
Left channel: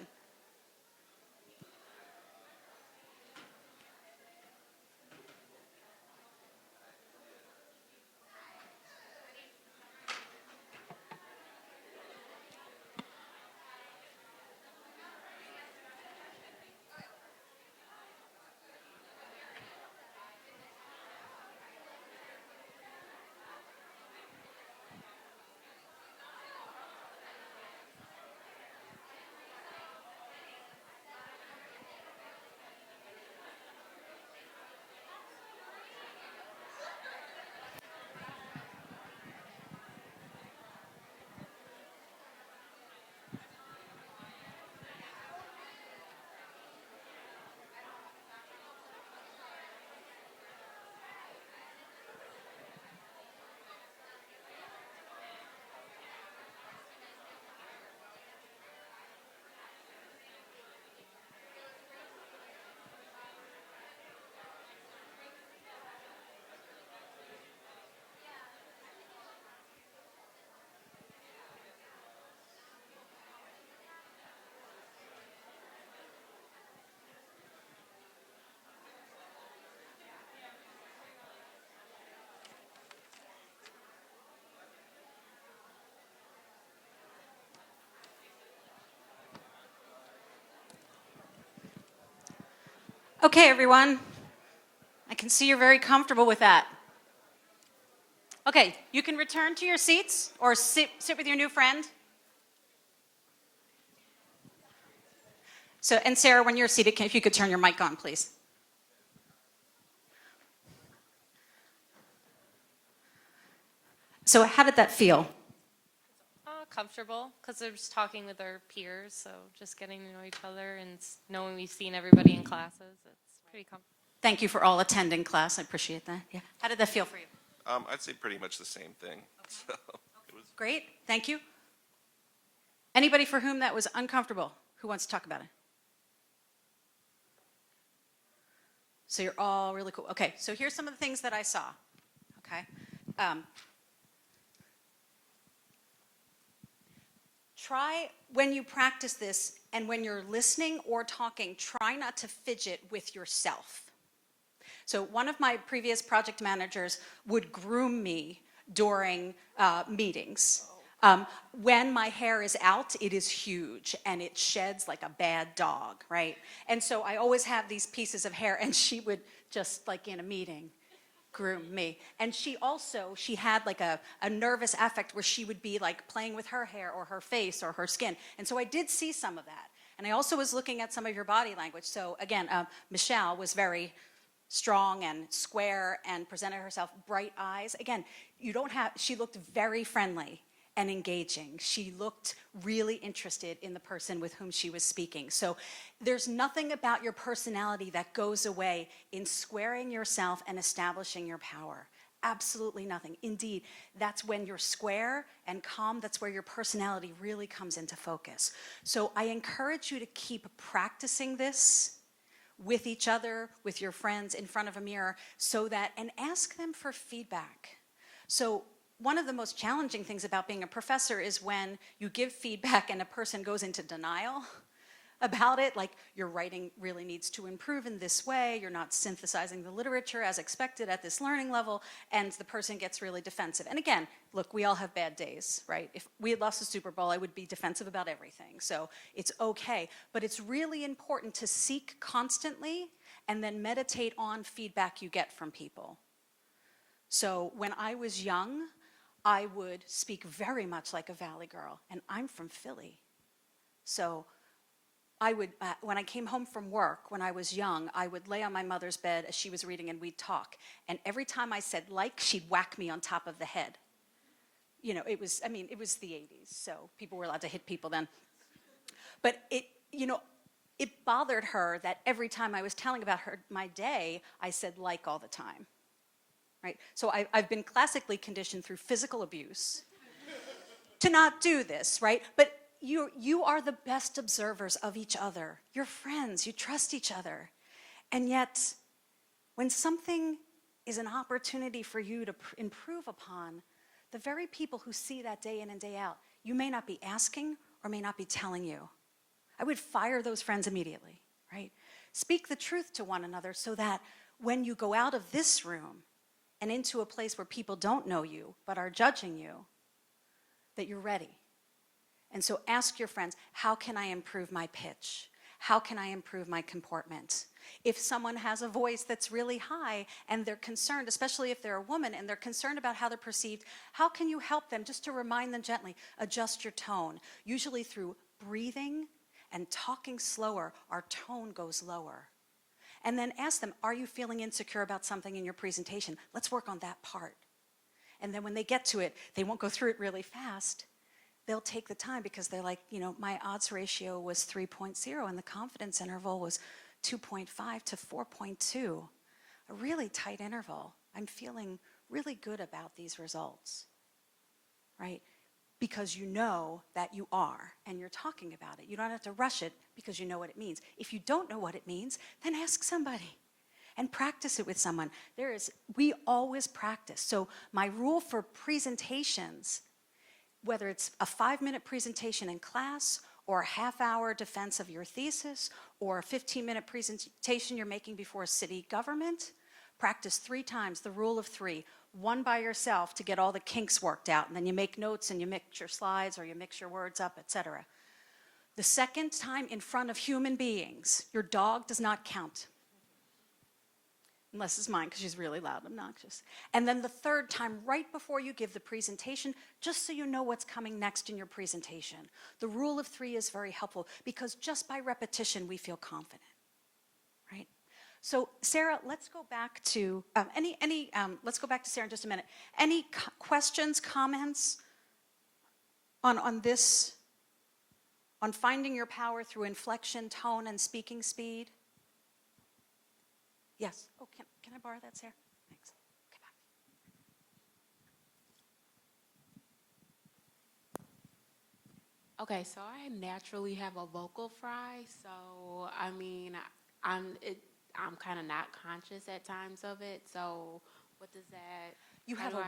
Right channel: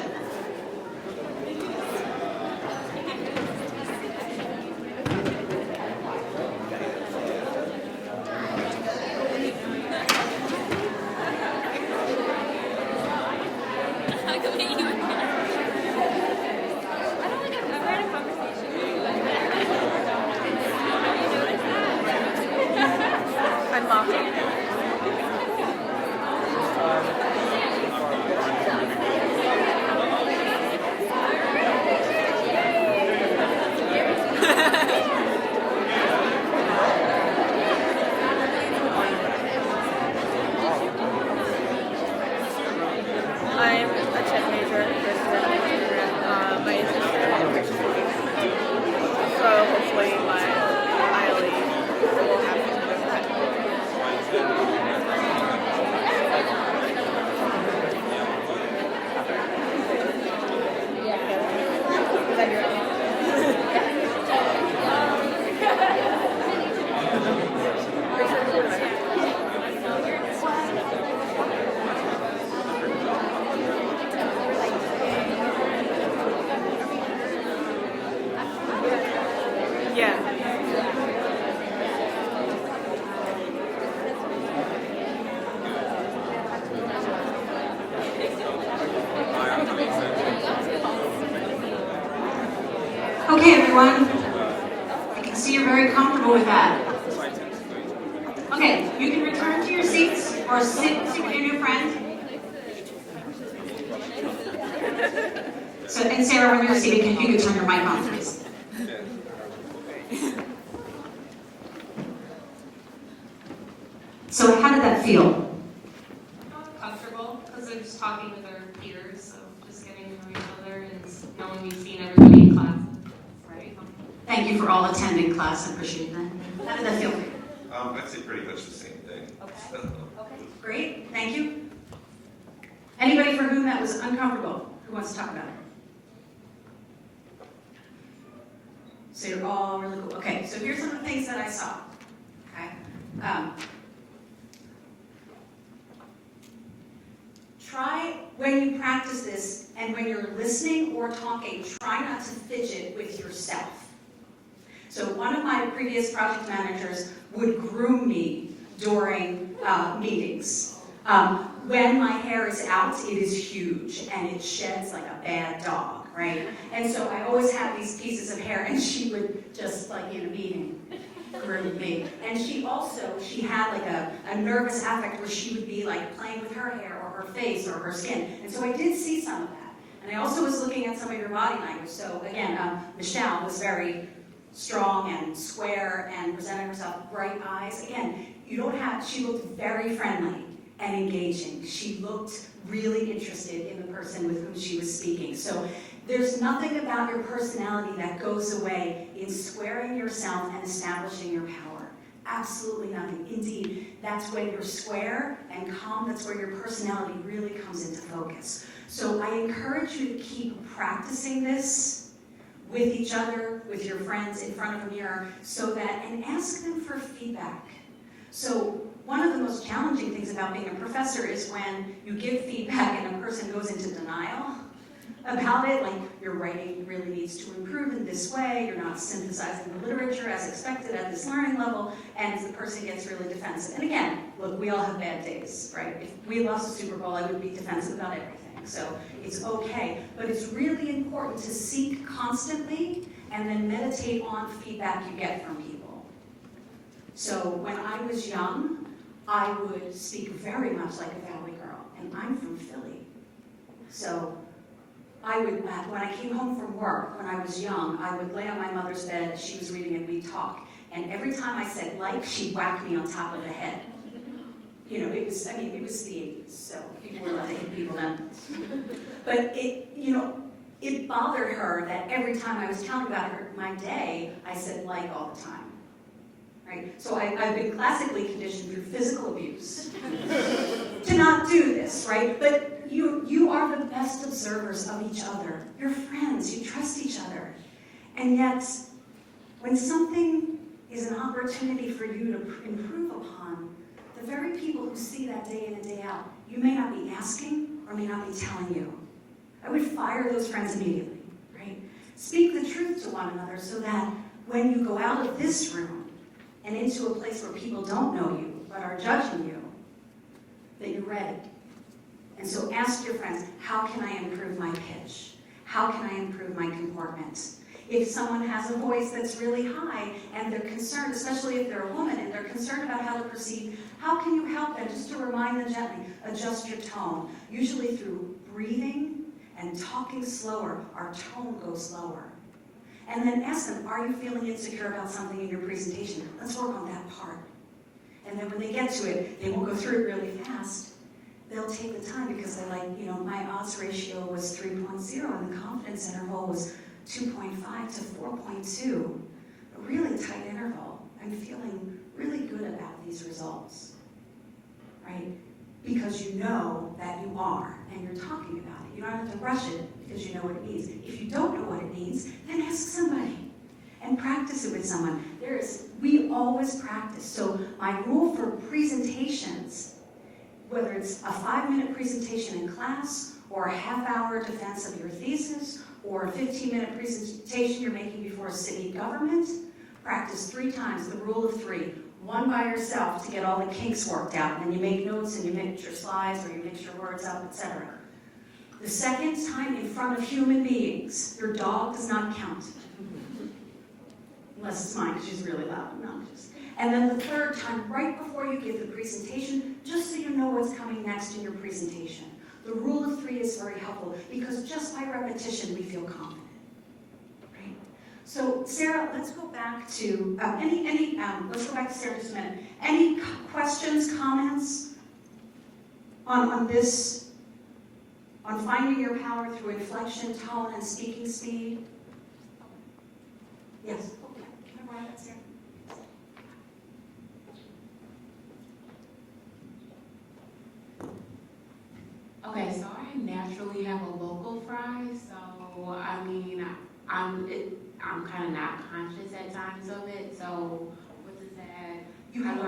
Okay, everyone. I can see you're very comfortable with that. Okay, you can return to your seats or sit with your new friend. So, and Sarah, when you're seated, if you could turn your mic on, please. So, how did that feel? Comfortable, because I was talking with our peers, so just getting to know each other and knowing we've seen everybody in class. Right? Thank you for all attending class. I appreciate that. How did that feel? I'd say pretty much the same thing. Okay. Great, thank you. Anybody for whom that was uncomfortable? Who wants to talk about it? So you're all really cool. Okay, so here's some of the things that I saw. Okay. Try, when you practice this, and when you're listening or talking, try not to fidget with yourself. So one of my previous project managers would groom me during meetings. When my hair is out, it is huge, and it sheds like a bad dog, right? And so I always have these pieces of hair, and she would just, like in a meeting, groom me. And she had like a nervous affect where she would be like playing with her hair or her face or her skin. And so I did see some of that. And I also was looking at some of your body language. So again, Michelle was very strong and square and presented herself, bright eyes. Again, she looked very friendly. and engaging. She looked really interested in the person with whom she was speaking. So there's nothing about your personality that goes away in squaring yourself and establishing your power. Absolutely nothing. Indeed, that's when you're square and calm, that's where your personality really comes into focus. So I encourage you to keep practicing this with each other, with your friends, in front of a mirror, so that, and ask them for feedback. So one of the most challenging things about being a professor is when you give feedback and a person goes into denial about it, like your writing really needs to improve in this way, you're not synthesizing the literature as expected at this learning level, and the person gets really defensive. And again, look, we all have bad days, right? If we lost the Super Bowl, I would be defensive about everything. So it's okay, but it's really important to seek constantly and then meditate on feedback you get from people. So when I was young, I would speak very much like a Valley girl, and I'm from Philly. So I would, when I came home from work, when I was young, I would lay on my mother's bed as she was reading and we'd talk. And every time I said like, she whacked me on top of the head. You know, it was the 80s, so people were allowed to hit people then. But it bothered her that every time I was telling about my day, I said like all the time. Right? So I've been classically conditioned through physical abuse to not do this, right? But you are the best observers of each other. You're friends, you trust each other. And yet, when something is an opportunity for you to improve upon, the very people who see that day in and day out, you may not be asking or may not be telling you. I would fire those friends immediately, right? Speak the truth to one another so that when you go out of this room and into a place where people don't know you but are judging you, that you're ready. And so ask your friends, how can I improve my pitch? How can I improve my comportment? If someone has a voice that's really high and they're concerned, especially if they're a woman and they're concerned about how to proceed, how can you help them? Just to remind them gently, adjust your tone. Usually through breathing and talking slower, our tone goes lower. And then ask them, are you feeling insecure about something in your presentation? Let's work on that part. And then when they get to it, they won't go through it really fast. They'll take the time because they're like, my odds ratio was 3.0 and the confidence interval was 2.5 to 4.2. A really tight interval. I'm feeling really good about these results, right? Because you know that you are and you're talking about it. You don't have to rush it because you know what it means. If you don't know what it means, then ask somebody and practice it with someone. We always practice. So my rule for presentations, whether it's a 5-minute presentation in class or a half-hour defense of your thesis or a 15-minute presentation you're making before city government, practice 3 times, the rule of 3. 1 by yourself to get all the kinks worked out, and you make notes and you mix your slides or you mix your words up, etc. The second time in front of human beings, your dog does not count. Unless it's mine, because she's really loud. No, and then the 3rd time, right before you give the presentation, just so you know what's coming next in your presentation. The rule of 3 is very helpful, because just by repetition, we feel confident. Right? So, Sarah, let's go back to, let's go back to Sarah in just a minute. Any questions, comments on this, on finding your power through inflection, tone, and speaking speed? Yes. Can I borrow that, Sarah? Okay, so I naturally have a vocal fry, so I'm kind of not conscious at times of it. So what is that? You have a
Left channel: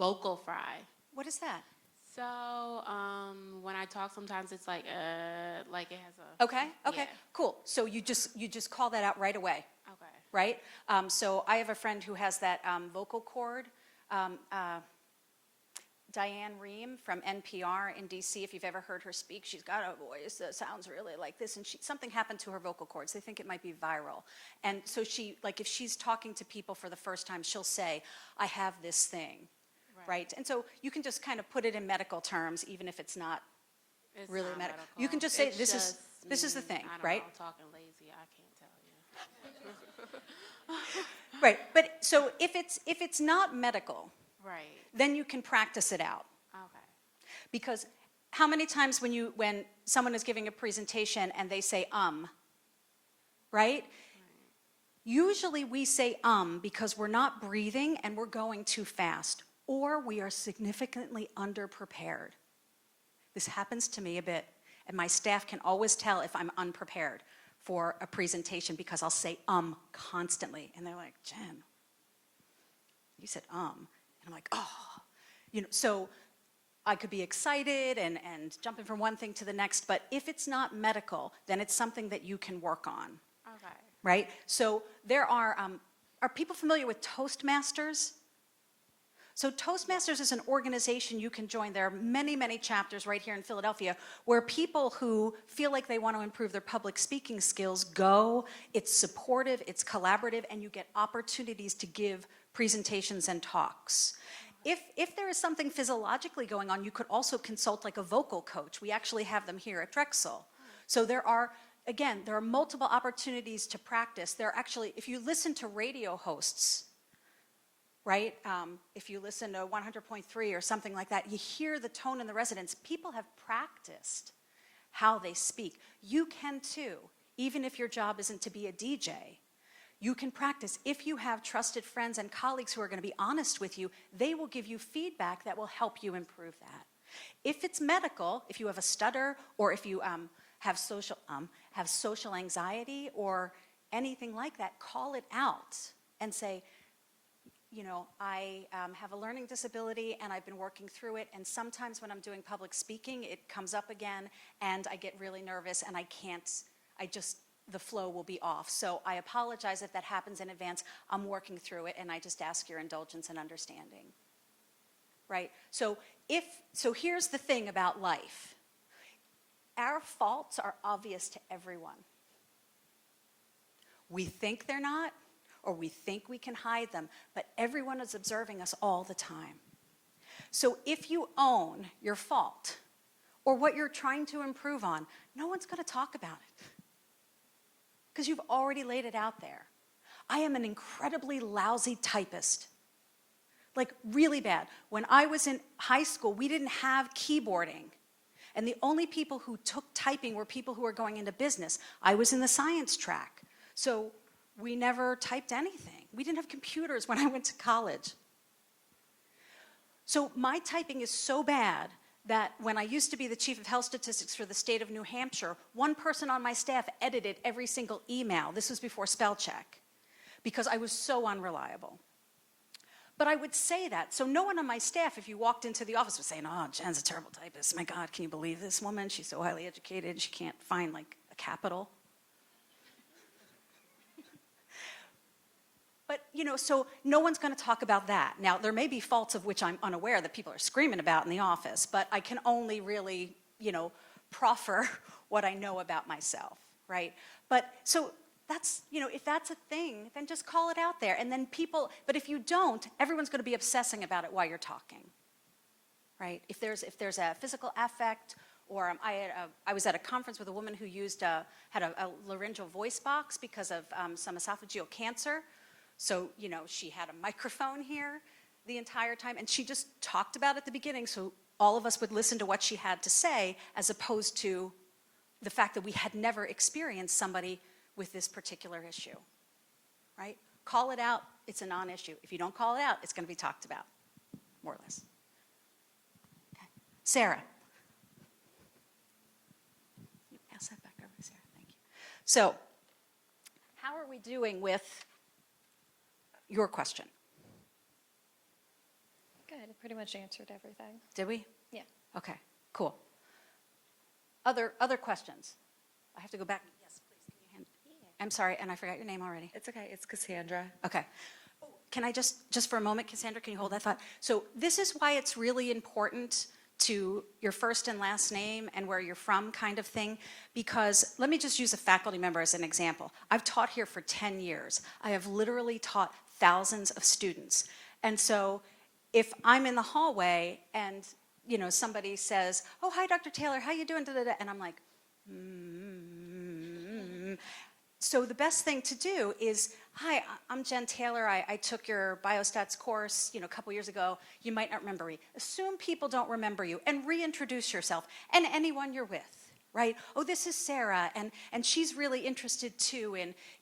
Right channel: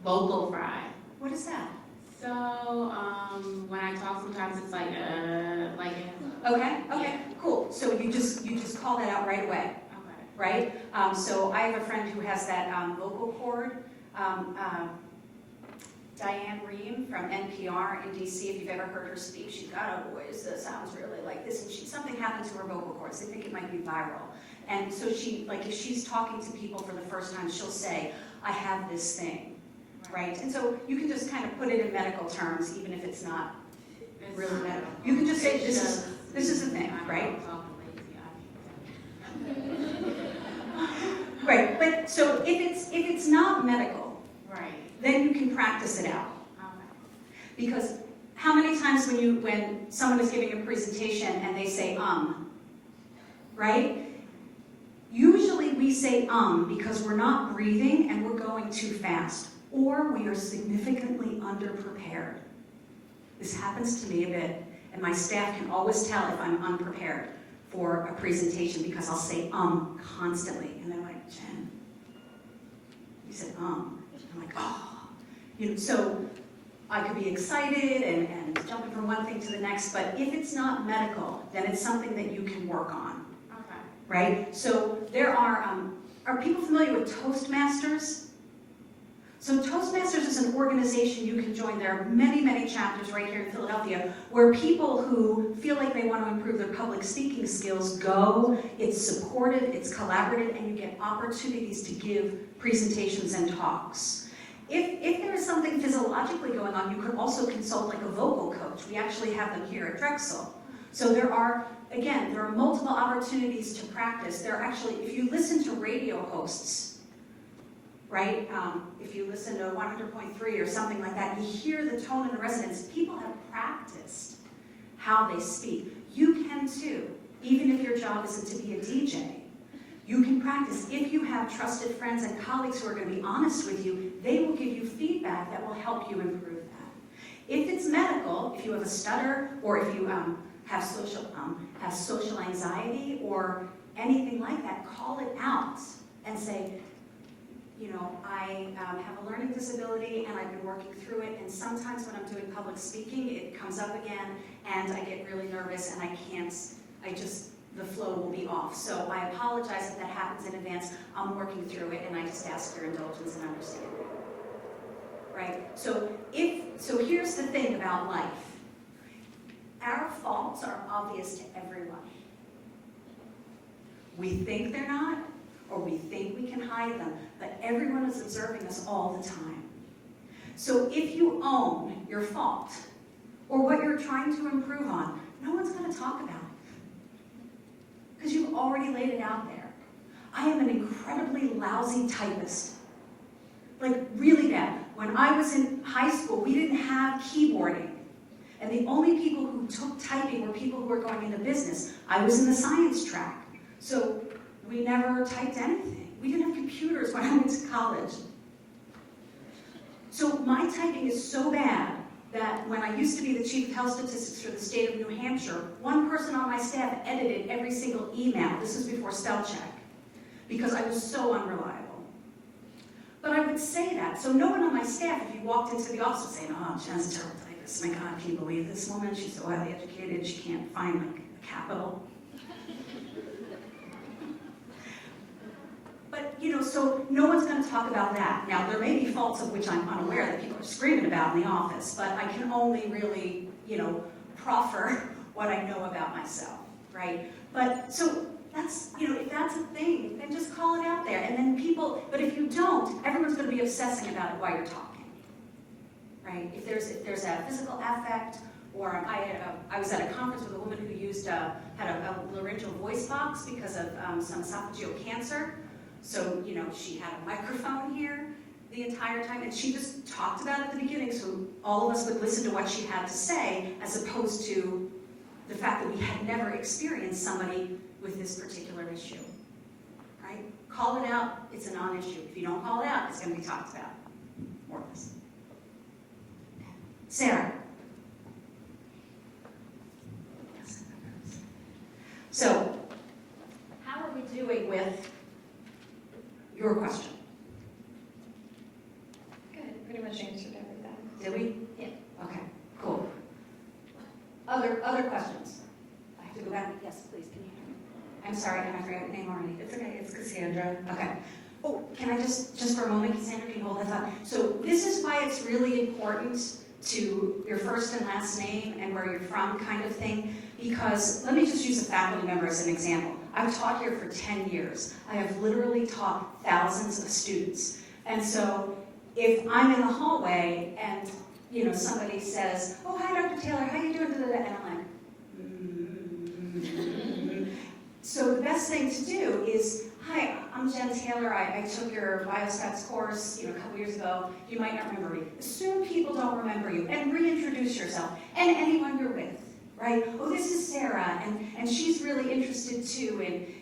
vocal fry. What is that? So when I talk, sometimes it's like. Okay, cool. So you just call that out right away, right? So I have a friend who has that vocal cord. Diane Rehm from NPR in DC, if you've ever heard her speak, she's got a voice that sounds really like this. And something happened to her vocal cords. They think it might be viral. And so she, like, if she's talking to people for the first time, she'll say, I have this thing, right? And so you can just kind of put it in medical terms, even if it's not really medical. You can just say, this is the thing, right? Right, but so if it's not medical, then you can practice it out. Because how many times when someone is giving a presentation and they say, right? Usually we say because we're not breathing and we're going too fast, or we are significantly underprepared. This happens to me a bit, and my staff can always tell if I'm unprepared for a presentation because I'll say constantly, and they're like, Jen, you said I'm like, oh. You know, so I could be excited and jumping from one thing to the next, but if it's not medical, then it's something that you can work on. Right? So there are people familiar with Toastmasters? So Toastmasters is an organization you can join. There are many, many chapters right here in Philadelphia where people who feel like they want to improve their public speaking skills go. It's supportive, it's collaborative, and you get opportunities to give presentations and talks. If there is something physiologically going on, you could also consult like a vocal coach. We actually have them here at Drexel. So there are multiple opportunities to practice. There are actually, if you listen to radio hosts, right? If you listen to 100.3 or something like that, you hear the tone and the resonance. People have practiced how they speak. You can too, even if your job isn't to be a DJ. You can practice. If you have trusted friends and colleagues who are going to be honest with you, they will give you feedback that will help you improve that. If it's medical, if you have a stutter, or if you have social anxiety or anything like that, call it out and say, you know, I have a learning disability and I've been working through it, and sometimes when I'm doing public speaking, it comes up again and I get really nervous and the flow will be off. So I apologize if that happens in advance. I'm working through it and I just ask for indulgence and understanding. Right? So here's the thing about life. Our faults are obvious to everyone. We think they're not, or we think we can hide them, but everyone is observing us all the time. So if you own your fault, or what you're trying to improve on, no one's going to talk about it. Because you've already laid it out there. I am an incredibly lousy typist. Like, really bad. When I was in high school, we didn't have keyboarding. And the only people who took typing were people who were going into business. I was in the science track. So we never typed anything. We didn't have computers when I went to college. So my typing is so bad that when I used to be the chief of health statistics for the state of New Hampshire, one person on my staff edited every single email. This was before spell check, because I was so unreliable. But I would say that, so no one on my staff, if you walked into the office, would say, oh, Jen's a terrible typist. My God, can you believe this woman? She's so highly educated, she can't find like a capital. But, you know, so no one's going to talk about that. Now, there may be faults of which I'm unaware that people are screaming about in the office, but I can only really, you know, proffer what I know about myself, right? But, so that's, you know, if that's a thing, then just call it out there. And then people, but if you don't, everyone's going to be obsessing about it while you're talking, right? If there's a physical affect, or I was at a conference with a woman who had a laryngeal voice box because of some esophageal cancer. So, you know, she had a microphone here the entire time, and she just talked about it at the beginning, so all of us would listen to what she had to say, as opposed to the fact that we had never experienced somebody with this particular issue, right? Call it out, it's a non-issue. If you don't call it out, it's going to be talked about. More of this. Sarah. So, how are we doing with your question? Good, pretty much answered everything. Did we? Yeah. Okay, cool. Other questions? I have to go back. Yes, please, can you hear me? I'm sorry, and I forgot your name already. It's okay, it's Cassandra. Okay. Oh, can I just for a moment, Cassandra, can you hold that thought? So this is why it's really important to your first and last name and where you're from kind of thing, because let me just use a faculty member as an example. I've taught here for 10 years. I have literally taught thousands of students. And so if I'm in the hallway and, you know, somebody says, oh, hi, Dr. Taylor, how you doing? And I'm like, So the best thing to do is, hi, I'm Jen Taylor. I took your biostats course, a couple years ago. You might not remember me. Assume people don't remember you, and reintroduce yourself and anyone you're with, right? Oh, this is Sarah, and she's really interested too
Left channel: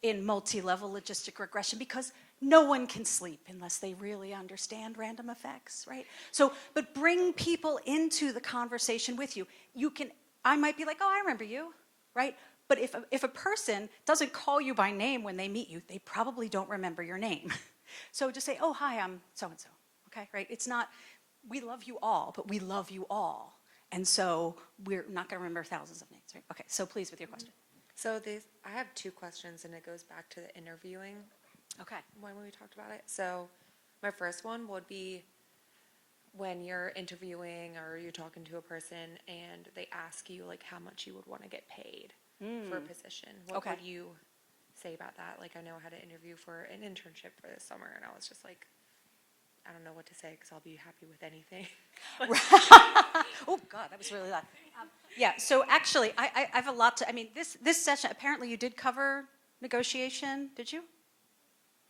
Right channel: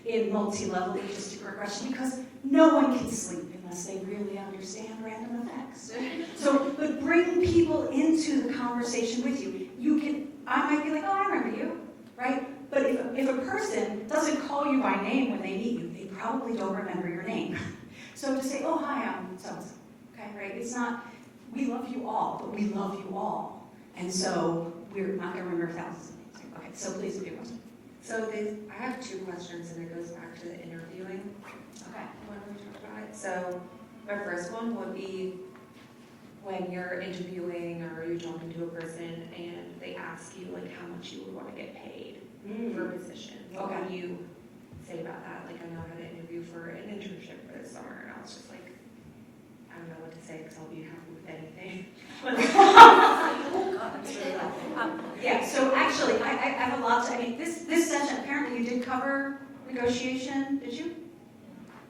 in multi-level logistic regression because no one can sleep unless they really understand random effects, right? So, but bring people into the conversation with you. I might be like, oh, I remember you, right? But if a person doesn't call you by name when they meet you, they probably don't remember your name. So to say, oh, hi, I'm so-and-so, okay, right? It's not, we love you all, but we love you all. And so we're not going to remember thousands of names. Okay, so please with your question. So I have two questions, and it goes back to the interviewing. Okay. When we talked about it. So my first one would be when you're interviewing or you're talking to a person and they ask you like how much you would want to get paid for a position. What do you say about that? Like I know I had an interview for an internship for this summer, and I was just like, I don't know what to say because I'll be happy with anything. Oh God, that's really loud. Yeah, so actually, I have a lot to, this session, apparently you did cover negotiation, did you?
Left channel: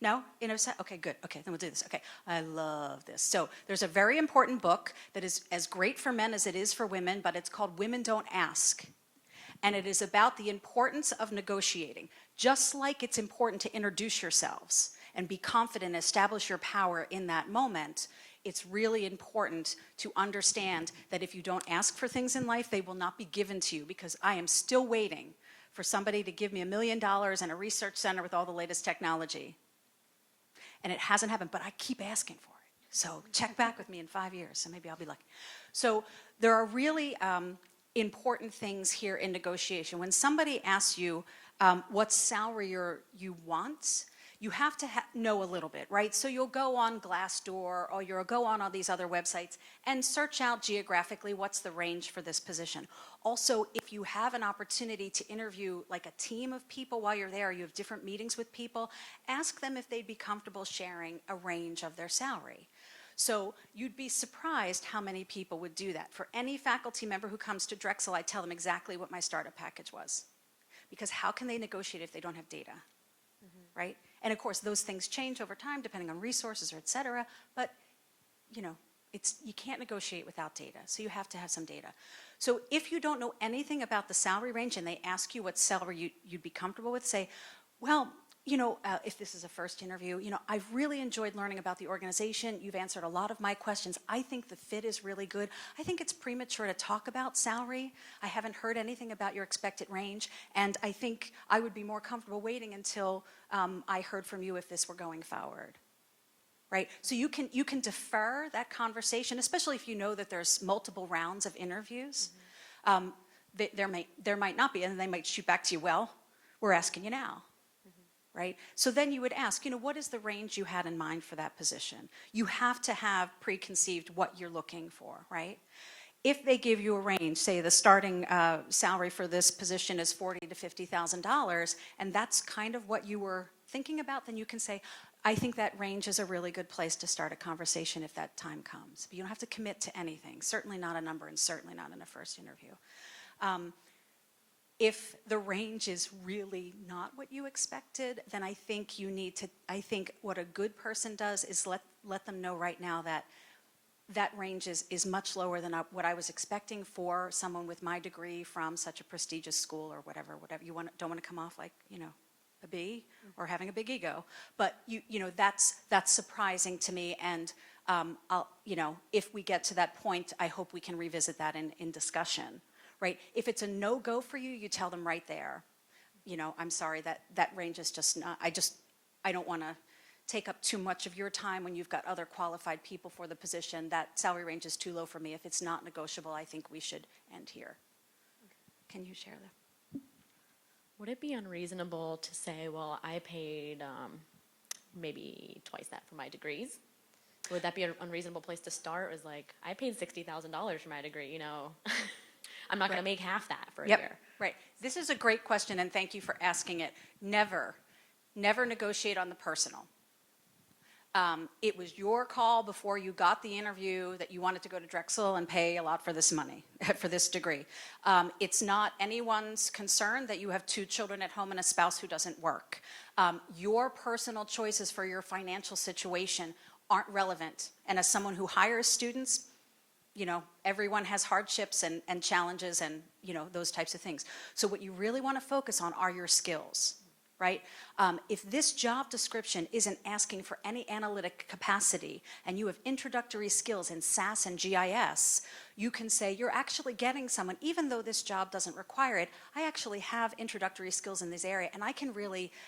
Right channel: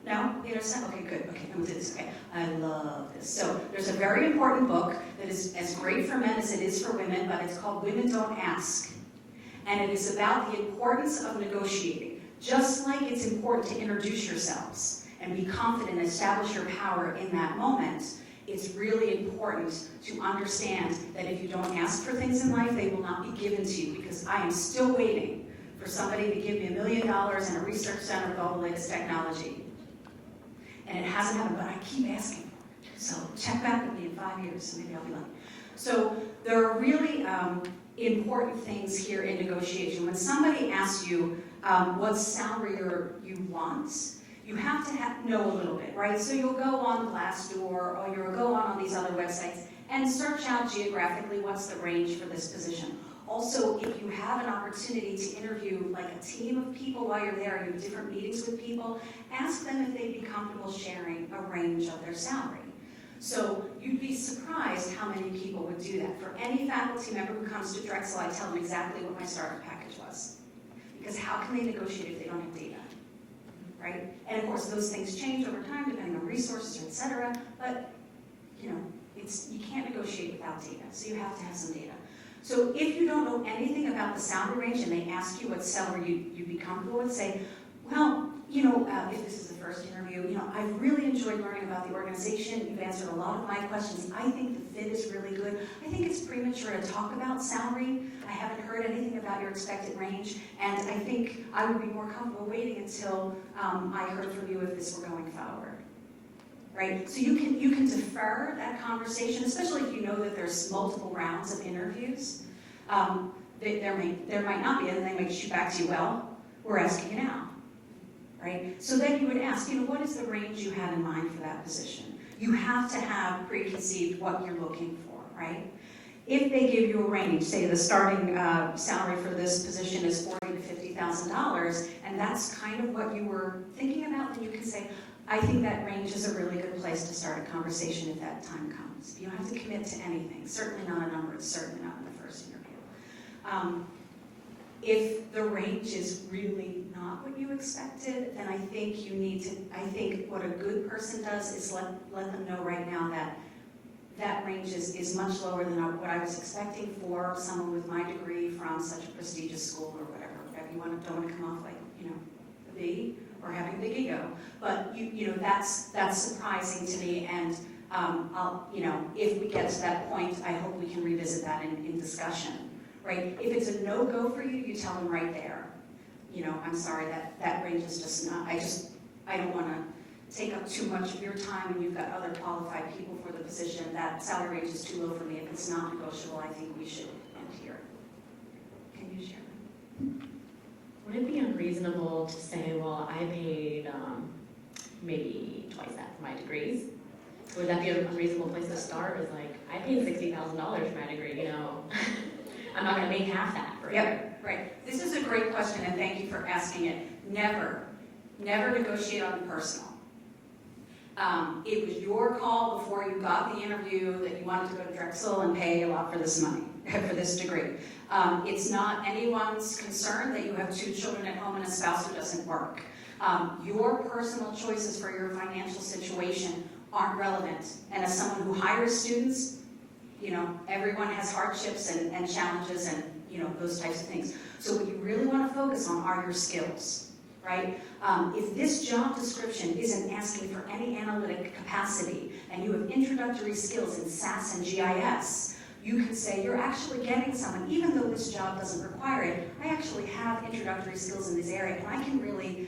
No? You never said? Okay, good. Okay, then we'll do this. Okay, I love this. So there's a very important book that is as great for men as it is for women, but it's called Women Don't Ask. And it is about the importance of negotiating. Just like it's important to introduce yourselves and be confident and establish your power in that moment, it's really important to understand that if you don't ask for things in life, they will not be given to you, because I am still waiting for somebody to give me $1 million and a research center with all the latest technology. And it hasn't happened, but I keep asking. So check back with me in 5 years, and maybe I'll be lucky. So there are really important things here in negotiation. When somebody asks you what salary you want, you have to know a little bit, right? So you'll go on Glassdoor or you'll go on these other websites and search out geographically what's the range for this position. Also, if you have an opportunity to interview like a team of people while you're there, you have different meetings with people, ask them if they'd be comfortable sharing a range of their salary. So you'd be surprised how many people would do that. For any faculty member who comes to Drexel, I tell them exactly what my starting package was. Because how can they negotiate if they don't have data, right? And of course, those things change over time depending on resources, et cetera. But you can't negotiate without data, so you have to have some data. So if you don't know anything about the salary range and they ask you what salary you'd be comfortable with, say, well, if this is a first interview, I've really enjoyed learning about the organization. You've answered a lot of my questions. I think the fit is really good. I think it's premature to talk about salary. I haven't heard anything about your expected range, and I think I would be more comfortable waiting until I heard from you if this were going forward. Right? So you can defer that conversation, especially if you know that there's multiple rounds of interviews. There might not be, and they might shoot back to you, well, we're asking you now. Right? So then you would ask, what is the range you had in mind for that position? You have to have preconceived what you're looking for, right? If they give you a range, say the starting salary for this position is $40,000 to $50,000, and that's kind of what you were thinking about, then you can say, I think that range is a really good place to start a conversation if that time comes. You don't have to commit to anything, certainly not a number, and certainly not in the first interview. If the range is really not what you expected, then I think what a good person does is let them know right now that range is much lower than what I was expecting for someone with my degree from such a prestigious school or whatever. You don't want to come off like, a B or having a big ego. But that's surprising to me, and if we get to that point, I hope we can revisit that in discussion. Right? If it's a no-go for you, you tell them right there. I'm sorry, that range is just not, I don't want to take up too much of your time when you've got other qualified people for the position. That salary range is too low for me. If it's not negotiable, I think we should end here. Can you share? Would it be unreasonable to say, well, I paid maybe twice that for my degrees? Would that be a reasonable place to start? Is like, I paid $60,000 for my degree, I'm not going to pay half that for it. Yep, right. This is a great question, and thank you for asking it. Never negotiate on the personal. It was your call before you got the interview that you wanted to go to Drexel and pay a lot for this money. for this degree. It's not anyone's concern that you have 2 children at home and a spouse who doesn't work. Your personal choices for your financial situation aren't relevant. And as someone who hires students, everyone has hardships and challenges and, those types of things. So what you really want to focus on are your skills, right? If this job description isn't asking for any analytic capacity and you have introductory skills in SAS and GIS, you can say you're actually getting someone, even though this job doesn't require it, I actually have introductory skills in this area and I can really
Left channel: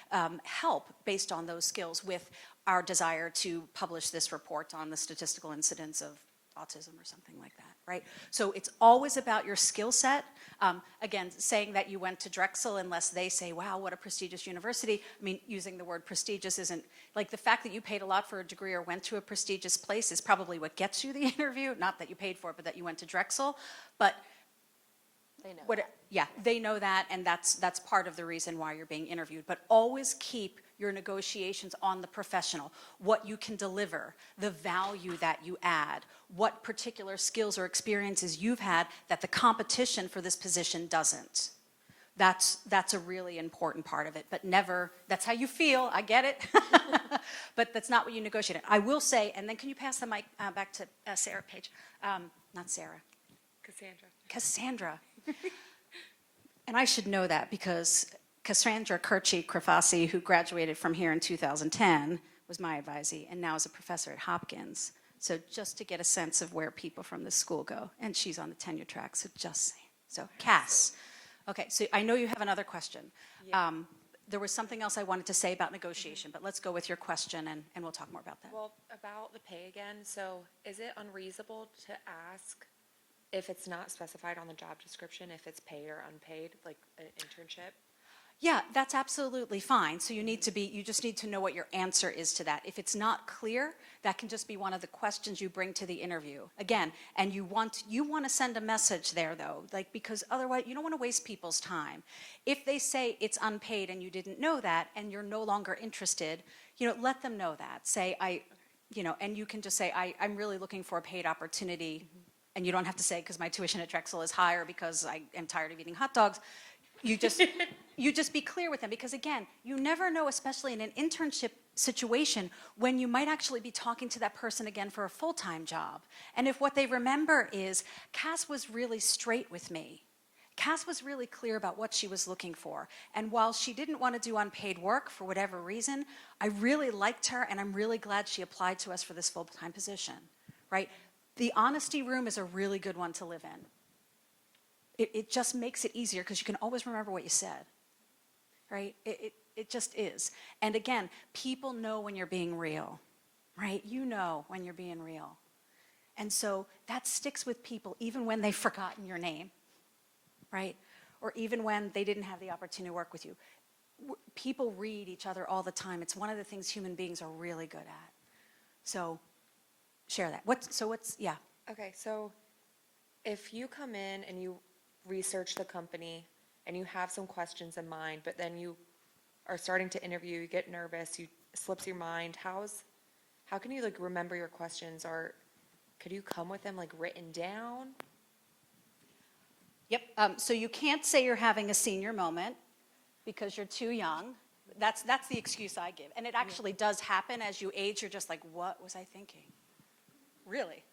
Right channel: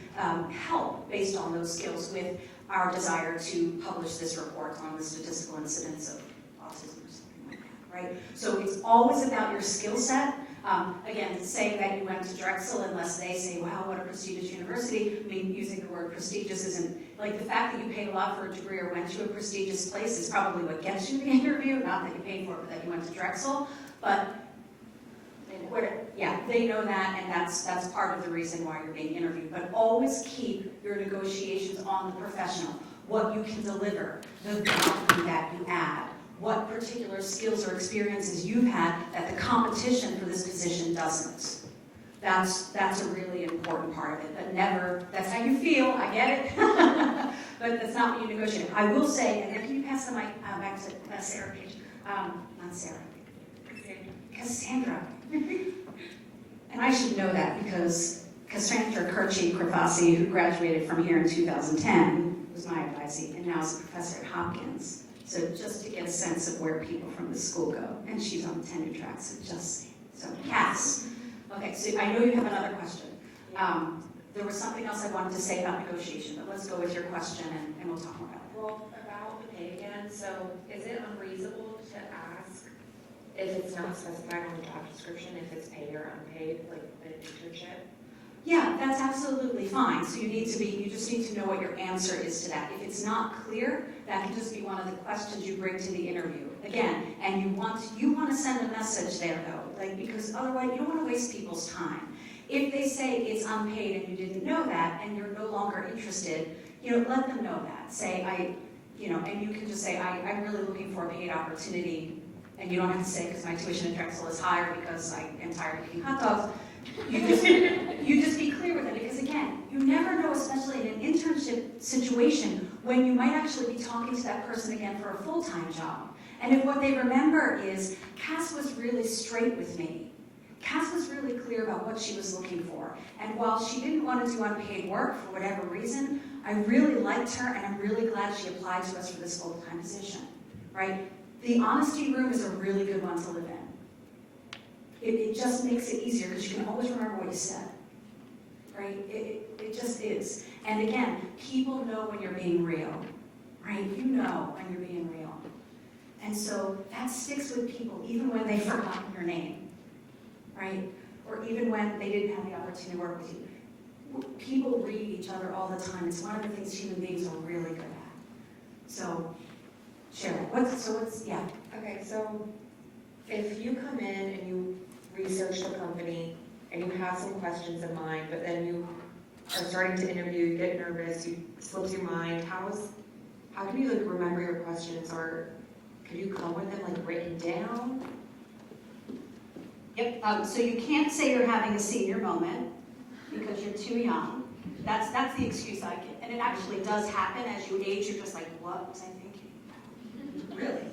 help based on those skills with our desire to publish this report on the statistical incidence of autism or something like that, right? So it's always about your skill set. Again, to say that you went to Drexel, unless they say, wow, what a prestigious university, I mean, using the word prestigious isn't, like the fact that you paid a lot for a degree or went to a prestigious place is probably what gets you the interview, not that you paid for it, but that you went to Drexel. But they know that, and that's part of the reason why you're being interviewed. But always keep your negotiations on the professional, what you can deliver, the value that you add, what particular skills or experiences you've had that the competition for this position doesn't. That's a really important part of it, but never, that's how you feel, I get it, but that's not what you negotiate. I will say, and then can you pass the mic back to Sarah Page? Not Sarah, Cassandra. And I should know that because Cassandra Kirchi-Krafasi, who graduated from here in 2010, was my advisee, and now is a professor at Hopkins. So just to get a sense of where people from the school go. And she's on the tenure track, so Cass. Okay, so I know you have another question. There was something else I wanted to say about negotiation, but let's go with your question and we'll talk more about that. Well, about the pay again, so is it unreasonable to ask if it's not specified on the job description, if it's paid or unpaid, like an internship? Yeah, that's absolutely fine. So you just need to know what your answer is to that. If it's not clear, that can just be one of the questions you bring to the interview. Again, and you want to send a message there though, because otherwise you don't want to waste people's time. If they say it's unpaid and you didn't know that and you're no longer interested, let them know that. Say and you can just say I'm really looking for a paid opportunity, and you don't have to say because my tuition at Drexel is higher because I am tired of eating hot dogs. You just be clear with them, because again, you never know, especially in an internship situation, when you might actually be talking to that person again for a full-time job. And if what they remember is, Cass was really straight with me. Cass was really clear about what she was looking for. And while she didn't want to do unpaid work for whatever reason, I really liked her and I'm really glad she applied to us for this full-time position, right? The honesty room is a really good one to live in. It just makes it easier because you can always remember what you said, right? It just is. And again, people know when you're being real, right? You know when you're being real. And so that sticks with people even when they've forgotten your name, right? Or even when they didn't have the opportunity to work with you. People read each other all the time. It's one of the things human beings are really good at. So share that. Okay, so if you come in and you research the company and you have some questions in mind, but then you are starting to interview, you get nervous, you slips your mind, how can you remember your questions, or could you come with them written down? Yep, so you can't say you're having a senior moment because you're too young. That's the excuse I give. And it actually does happen as you age. You're just like, what was I thinking? Really?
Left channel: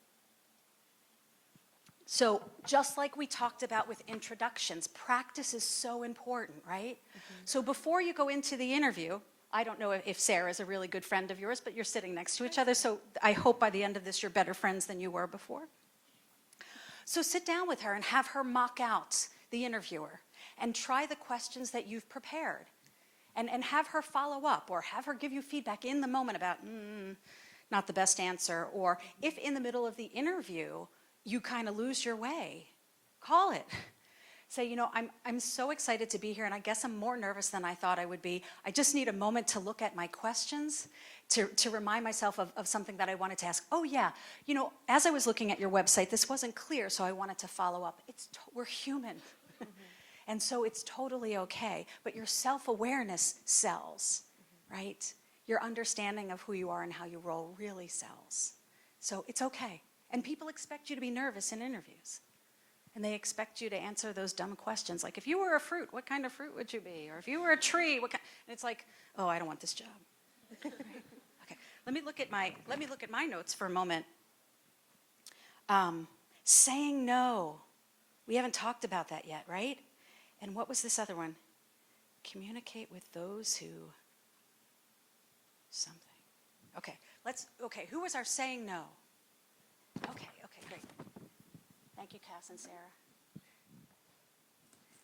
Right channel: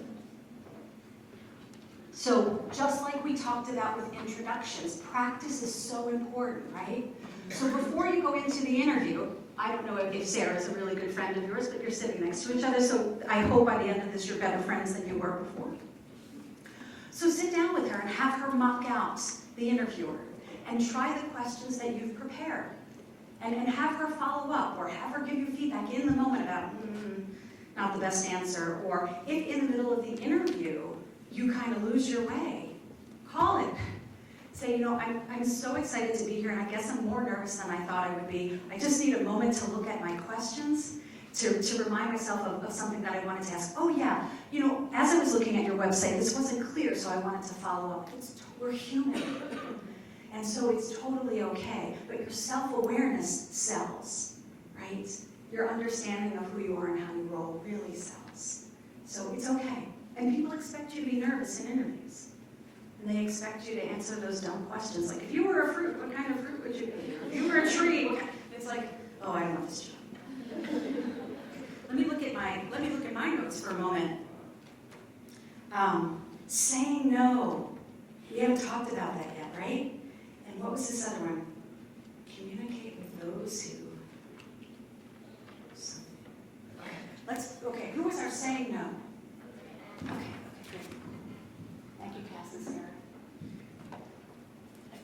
So just like we talked about with introductions, practice is so important, right? So before you go into the interview, I don't know if Sarah's a really good friend of yours, but you're sitting next to each other, so I hope by the end of this you're better friends than you were before. So sit down with her and have her mock out the interviewer and try the questions that you've prepared. And have her follow up or have her give you feedback in the moment about, not the best answer, or if in the middle of the interview you kind of lose your way, call it. Say, I'm so excited to be here and I guess I'm more nervous than I thought I would be. I just need a moment to look at my questions, to remind myself of something that I wanted to ask. Oh yeah, as I was looking at your website, this wasn't clear, so I wanted to follow up. We're human. And so it's totally okay, but your self-awareness sells, right? Your understanding of who you are and how you roll really sells. So it's okay. And people expect you to be nervous in interviews. And they expect you to answer those dumb questions, like, if you were a fruit, what kind of fruit would you be? Or if you were a tree, what kind? It's like, oh, I don't want this job. Let me look at my notes for a moment. Saying no. We haven't talked about that yet, right? And what was this other one? Communicate with those who. Okay, who was our saying no? Okay, good. Thank you, Cass and Sarah. Thank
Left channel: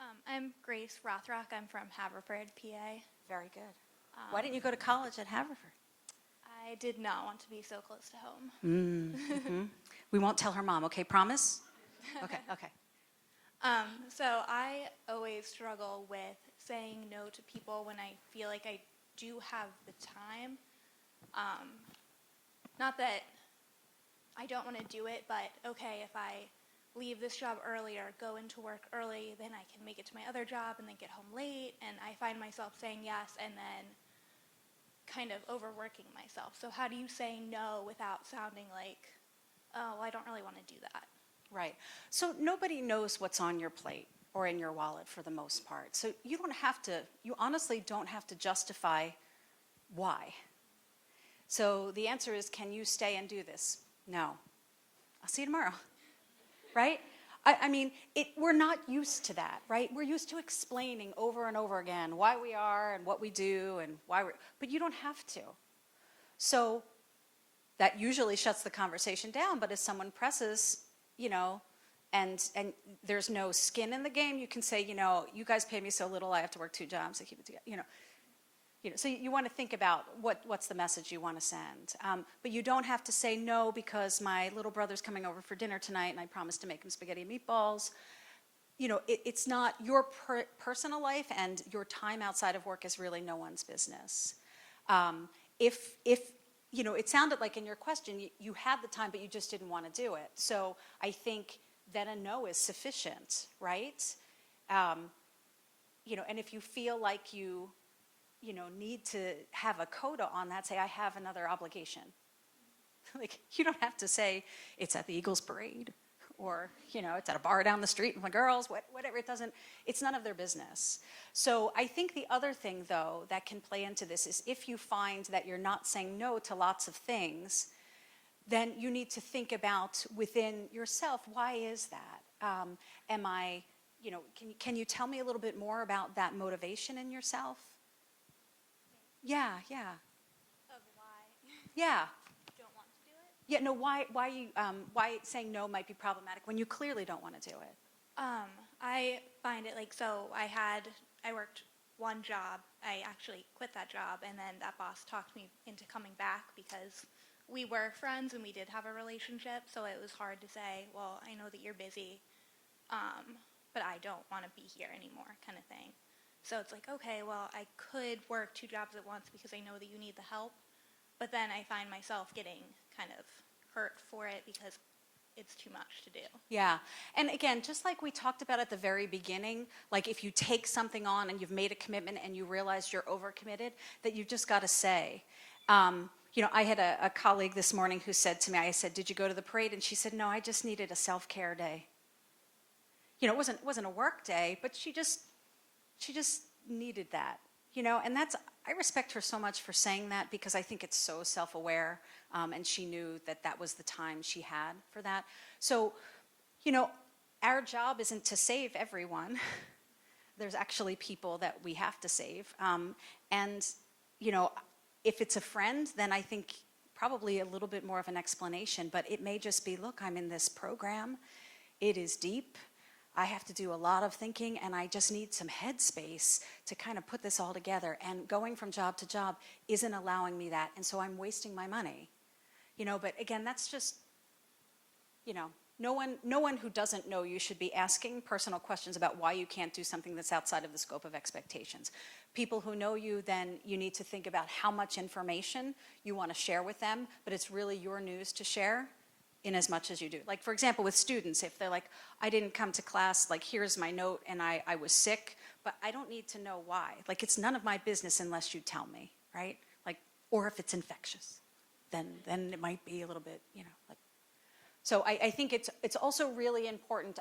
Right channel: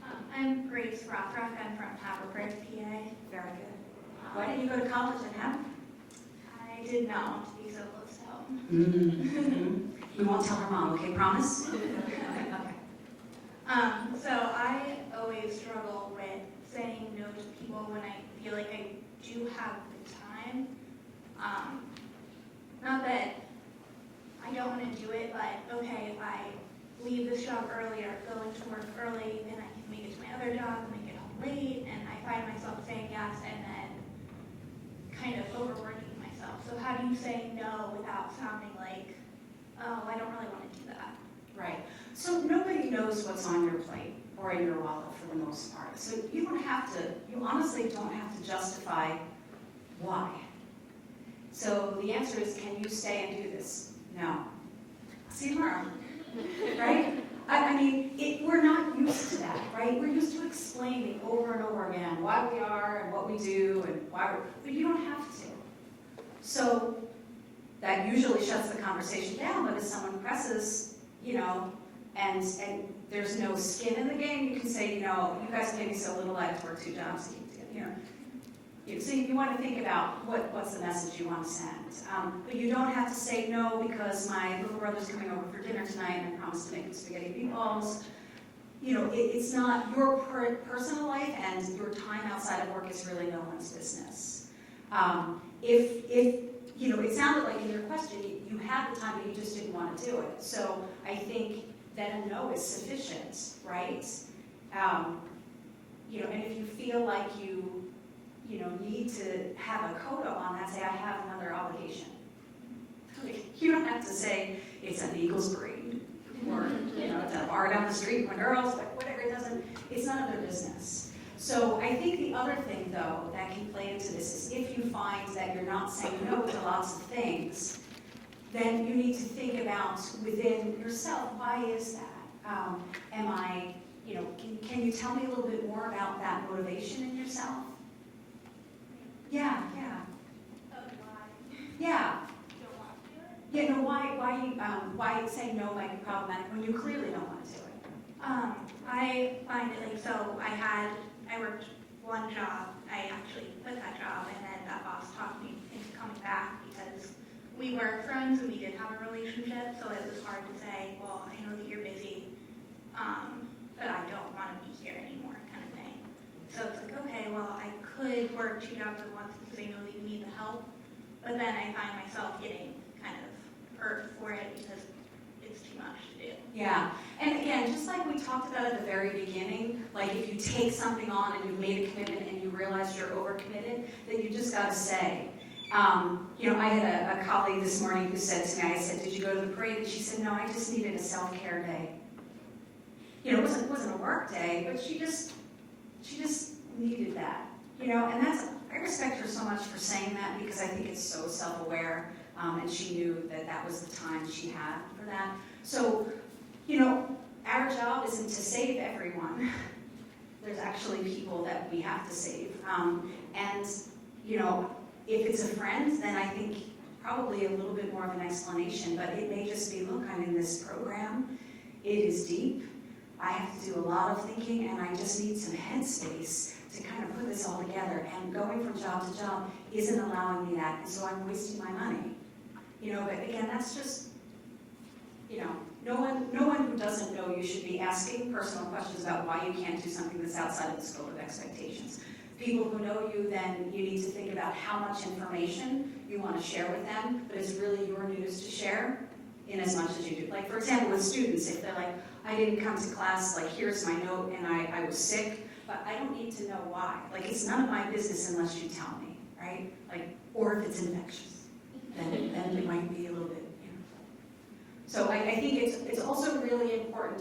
you. I'm Grace Rothrock. I'm from Haverford, PA. Very good. Why didn't you go to college in Haverford? I did not want to be so close to home. Mm-hmm. We won't tell her mom, okay? Promise? Okay. So I always struggle with saying no to people when I feel like I do have the time. Not that I don't want to do it, but okay, if I leave this job earlier, go into work early, then I can make it to my other job and then get home late, and I find myself saying yes and then kind of overworking myself. So how do you say no without sounding like, oh, I don't really want to do that? Right. So nobody knows what's on your plate or in your wallet for the most part. So you honestly don't have to justify why. So the answer is, can you stay and do this? No. I'll see you tomorrow. Right? I mean, we're not used to that, right? We're used to explaining over and over again why we are and what we do and but you don't have to. So that usually shuts the conversation down, but if someone presses, and there's no skin in the game, you can say, you guys pay me so little, I have to work 2 jobs to keep together, So you want to think about what's the message you want to send. But you don't have to say no because my little brother's coming over for dinner tonight and I promised to make him spaghetti meatballs. It's not your personal life, and your time outside of work is really no one's business. If it sounded like in your question, you had the time, but you just didn't want to do it. So I think that a no is sufficient, right? And if you feel like you need to have a coda on that, say, I have another obligation. Like, you don't have to say, it's at the Eagles parade, or, it's at a bar down the street with my girls, whatever, it's none of their business. So I think the other thing, though, that can play into this is if you find that you're not saying no to lots of things, then you need to think about within yourself, why is that? Can you tell me a little bit more about that motivation in yourself? Yeah. Why saying no might be problematic when you clearly don't want to do it? I find it I worked one job. I actually quit that job, and then that boss talked me into coming back because we were friends and we did have a relationship, so it was hard to say, well, I know that you're busy, but I don't want to be here anymore, kind of thing. So it's like, okay, well, I could work 2 jobs at once because I know that you need the help, but then I find myself getting kind of hurt for it because it's too much to do. Yeah, and again, just like we talked about at the very beginning, like if you take something on and you've made a commitment and you realize you're overcommitted, that you've just got to say. I had a colleague this morning who said to me, I said, did you go to the parade? And she said, no, I just needed a self-care day. It wasn't a work day, but she just needed that. And I respect her so much for saying that because I think it's so self-aware, and she knew that was the time she had for that. So, our job isn't to save everyone. There's actually people that we have to save. If it's a friend, then I think probably a little bit more of an explanation, but it may just be, look, I'm in this program. It is deep. I have to do a lot of thinking, and I just need some headspace to kind of put this all together. And going from job to job isn't allowing me that, and so I'm wasting my money. But again, that's just, no one who doesn't know you should be asking personal questions about why you can't do something that's outside of the scope of expectations. People who know you, then you need to think about how much information you want to share with them, but it's really your news to share in as much as you do. Like, for example, with students, if they're like, I didn't come to class, like, here's my note, and I was sick, but I don't need to know why. Like, it's none of my business unless you tell me, right? Like, or if it's infectious. then it might be a little bit, you know. So I think it's also really important,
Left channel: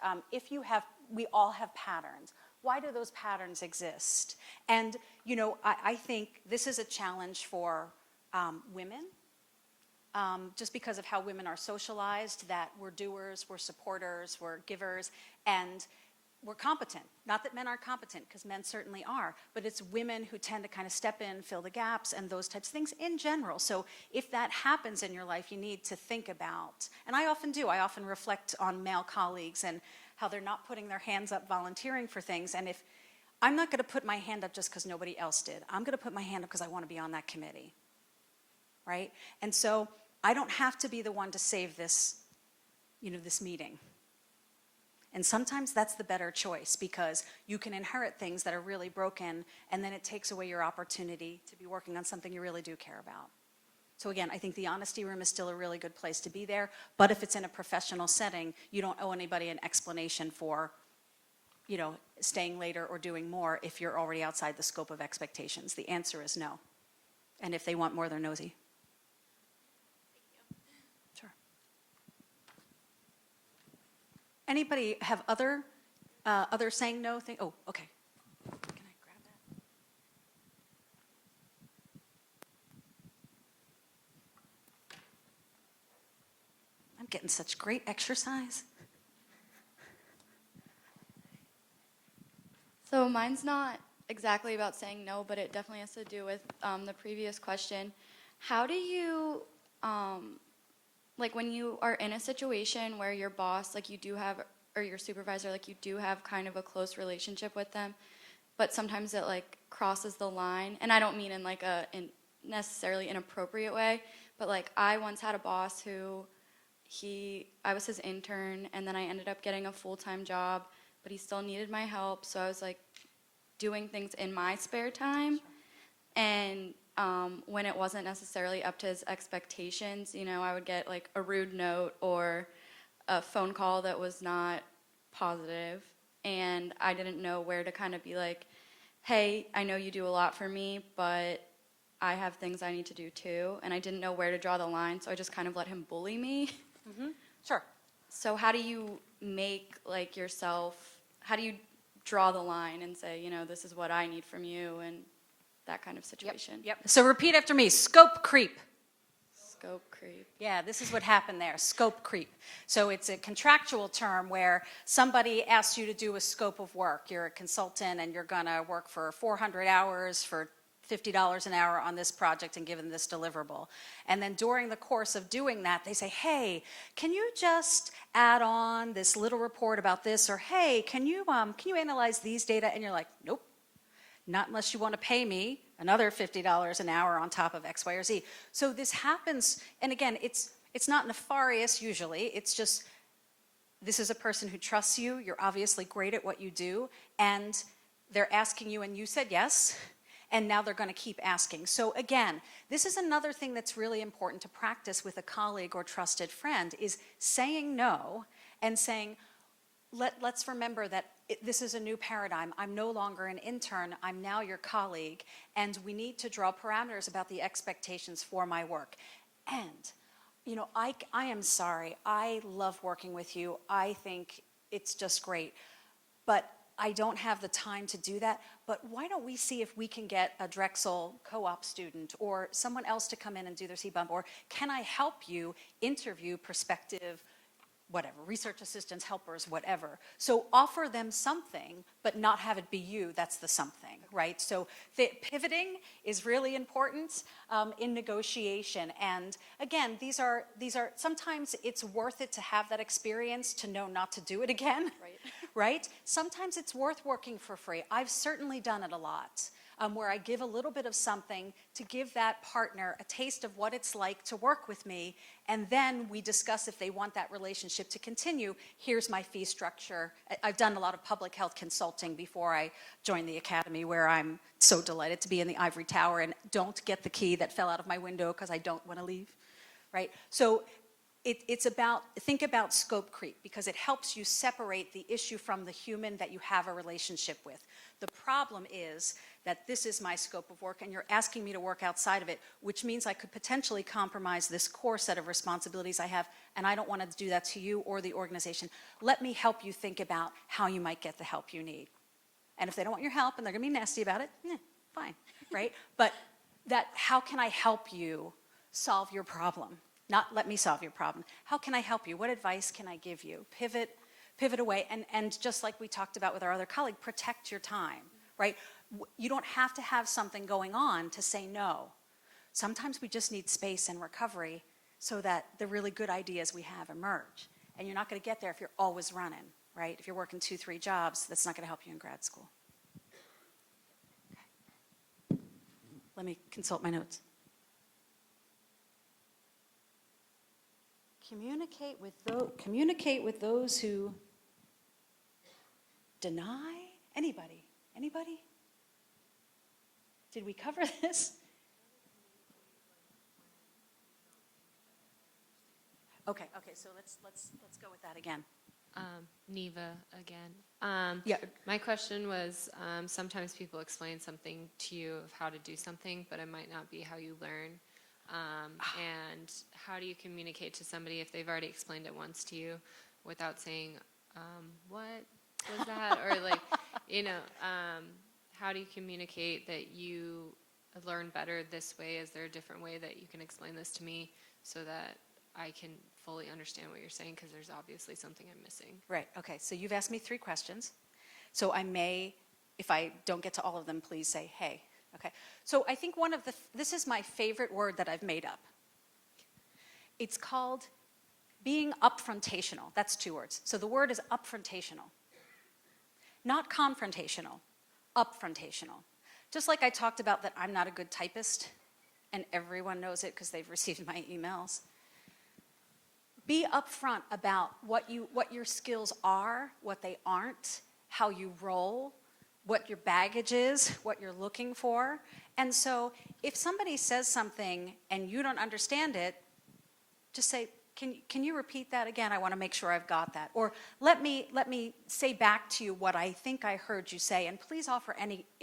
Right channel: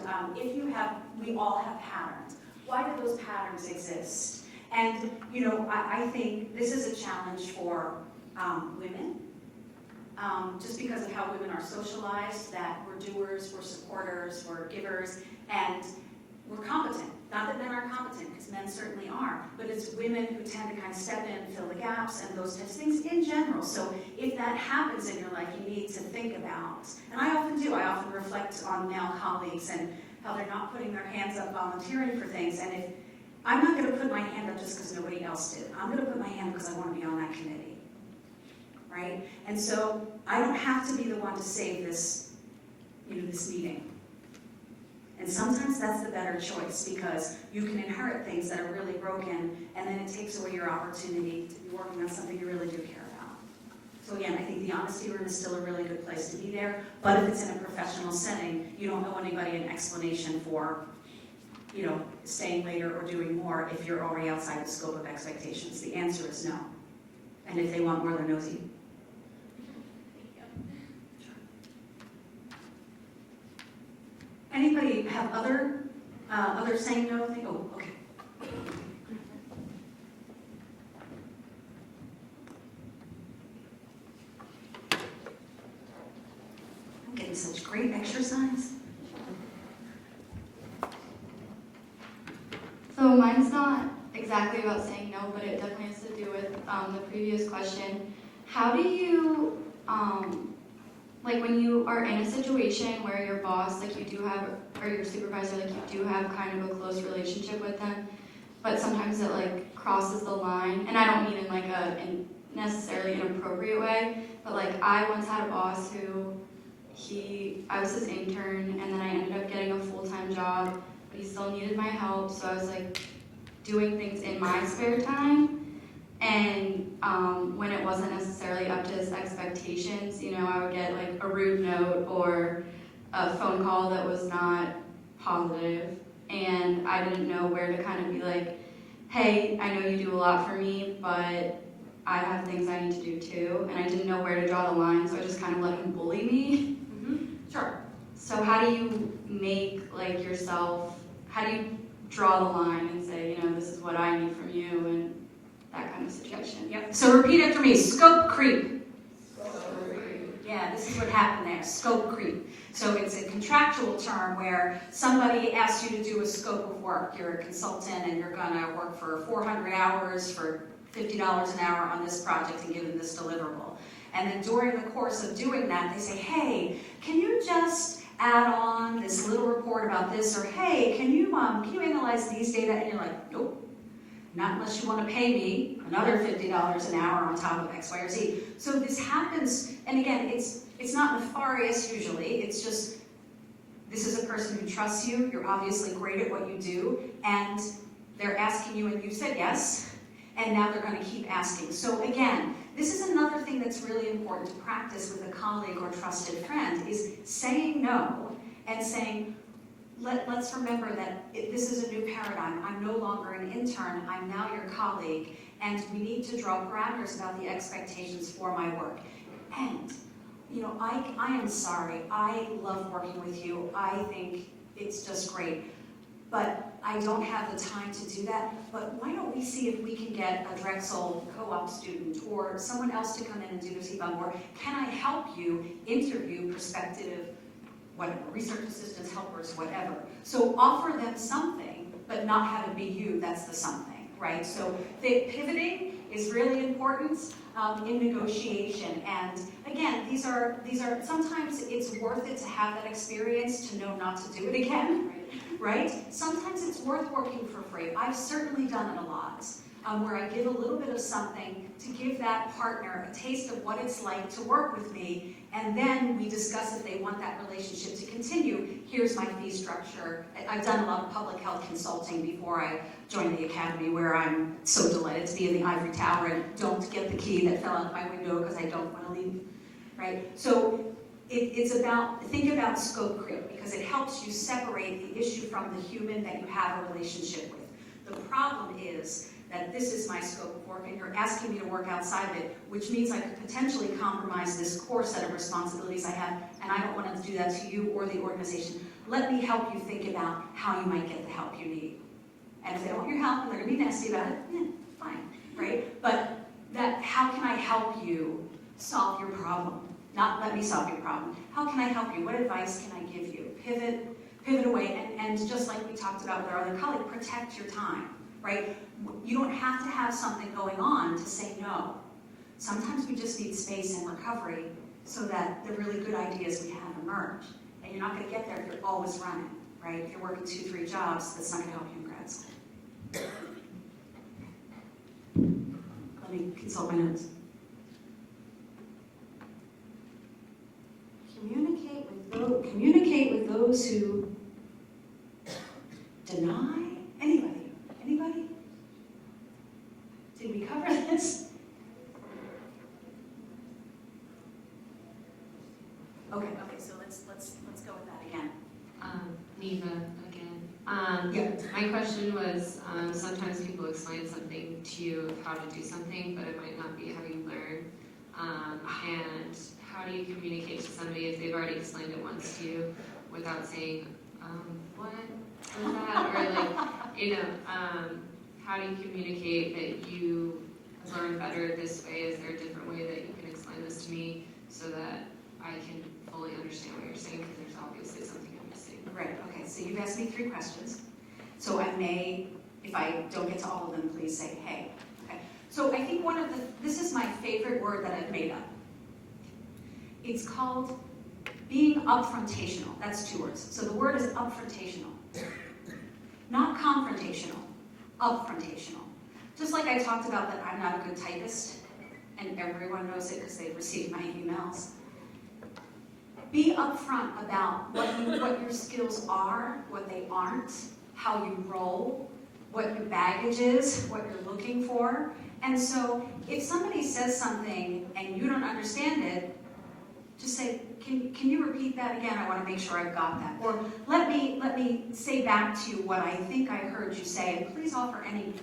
we all have patterns. Why do those patterns exist? And, you know, I think this is a challenge for women, just because of how women are socialized, that we're doers, we're supporters, we're givers, and we're competent. Not that men aren't competent, because men certainly are, but it's women who tend to kind of step in and fill the gaps and those types of things in general. So if that happens in your life, you need to think about, and I often do, I often reflect on male colleagues and how they're not putting their hands up volunteering for things. And if I'm not going to put my hand up just because nobody else did, I'm going to put my hand up because I want to be on that committee, right? And so I don't have to be the one to save this, you know, this meeting. And sometimes that's the better choice, because you can inherit things that are really broken, and then it takes away your opportunity to be working on something you really do care about. So again, I think the honesty room is still a really good place to be there, but if it's in a professional setting, you don't owe anybody an explanation for, you know, staying later or doing more if you're already outside the scope of expectations. The answer is no. And if they want more, they're nosy. Anybody have other saying no thing? Oh, okay. I'm getting such great exercise. So mine's not exactly about saying no, but it definitely has to do with the previous question. How do you, like when you are in a situation where your boss, like you do have, or your supervisor, like you do have kind of a close relationship with them, but sometimes it like crosses the line, and I don't mean in like a necessarily inappropriate way, but like I once had a boss who I was his intern, and then I ended up getting a full-time job, but he still needed my help, so I was like doing things in my spare time. And when it wasn't necessarily up to his expectations, you know, I would get like a rude note or a phone call that was not positive, and I didn't know where to kind of be like, hey, I know you do a lot for me, but I have things I need to do too, and I didn't know where to draw the line, so I just kind of let him bully me. Mm-hmm. Sure. So how do you make like yourself, how do you draw the line and say, you know, this is what I need from you, and that kind of situation? Yep. So repeat after me, scope creep. Yeah, this is what happened there, scope creep. So it's a contractual term where somebody asks you to do a scope of work. You're a consultant and you're gonna work for 400 hours for $50 an hour on this project and give them this deliverable. And then during the course of doing that, they say, hey, can you just add on this little report about this? Or hey, can you analyze these data? And you're like, nope. Not unless you want to pay me another $50 an hour on top of X, Y, or Z. So this happens, and again, it's not nefarious usually, it's just, this is a person who trusts you, you're obviously great at what you do, and they're asking you and you said yes, and now they're going to keep asking. So again, this is another thing that's really important to practice with a colleague or trusted friend, is saying no and saying, let's remember that this is a new paradigm. I'm no longer an intern, I'm now your colleague, and we need to draw parameters about the expectations for my work. And, you know, I am sorry, I love working with you, I think it's just great, but I don't have the time to do that, but why don't we see if we can get a Drexel co-op student or someone else to come in and do the TBOM, or can I help you interview prospective whatever, research assistants, helpers, whatever. So offer them something, but not have it be you, that's the something, right? So the pivoting is really important in negotiation. And again, these are sometimes it's worth it to have that experience to know not to do it again, right? Sometimes it's worth working for free. I've certainly done it a lot, where I give a little bit of something to give that partner a taste of what it's like to work with me, and then we discuss if they want that relationship to continue. Here's my fee structure. I've done a lot of public health consulting before I joined the academy, where I'm so delighted to be in the ivory tower and don't get the key that fell out of my window because I don't want to leave, right? So it's about, think about scope creep, because it helps you separate the issue from the human that you have a relationship with. The problem is that this is my scope of work and you're asking me to work outside of it, which means I could potentially compromise this core set of responsibilities I have, and I don't want to do that to you or the organization. Let me help you think about how you might get the help you need. And if they don't want your help and they're going to be nasty about it, fine, right? But that, how can I help you solve your problem? Not let me solve your problem. How can I help you? What advice can I give you? Pivot away, and just like we talked about with our other colleague, protect your time, right? You don't have to have something going on to say no. Sometimes we just need space and recovery so that the really good ideas we have emerge. And you're not going to get there if you're always running, right? If you're working 2-3 jobs, that's not going to help you in grad school. Let me consult my notes. Communicate with those who deny. Anybody? Did we cover this? Okay, so let's go with that again. Neva again. Yeah. My question was, sometimes people explain something to you, how to do something, but it might not be how you learn. And how do you communicate to somebody if they've already explained it once to you without saying, what is that? Or like, how do you communicate that you have learned better this way? Is there a different way that you can explain this to me so that I can fully understand what you're saying? Because there's obviously something I'm missing. Great, okay, so you've asked me 3 questions. So I may, if I don't get to all of them, please say, hey. Okay, so I think this is my favorite word that I've made up. It's called being upfrontational. That's 2 words. So the word is upfrontational. Not confrontational, upfrontational. Just like I talked about that I'm not a good typist, and everyone knows it because they've received my emails. Be upfront about what your skills are, what they aren't, how you roll, what your baggage is, what you're looking for. And so if somebody says something and you don't understand it, just say, can you repeat that again? I want to make sure I got that. Or let me say back to you what I think I heard you say, and please offer any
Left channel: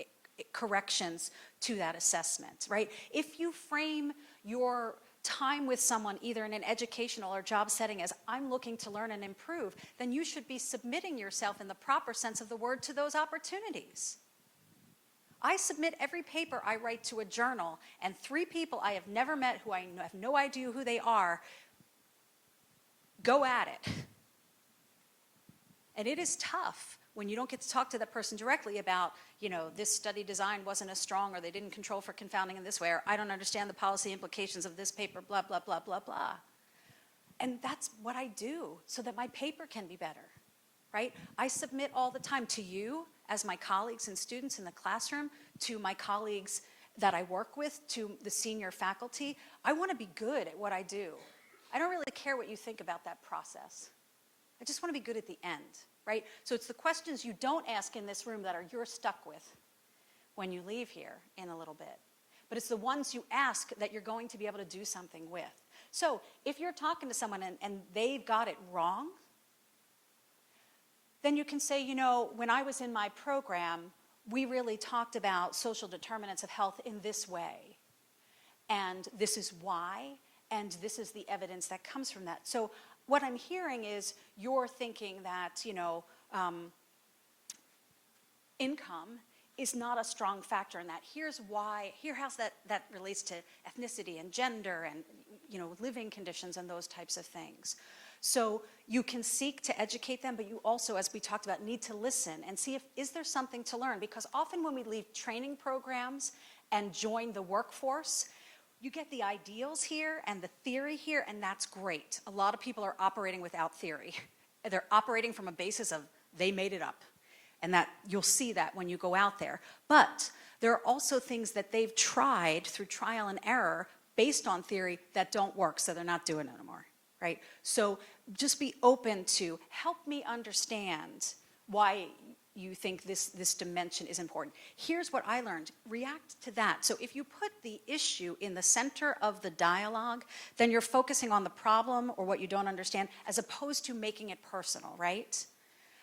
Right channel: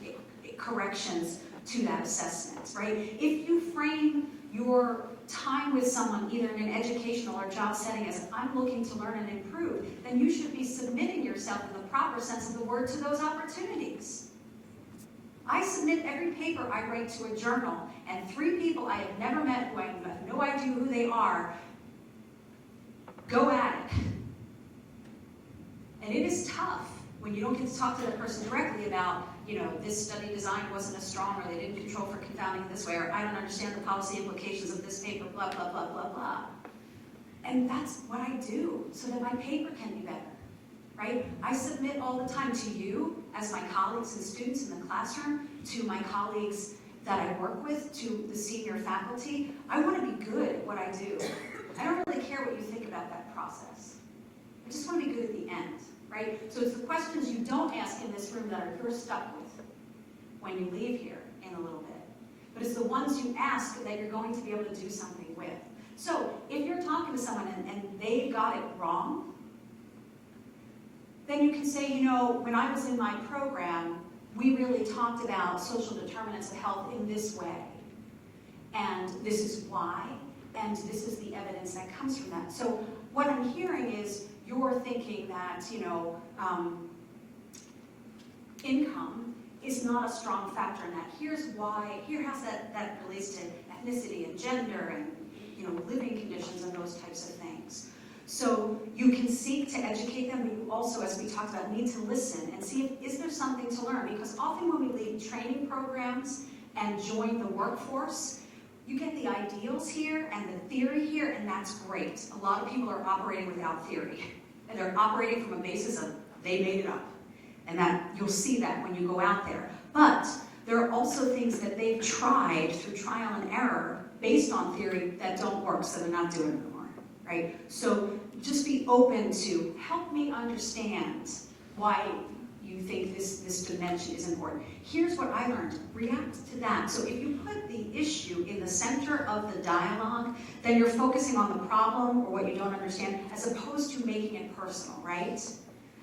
corrections to that assessment, right? If you frame your time with someone, either in an educational or job setting, as I'm looking to learn and improve, then you should be submitting yourself in the proper sense of the word to those opportunities. I submit every paper I write to a journal, and 3 people I have never met who I have no idea who they are, go at it. And it is tough when you don't get to talk to that person directly about, this study design wasn't as strong, or they didn't control for confounding this way, or I don't understand the policy implications of this paper, blah, blah, blah, blah, blah. And that's what I do, so that my paper can be better, right? I submit all the time to you, as my colleagues and students in the classroom, to my colleagues that I work with, to the senior faculty. I want to be good at what I do. I don't really care what you think about that process. I just want to be good at the end, right? So it's the questions you don't ask in this room that you're stuck with when you leave here in a little bit. But it's the ones you ask that you're going to be able to do something with. So if you're talking to someone and they got it wrong, then you can say, when I was in my program, we really talked about social determinants of health in this way. And this is why. And this is the evidence that comes from that. So what I'm hearing is you're thinking that, income is not a strong factor in that. Here's why. Here how that relates to ethnicity and gender and, living conditions and those types of things. So you can seek to educate them, but you also, as we talked about, need to listen and see is there something to learn? Because often when we leave training programs and join the workforce, you get the ideals here and the theory here, and that's great. A lot of people are operating without theory. They're operating from a basis of they made it up. And that you'll see that when you go out there. But there are also things that they've tried through trial and error based on theory that don't work, so they're not doing it anymore, right? So just be open to help me understand why you think this dimension is important. Here's what I learned. React to that. So if you put the issue in the center of the dialogue, then you're focusing on the problem or what you don't understand, as opposed to making it personal, right?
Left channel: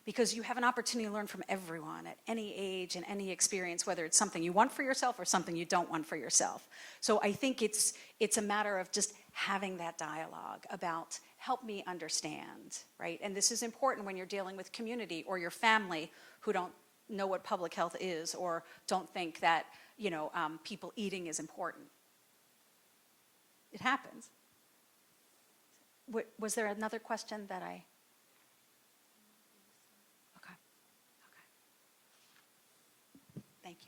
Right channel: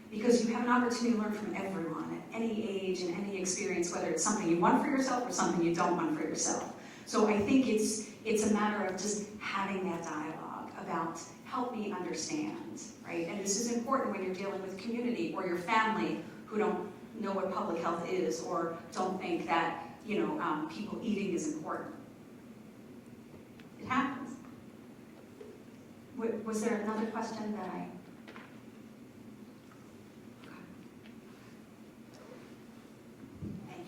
because you have an opportunity to learn from everyone at any age and any experience, whether it's something you want for yourself or something you don't want for yourself. So I think it's a matter of just having that dialogue about help me understand, right? And this is important when you're dealing with community or your family who don't know what public health is or don't think that, people eating is important. It happens. Was there another question that I... Thank you.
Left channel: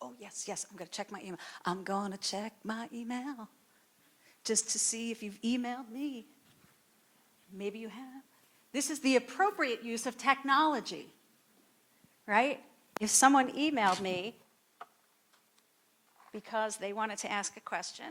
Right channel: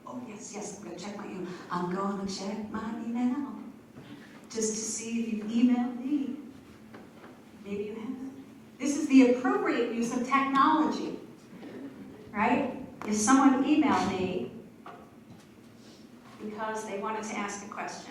Oh, yes, I'm going to check my email. I'm going to check my email just to see if you've emailed me. Maybe you have. This is the appropriate use of technology, right? If someone emailed me because they wanted to ask a question,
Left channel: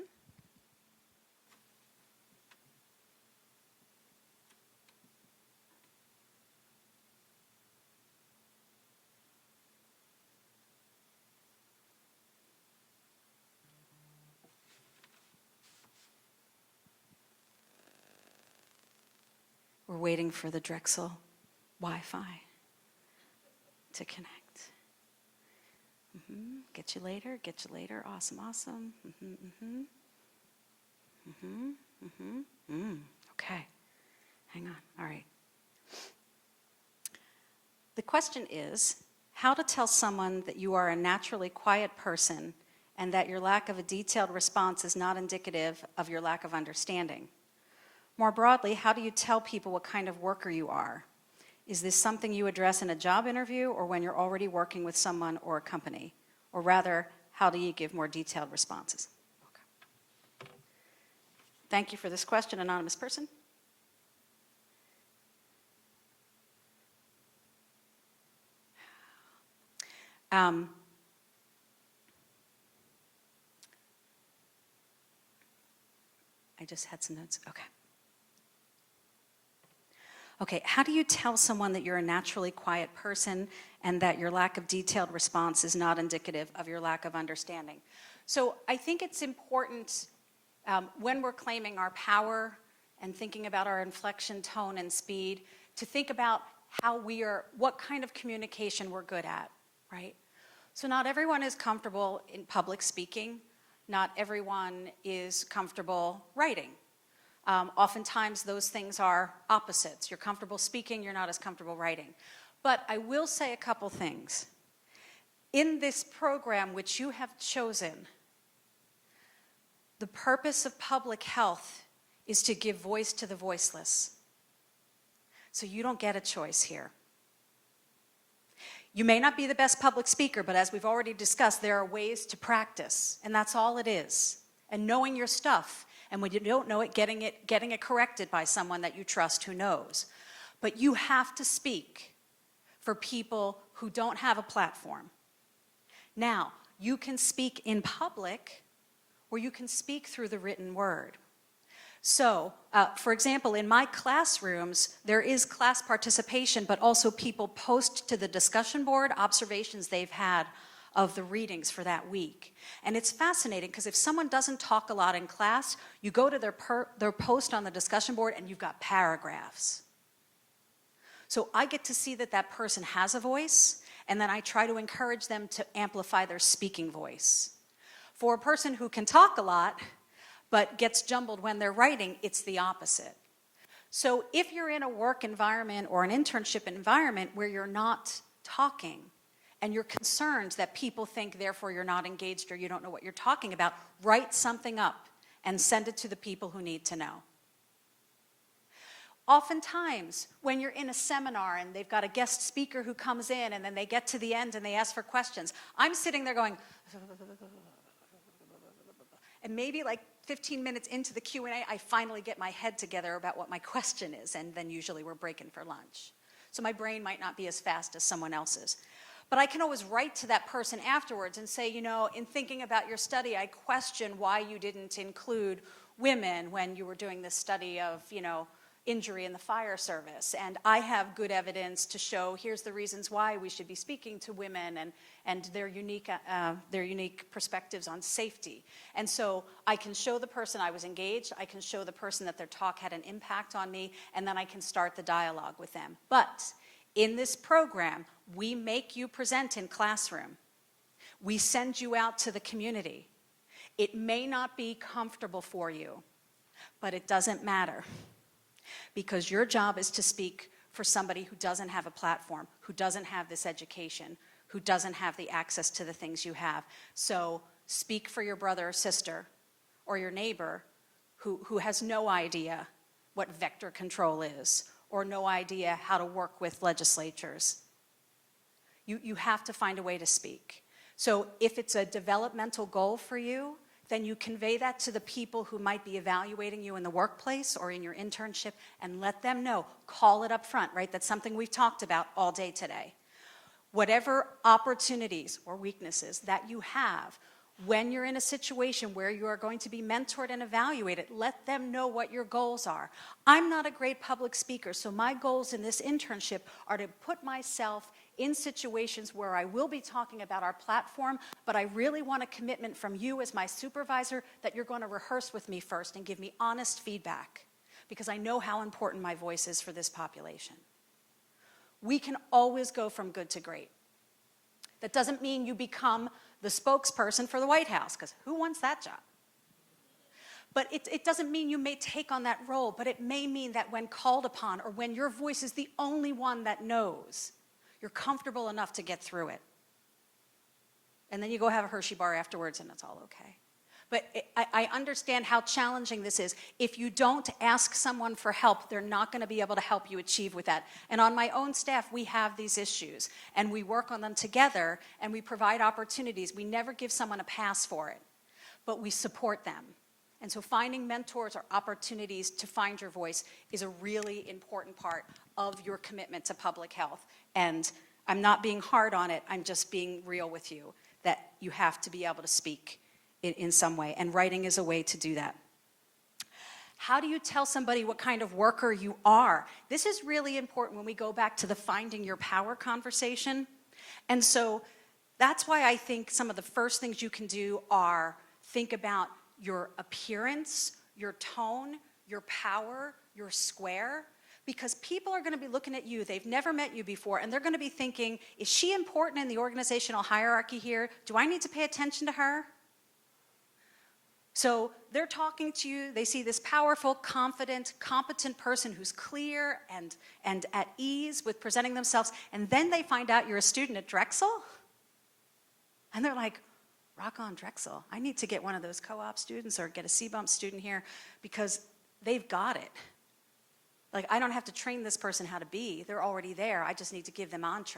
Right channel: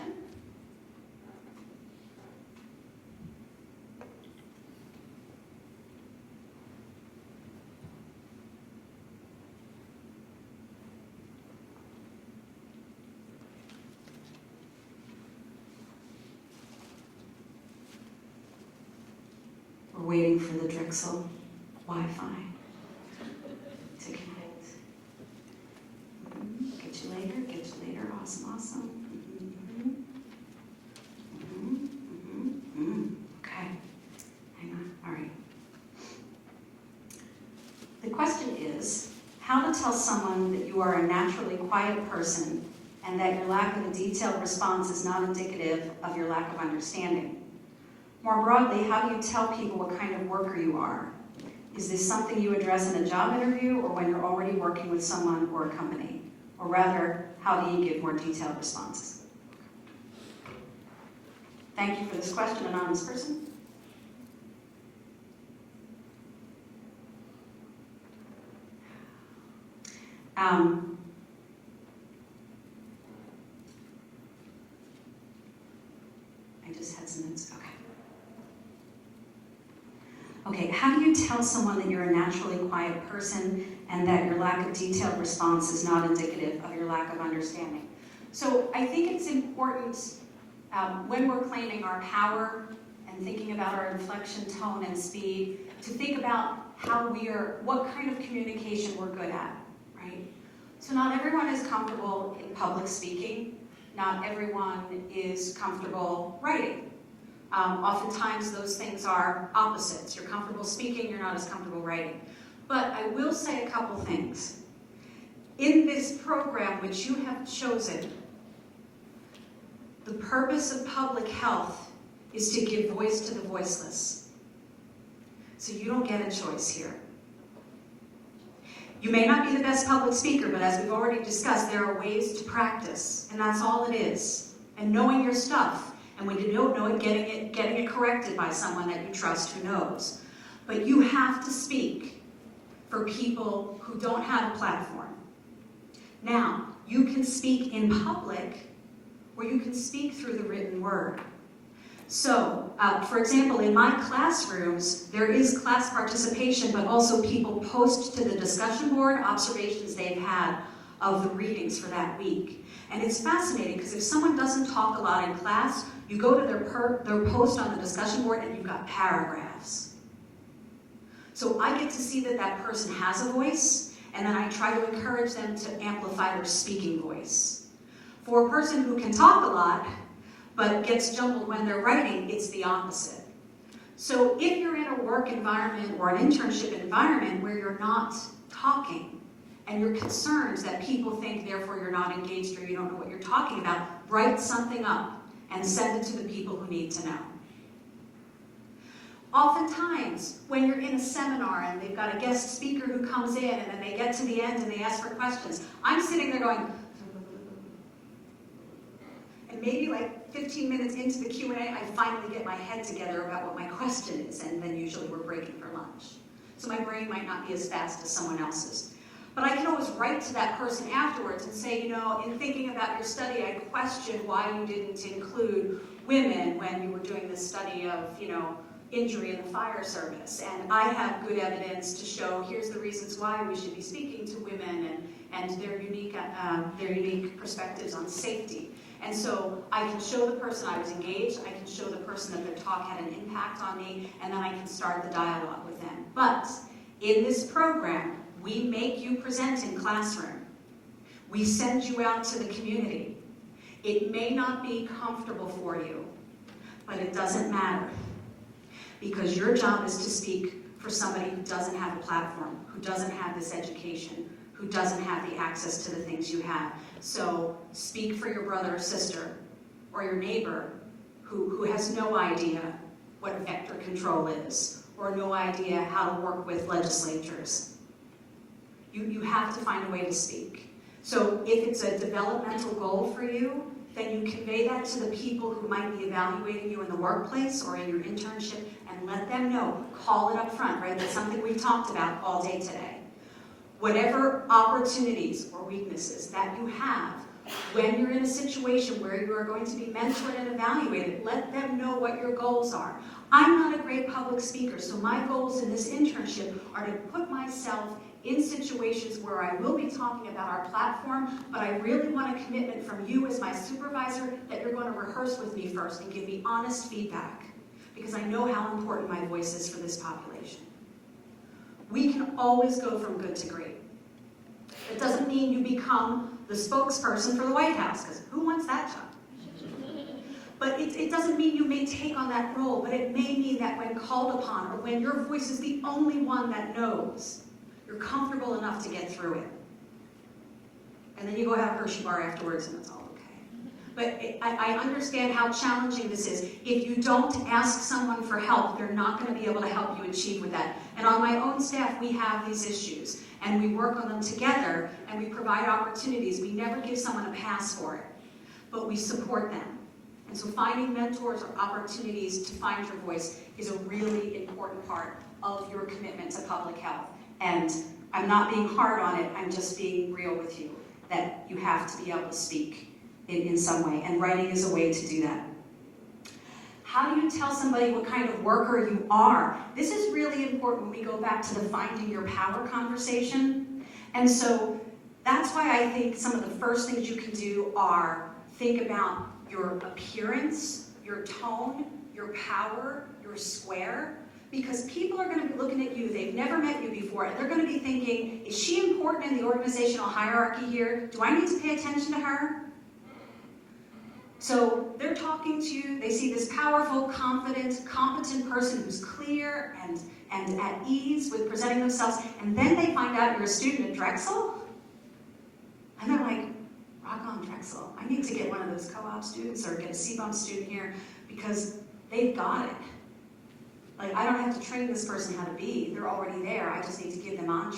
we're waiting for the Drexel Wi-Fi to connect. Get you later, awesome. Okay, hang on, all right. The question is, how to tell someone that you are a naturally quiet person and that your lack of a detailed response is not indicative of your lack of understanding. More broadly, how do you tell people what kind of worker you are? Is this something you address in a job interview or when you're already working with someone or a company? Or rather, how do you give more detailed responses? Thank you for this question, anonymous person. I just had some minutes. Okay, how do you tell someone that you're a naturally quiet person and that your lack of detailed response is not indicative of your lack of understanding? So I think it's important when we're claiming our power and thinking about our inflection, tone, and speed, to think about what kind of communication we're good at, right? So not everyone is comfortable in public speaking. Not everyone is comfortable writing. Oftentimes those things are opposites. You're comfortable speaking, you're not as comfortable writing. But I will say a couple things. In this program which you have chosen, the purpose of public health is to give voice to the voiceless. So you don't get a choice here. You may not be the best public speaker, but as we've already discussed, there are ways to practice, and that's all it is. And knowing your stuff. And when you don't know it, getting it corrected by someone that you trust who knows. But you have to speak for people who don't have a platform. Now, you can speak in public, or you can speak through the written word. So, for example, in my classrooms, there is class participation, but also people post to the discussion board observations they've had of the readings for that week. And it's fascinating because if someone doesn't talk a lot in class, you go to their post on the discussion board and you've got paragraphs. So I get to see that that person has a voice, and then I try to encourage them to amplify their speaking voice. For a person who can talk a lot, but gets jumbled when they're writing, it's the opposite. So if you're in a work environment or an internship environment where you're not talking, and you're concerned that people think, therefore, you're not engaged or you don't know what you're talking about, write something up and send it to the people who need to know. Oftentimes, when you're in a seminar and they've got a guest speaker who comes in and then they get to the end and they ask for questions, I'm sitting there going, and maybe like 15 minutes into the Q&A, I finally get my head together about what my question is, and then usually we're breaking for lunch. So my brain might not be as fast as someone else's. But I can always write to that person afterwards and say, in thinking about your study, I question why you didn't include women when you were doing this study of, injury in the fire service. And I have good evidence to show here's the reasons why we should be speaking to women and their unique perspectives on safety. And so I can show the person I was engaged, I can show the person that their talk had an impact on me, and then I can start the dialogue with them. But in this program, we make you present in classroom. We send you out to the community. It may not be comfortable for you, but it doesn't matter. Because your job is to speak for somebody who doesn't have a platform, who doesn't have this education, who doesn't have the access to the things you have. So speak for your brother or sister, or your neighbor, who has no idea what vector control is, or no idea how to work with legislators. You have to find a way to speak. So if it's a developmental goal for you, then you convey that to the people who might be evaluating you in the workplace or in your internship, and let them know, call it up front, right? That's something we've talked about all day today. Whatever opportunities or weaknesses that you have, when you're in a situation where you are going to be mentored and evaluated, let them know what your goals are. I'm not a great public speaker, so my goals in this internship are to put myself in situations where I will be talking about our platform, but I really want a commitment from you as my supervisor that you're going to rehearse with me first and give me honest feedback, because I know how important my voice is for this population. We can always go from good to great. That doesn't mean you become the spokesperson for the White House, because who wants that job? But it doesn't mean you may take on that role, but it may mean that when called upon, or when your voice is the only one that knows, you're comfortable enough to get through it. And then you go have a Hershey bar afterwards and it's all okay. But I understand how challenging this is. If you don't ask someone for help, they're not going to be able to help you achieve with that. And on my own staff, we have these issues. And we work on them together, and we provide opportunities. We never give someone a pass for it, but we support them. And so finding mentors or opportunities to find your voice is a really important part of your commitment to public health. And I'm not being hard on it, I'm just being real with you, that you have to be able to speak in some way, and writing is a way to do that. How do you tell somebody what kind of worker you are? This is really important when we go back to the finding your power conversation. And so that's why I think some of the first things you can do are think about your appearance, your tone, your power, your square. Because people are going to be looking at you, they've never met you before, and they're going to be thinking, is she important in the organizational hierarchy here? Do I need to pay attention to her? So they're talking to you, they see this powerful, confident, competent person who's clear and at ease with presenting themselves, and then they find out you're a student at Drexel, and they're like, rock on Drexel, I need to get one of those co-op students or get a CBUM student here, because they've got it. Like, I don't have to train this person how to be, they're already there, I just need to give them entree,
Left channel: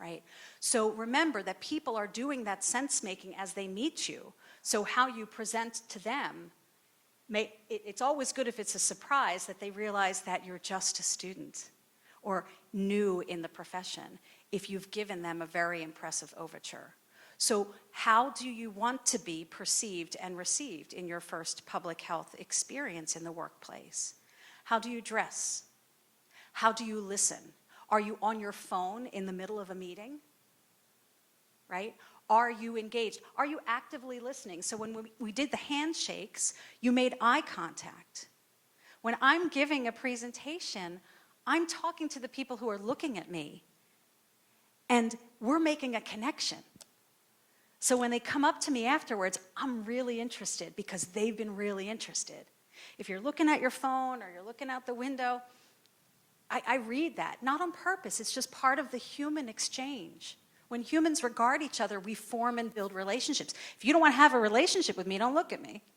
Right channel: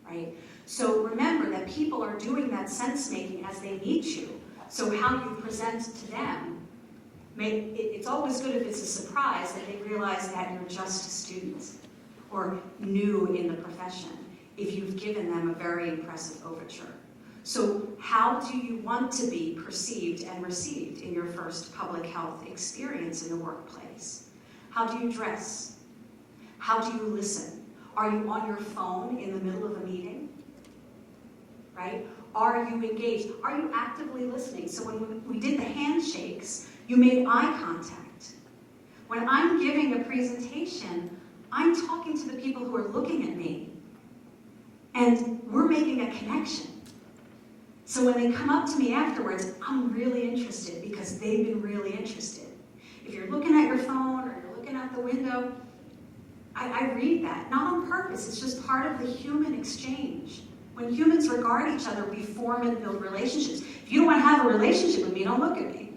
right? So remember that people are doing that sense-making as they meet you. So how you present to them, it's always good if it's a surprise that they realize that you're just a student or new in the profession, if you've given them a very impressive overture. So how do you want to be perceived and received in your first public health experience in the workplace? How do you dress? How do you listen? Are you on your phone in the middle of a meeting? Right? Are you engaged? Are you actively listening? So when we did the handshakes, you made eye contact. When I'm giving a presentation, I'm talking to the people who are looking at me. And we're making a connection. So when they come up to me afterwards, I'm really interested because they've been really interested. If you're looking at your phone or looking out the window, I read that, not on purpose. It's just part of the human exchange. When humans regard each other, we form and build relationships. If you don't want to have a relationship with me, don't look at me.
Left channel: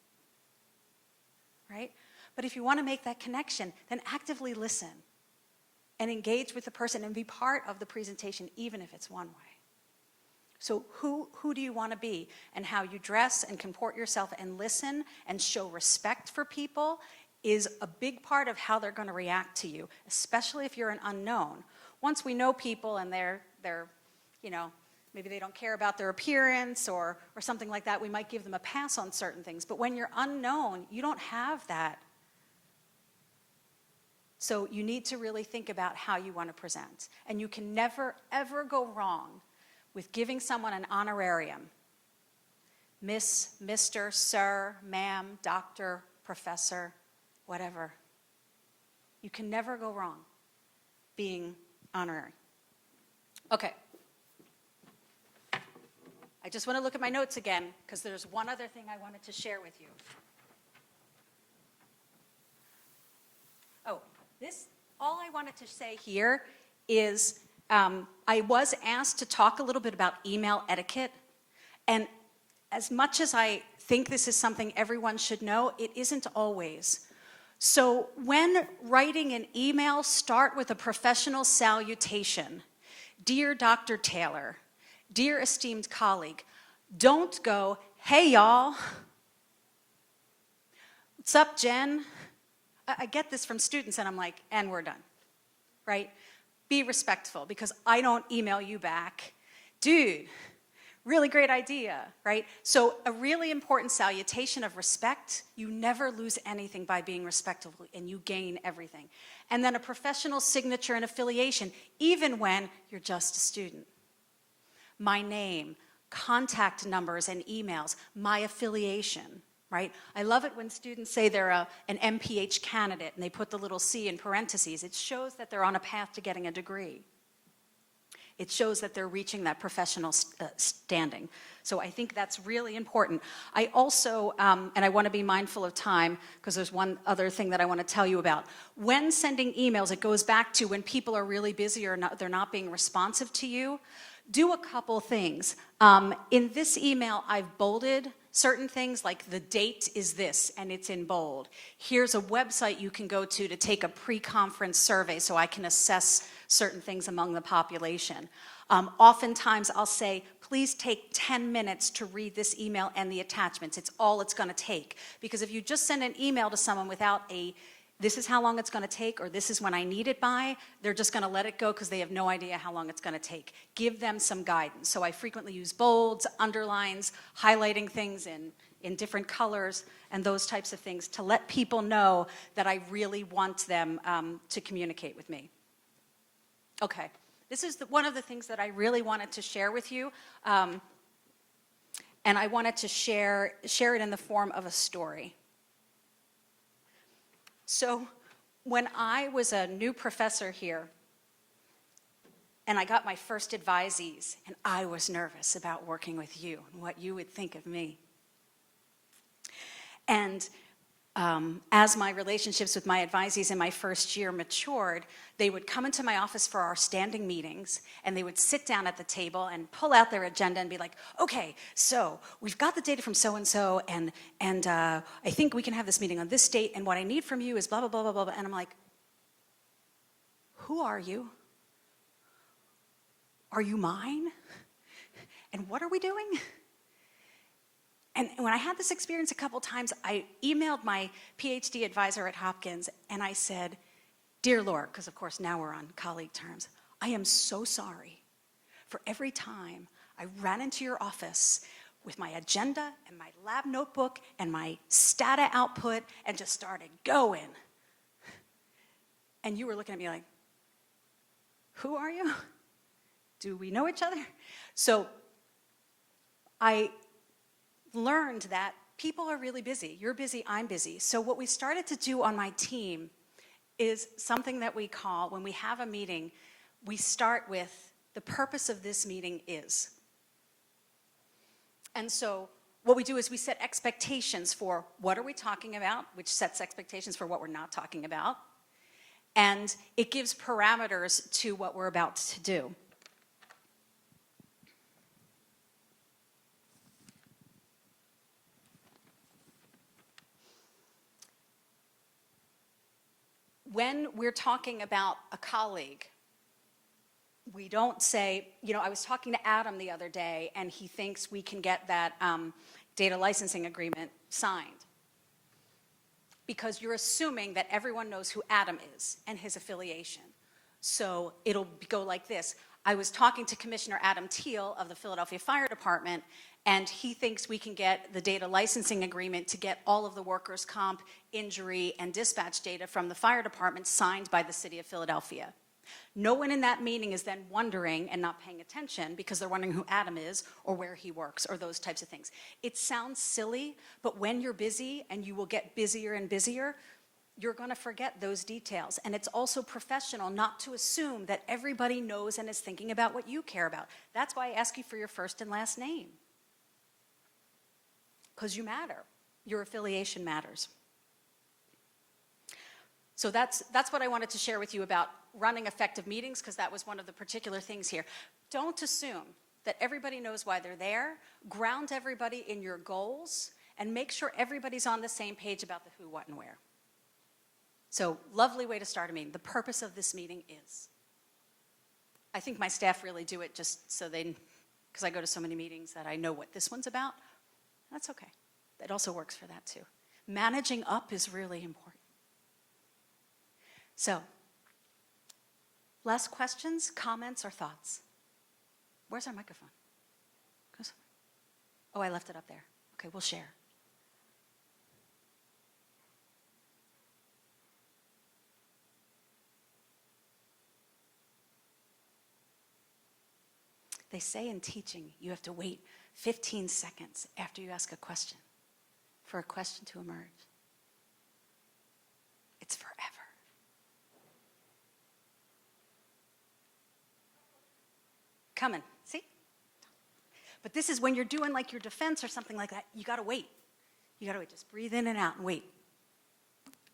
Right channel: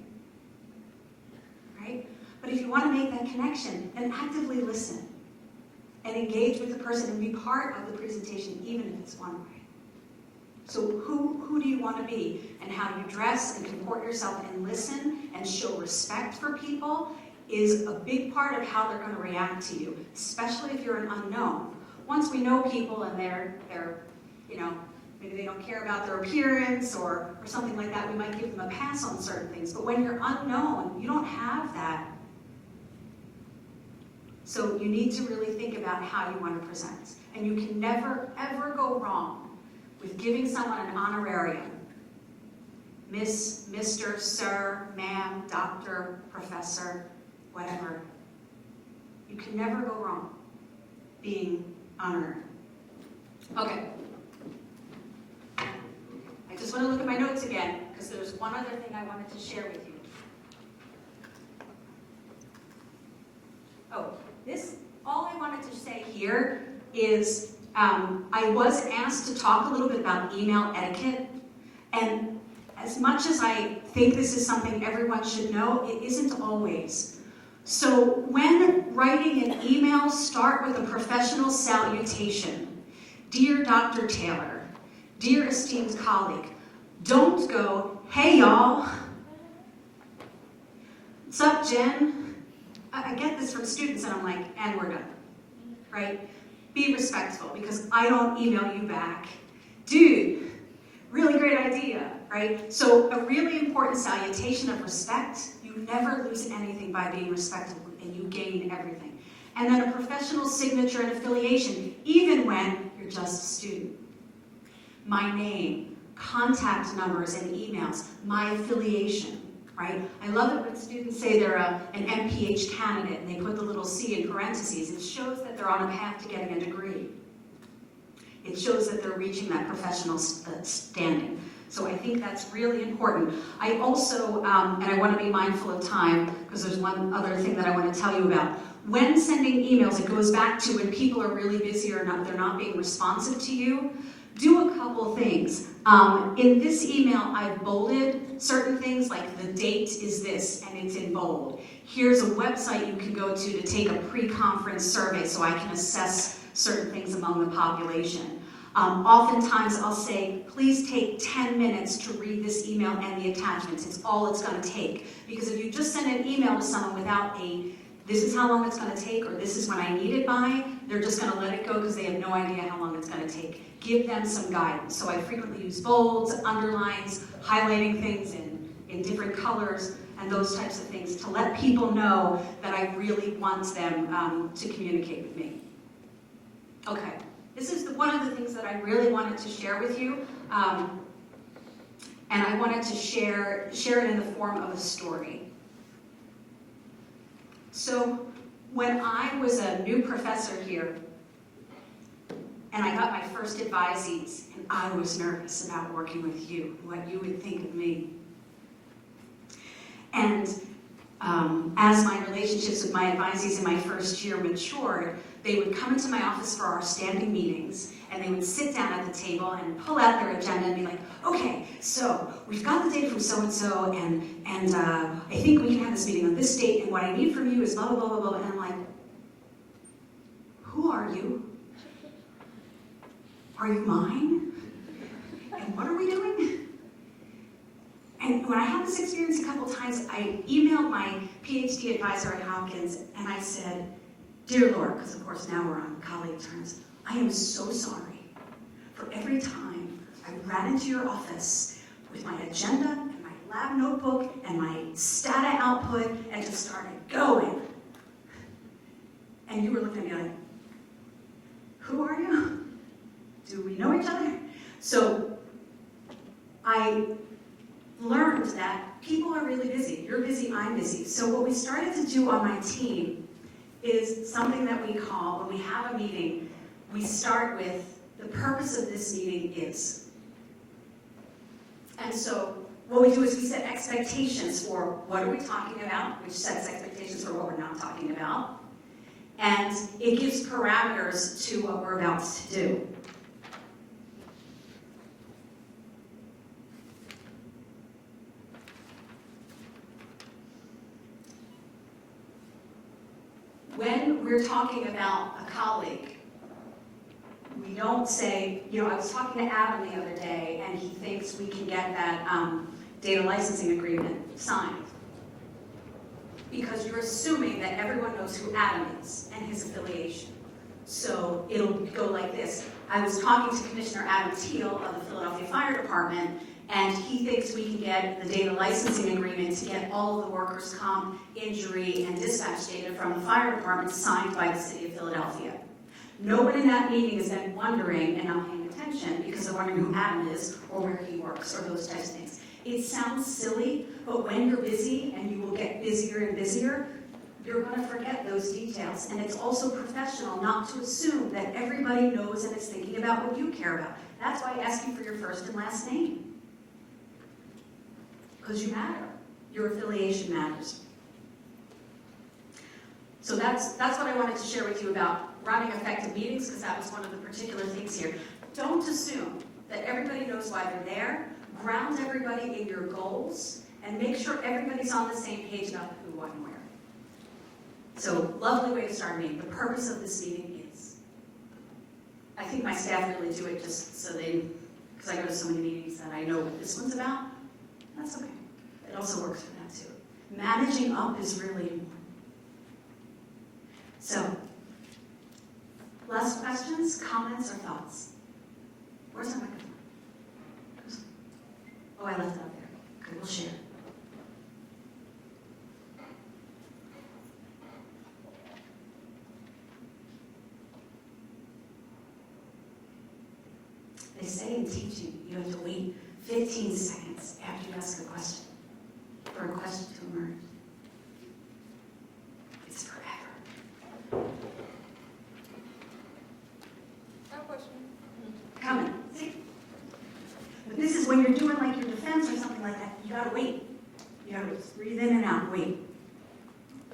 Right? But if you want to make that connection, then actively listen and engage with the person and be part of the presentation, even if it's one way. So who do you want to be? And how you dress and comport yourself and listen and show respect for people is a big part of how they're going to react to you, especially if you're an unknown. Once we know people and they're maybe they don't care about their appearance or something like that, we might give them a pass on certain things. But when you're unknown, you don't have that. So you need to really think about how you want to present. And you can never, ever go wrong with giving someone an honorarium, Miss, Mr., Sir, Ma'am, Doctor, Professor, whatever. You can never go wrong being honored. Okay. I just want to look at my notes again, because there's one other thing I wanted to share with you. Oh, all I wanted to say here is I was asked to talk a little bit about email etiquette, and as much as I think this is something everyone should know, it isn't always. So when writing an email, start with a professional salutation. Dear Dr. Taylor, dear esteemed colleague, don't go, hey y'all. What's up, Jen? I get this from students and I'm like, and we're done, right? Be respectful because I don't email you back. Dude, really great idea, right? So a really important salutation of respect. You never lose anything by being respectful and you gain everything. And then a professional signature and affiliation, even when you're just a student. My name, contact numbers and emails, my affiliation, right? I love it when students say they're an MPH candidate and they put the little C in parentheses. It shows that they're on a path to getting a degree. It shows that they're reaching that professional standing. So I think that's really important. I also, and I want to be mindful of time, because there's one other thing that I want to tell you about. When sending emails, it goes back to when people are really busy or not, they're not being responsive to you. Do a couple things. In this email, I've bolded certain things, like the date is this, and it's in bold. Here's a website you can go to take a pre-conference survey so I can assess certain things among the population. Oftentimes, I'll say, please take 10 minutes to read this email and the attachments. It's all it's going to take. Because if you just send an email to someone without this is how long it's going to take, or this is when I need it by, they're just going to let it go because they have no idea how long it's going to take. Give them some guidance. So I frequently use bolds, underlines, highlighting things in different colors, and those types of things to let people know that I really want them to communicate with me. Okay, this is one of the things that I really wanted to share with you, and I wanted to share it in the form of a story. So when I was a new professor here, and I got my first advisees, and I was nervous about working with you, what you would think of me. And as my relationships with my advisees in my first year matured, they would come into my office for our standing meetings, and they would sit down at the table and pull out their agenda and be like, okay, so we've got the date from so-and-so, and I think we can have this meeting on this date, and what I need from you is blah, blah, blah, blah, blah. And I'm like, who are you? Are you mine? And what are we doing? And when I had this experience a couple times, I emailed my PhD advisor at Hopkins, and I said, dear Laura, because of course now we're on colleague terms, I am so sorry for every time I ran into your office with my agenda and my lab notebook and my stata output and just started going. And you were looking at me like, who are you? Do we know each other? So I learned that people are really busy. You're busy, I'm busy. So what we started to do on my team is something that we call, when we have a meeting, we start with the purpose of this meeting is. And so what we do is we set expectations for what are we talking about, which sets expectations for what we're not talking about. And it gives parameters to what we're about to do. When we're talking about a colleague, we don't say, I was talking to Adam the other day, and he thinks we can get that data licensing agreement signed. Because you're assuming that everyone knows who Adam is and his affiliation. So it'll go like this. I was talking to Commissioner Adam Teal of the Philadelphia Fire Department, and he thinks we can get the data licensing agreement to get all of the workers' comp, injury, and dispatch data from the fire department signed by the city of Philadelphia. No one in that meeting is then wondering and not paying attention because they're wondering who Adam is or where he works or those types of things. It sounds silly, but when you're busy, and you will get busier and busier, you're going to forget those details. And it's also professional not to assume that everybody knows and is thinking about what you care about. That's why I asked you for your first and last name. Because you matter. Your affiliation matters. So that's what I wanted to share with you about running effective meetings, because that was one of the particular things here. Don't assume that everybody knows why they're there. Ground everybody in your goals, and make sure everybody's on the same page about who, what, and where. So, lovely way to start a meeting. The purpose of this meeting is, I think my staff really do it just so they, because I go to so many meetings that I know what this one's about. That's okay. It also works for that too. Managing up is really important. So, last questions, comments, or thoughts? Where's our microphone? Oh, I left it up there. Okay, we'll share. They say in teaching, you have to wait 15 seconds after you ask a question for a question to emerge. It's forever. Coming, see? But this is when you're doing like your defense or something like that, you gotta wait. You gotta just breathe in and out, wait.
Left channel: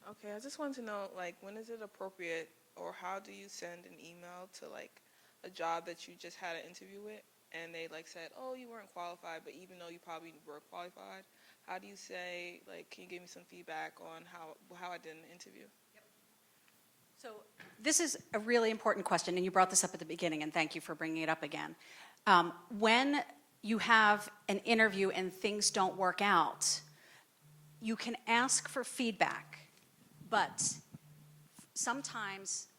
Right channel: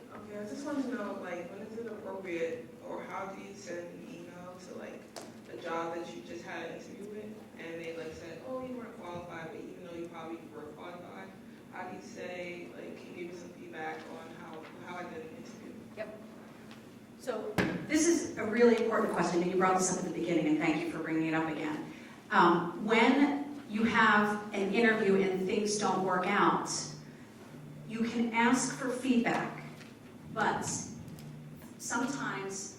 Okay, I just want to know, like, when is it appropriate, or how do you send an email to, like, a job that you just had an interview with, and they, like, said, oh, you weren't qualified, but even though you probably were qualified, how do you say, like, can you give me some feedback on how I did an interview? Yep. So this is a really important question, and you brought this up at the beginning, and thank you for bringing it up again. When you have an interview and things don't work out, you can ask for feedback, but sometimes,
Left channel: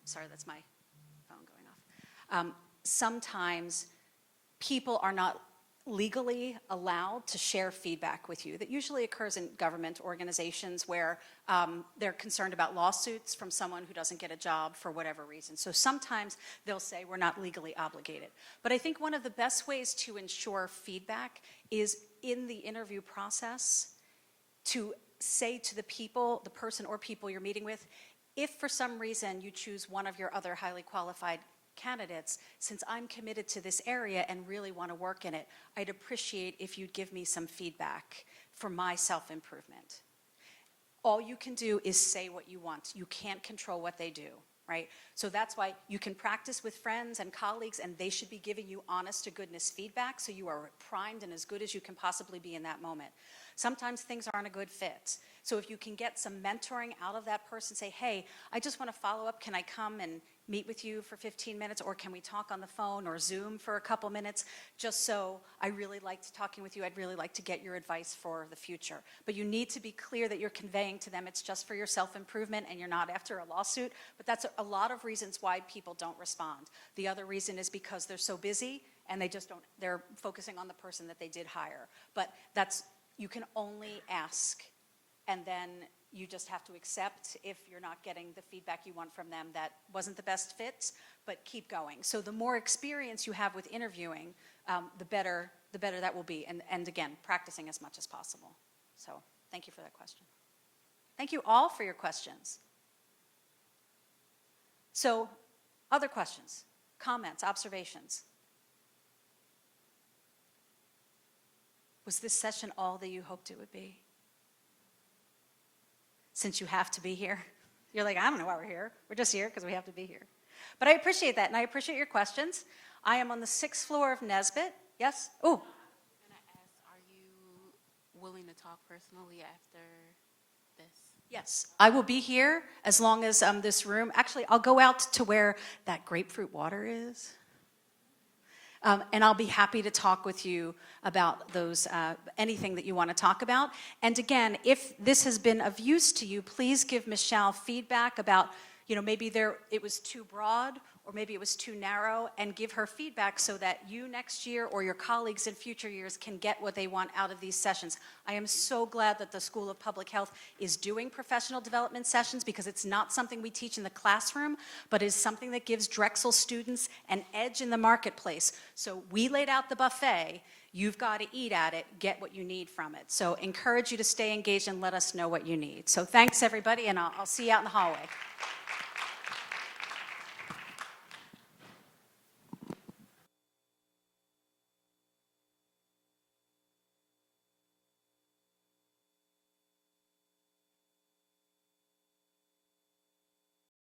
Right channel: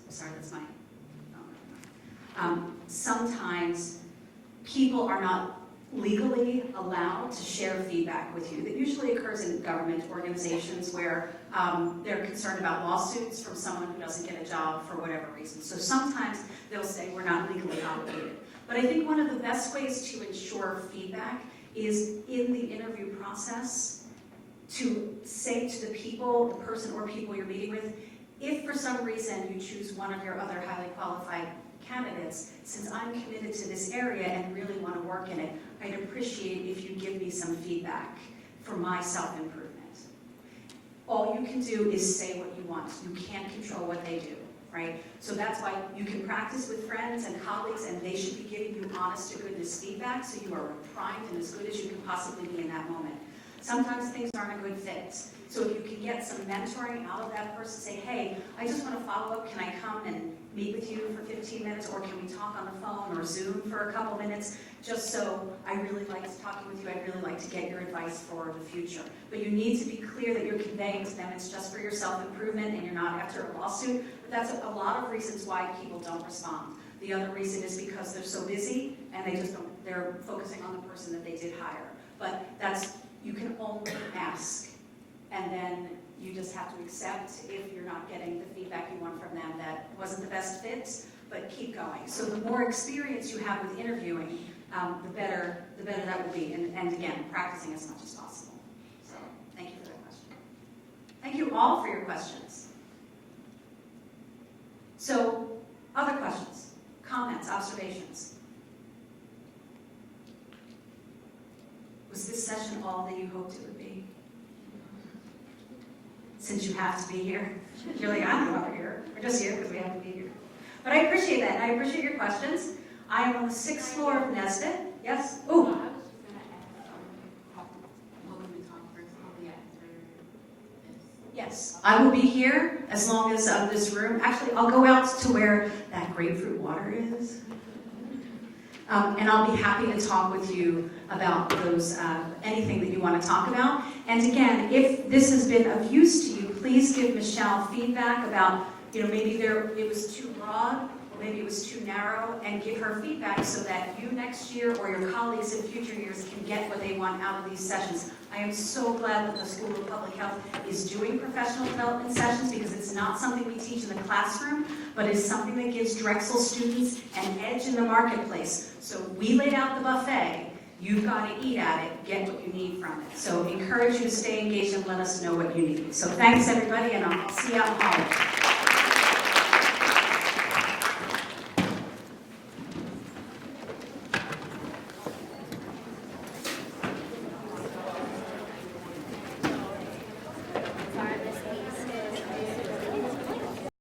sometimes people are not legally allowed to share feedback with you. That usually occurs in government organizations where they're concerned about lawsuits from someone who doesn't get a job for whatever reason. So sometimes they'll say we're not legally obligated. But I think one of the best ways to ensure feedback is in the interview process to say to the people, the person or people you're meeting with, if for some reason you choose one of your other highly qualified candidates, since I'm committed to this area and really want to work in it, I'd appreciate if you give me some feedback for my self-improvement. All you can do is say what you want. You can't control what they do, right? So that's why you can practice with friends and colleagues, and they should be giving you honest-to-goodness feedback so you are primed and as good as you can possibly be in that moment. Sometimes things aren't a good fit. So if you can get some mentoring out of that person, say, hey, I just want to follow up. Can I come and meet with you for 15 minutes, or can we talk on the phone or Zoom for a couple minutes? Just so I really liked talking with you. I'd really like to get your advice for the future. But you need to be clear that you're conveying to them it's just for your self-improvement and you're not after a lawsuit. But that's a lot of reasons why people don't respond. The other reason is because they're so busy and they're focusing on the person that they did hire. But you can only ask, and then you just have to accept if you're not getting the feedback you want from them that wasn't the best fit, but keep going. So the more experience you have with interviewing, the better that will be, and again, practicing as much as possible. So thank you for the question. Thank you all for your questions. So, other questions, comments, observations? Was this session all that you hoped it would be? Since you have to be here. You're like, I'm not here. We're just here because we have to be here. But I appreciate that, and I appreciate your questions. I'm on the 6th floor of Nesbitt. Yes? Ooh. Yes, I will be here as long as this room. Actually, I'll go out to where that grapefruit water is. And I'll be happy to talk with you about those, anything that you want to talk about. And again, if this has been of use to you, please give Michelle feedback about, maybe it was too broad, or maybe it was too narrow, and give her feedback so that you next year or your colleagues in future years can get what they want out of these sessions. I am so glad that the School of Public Health is doing professional development sessions, because it's not something we teach in the classroom, but it's something that gives Drexel students an edge in the marketplace. So we laid out the buffet, You've got to eat at it, get what you need from it. So encourage you to stay engaged and let us know what you need. So thanks everybody, and I'll see you out in the hallway.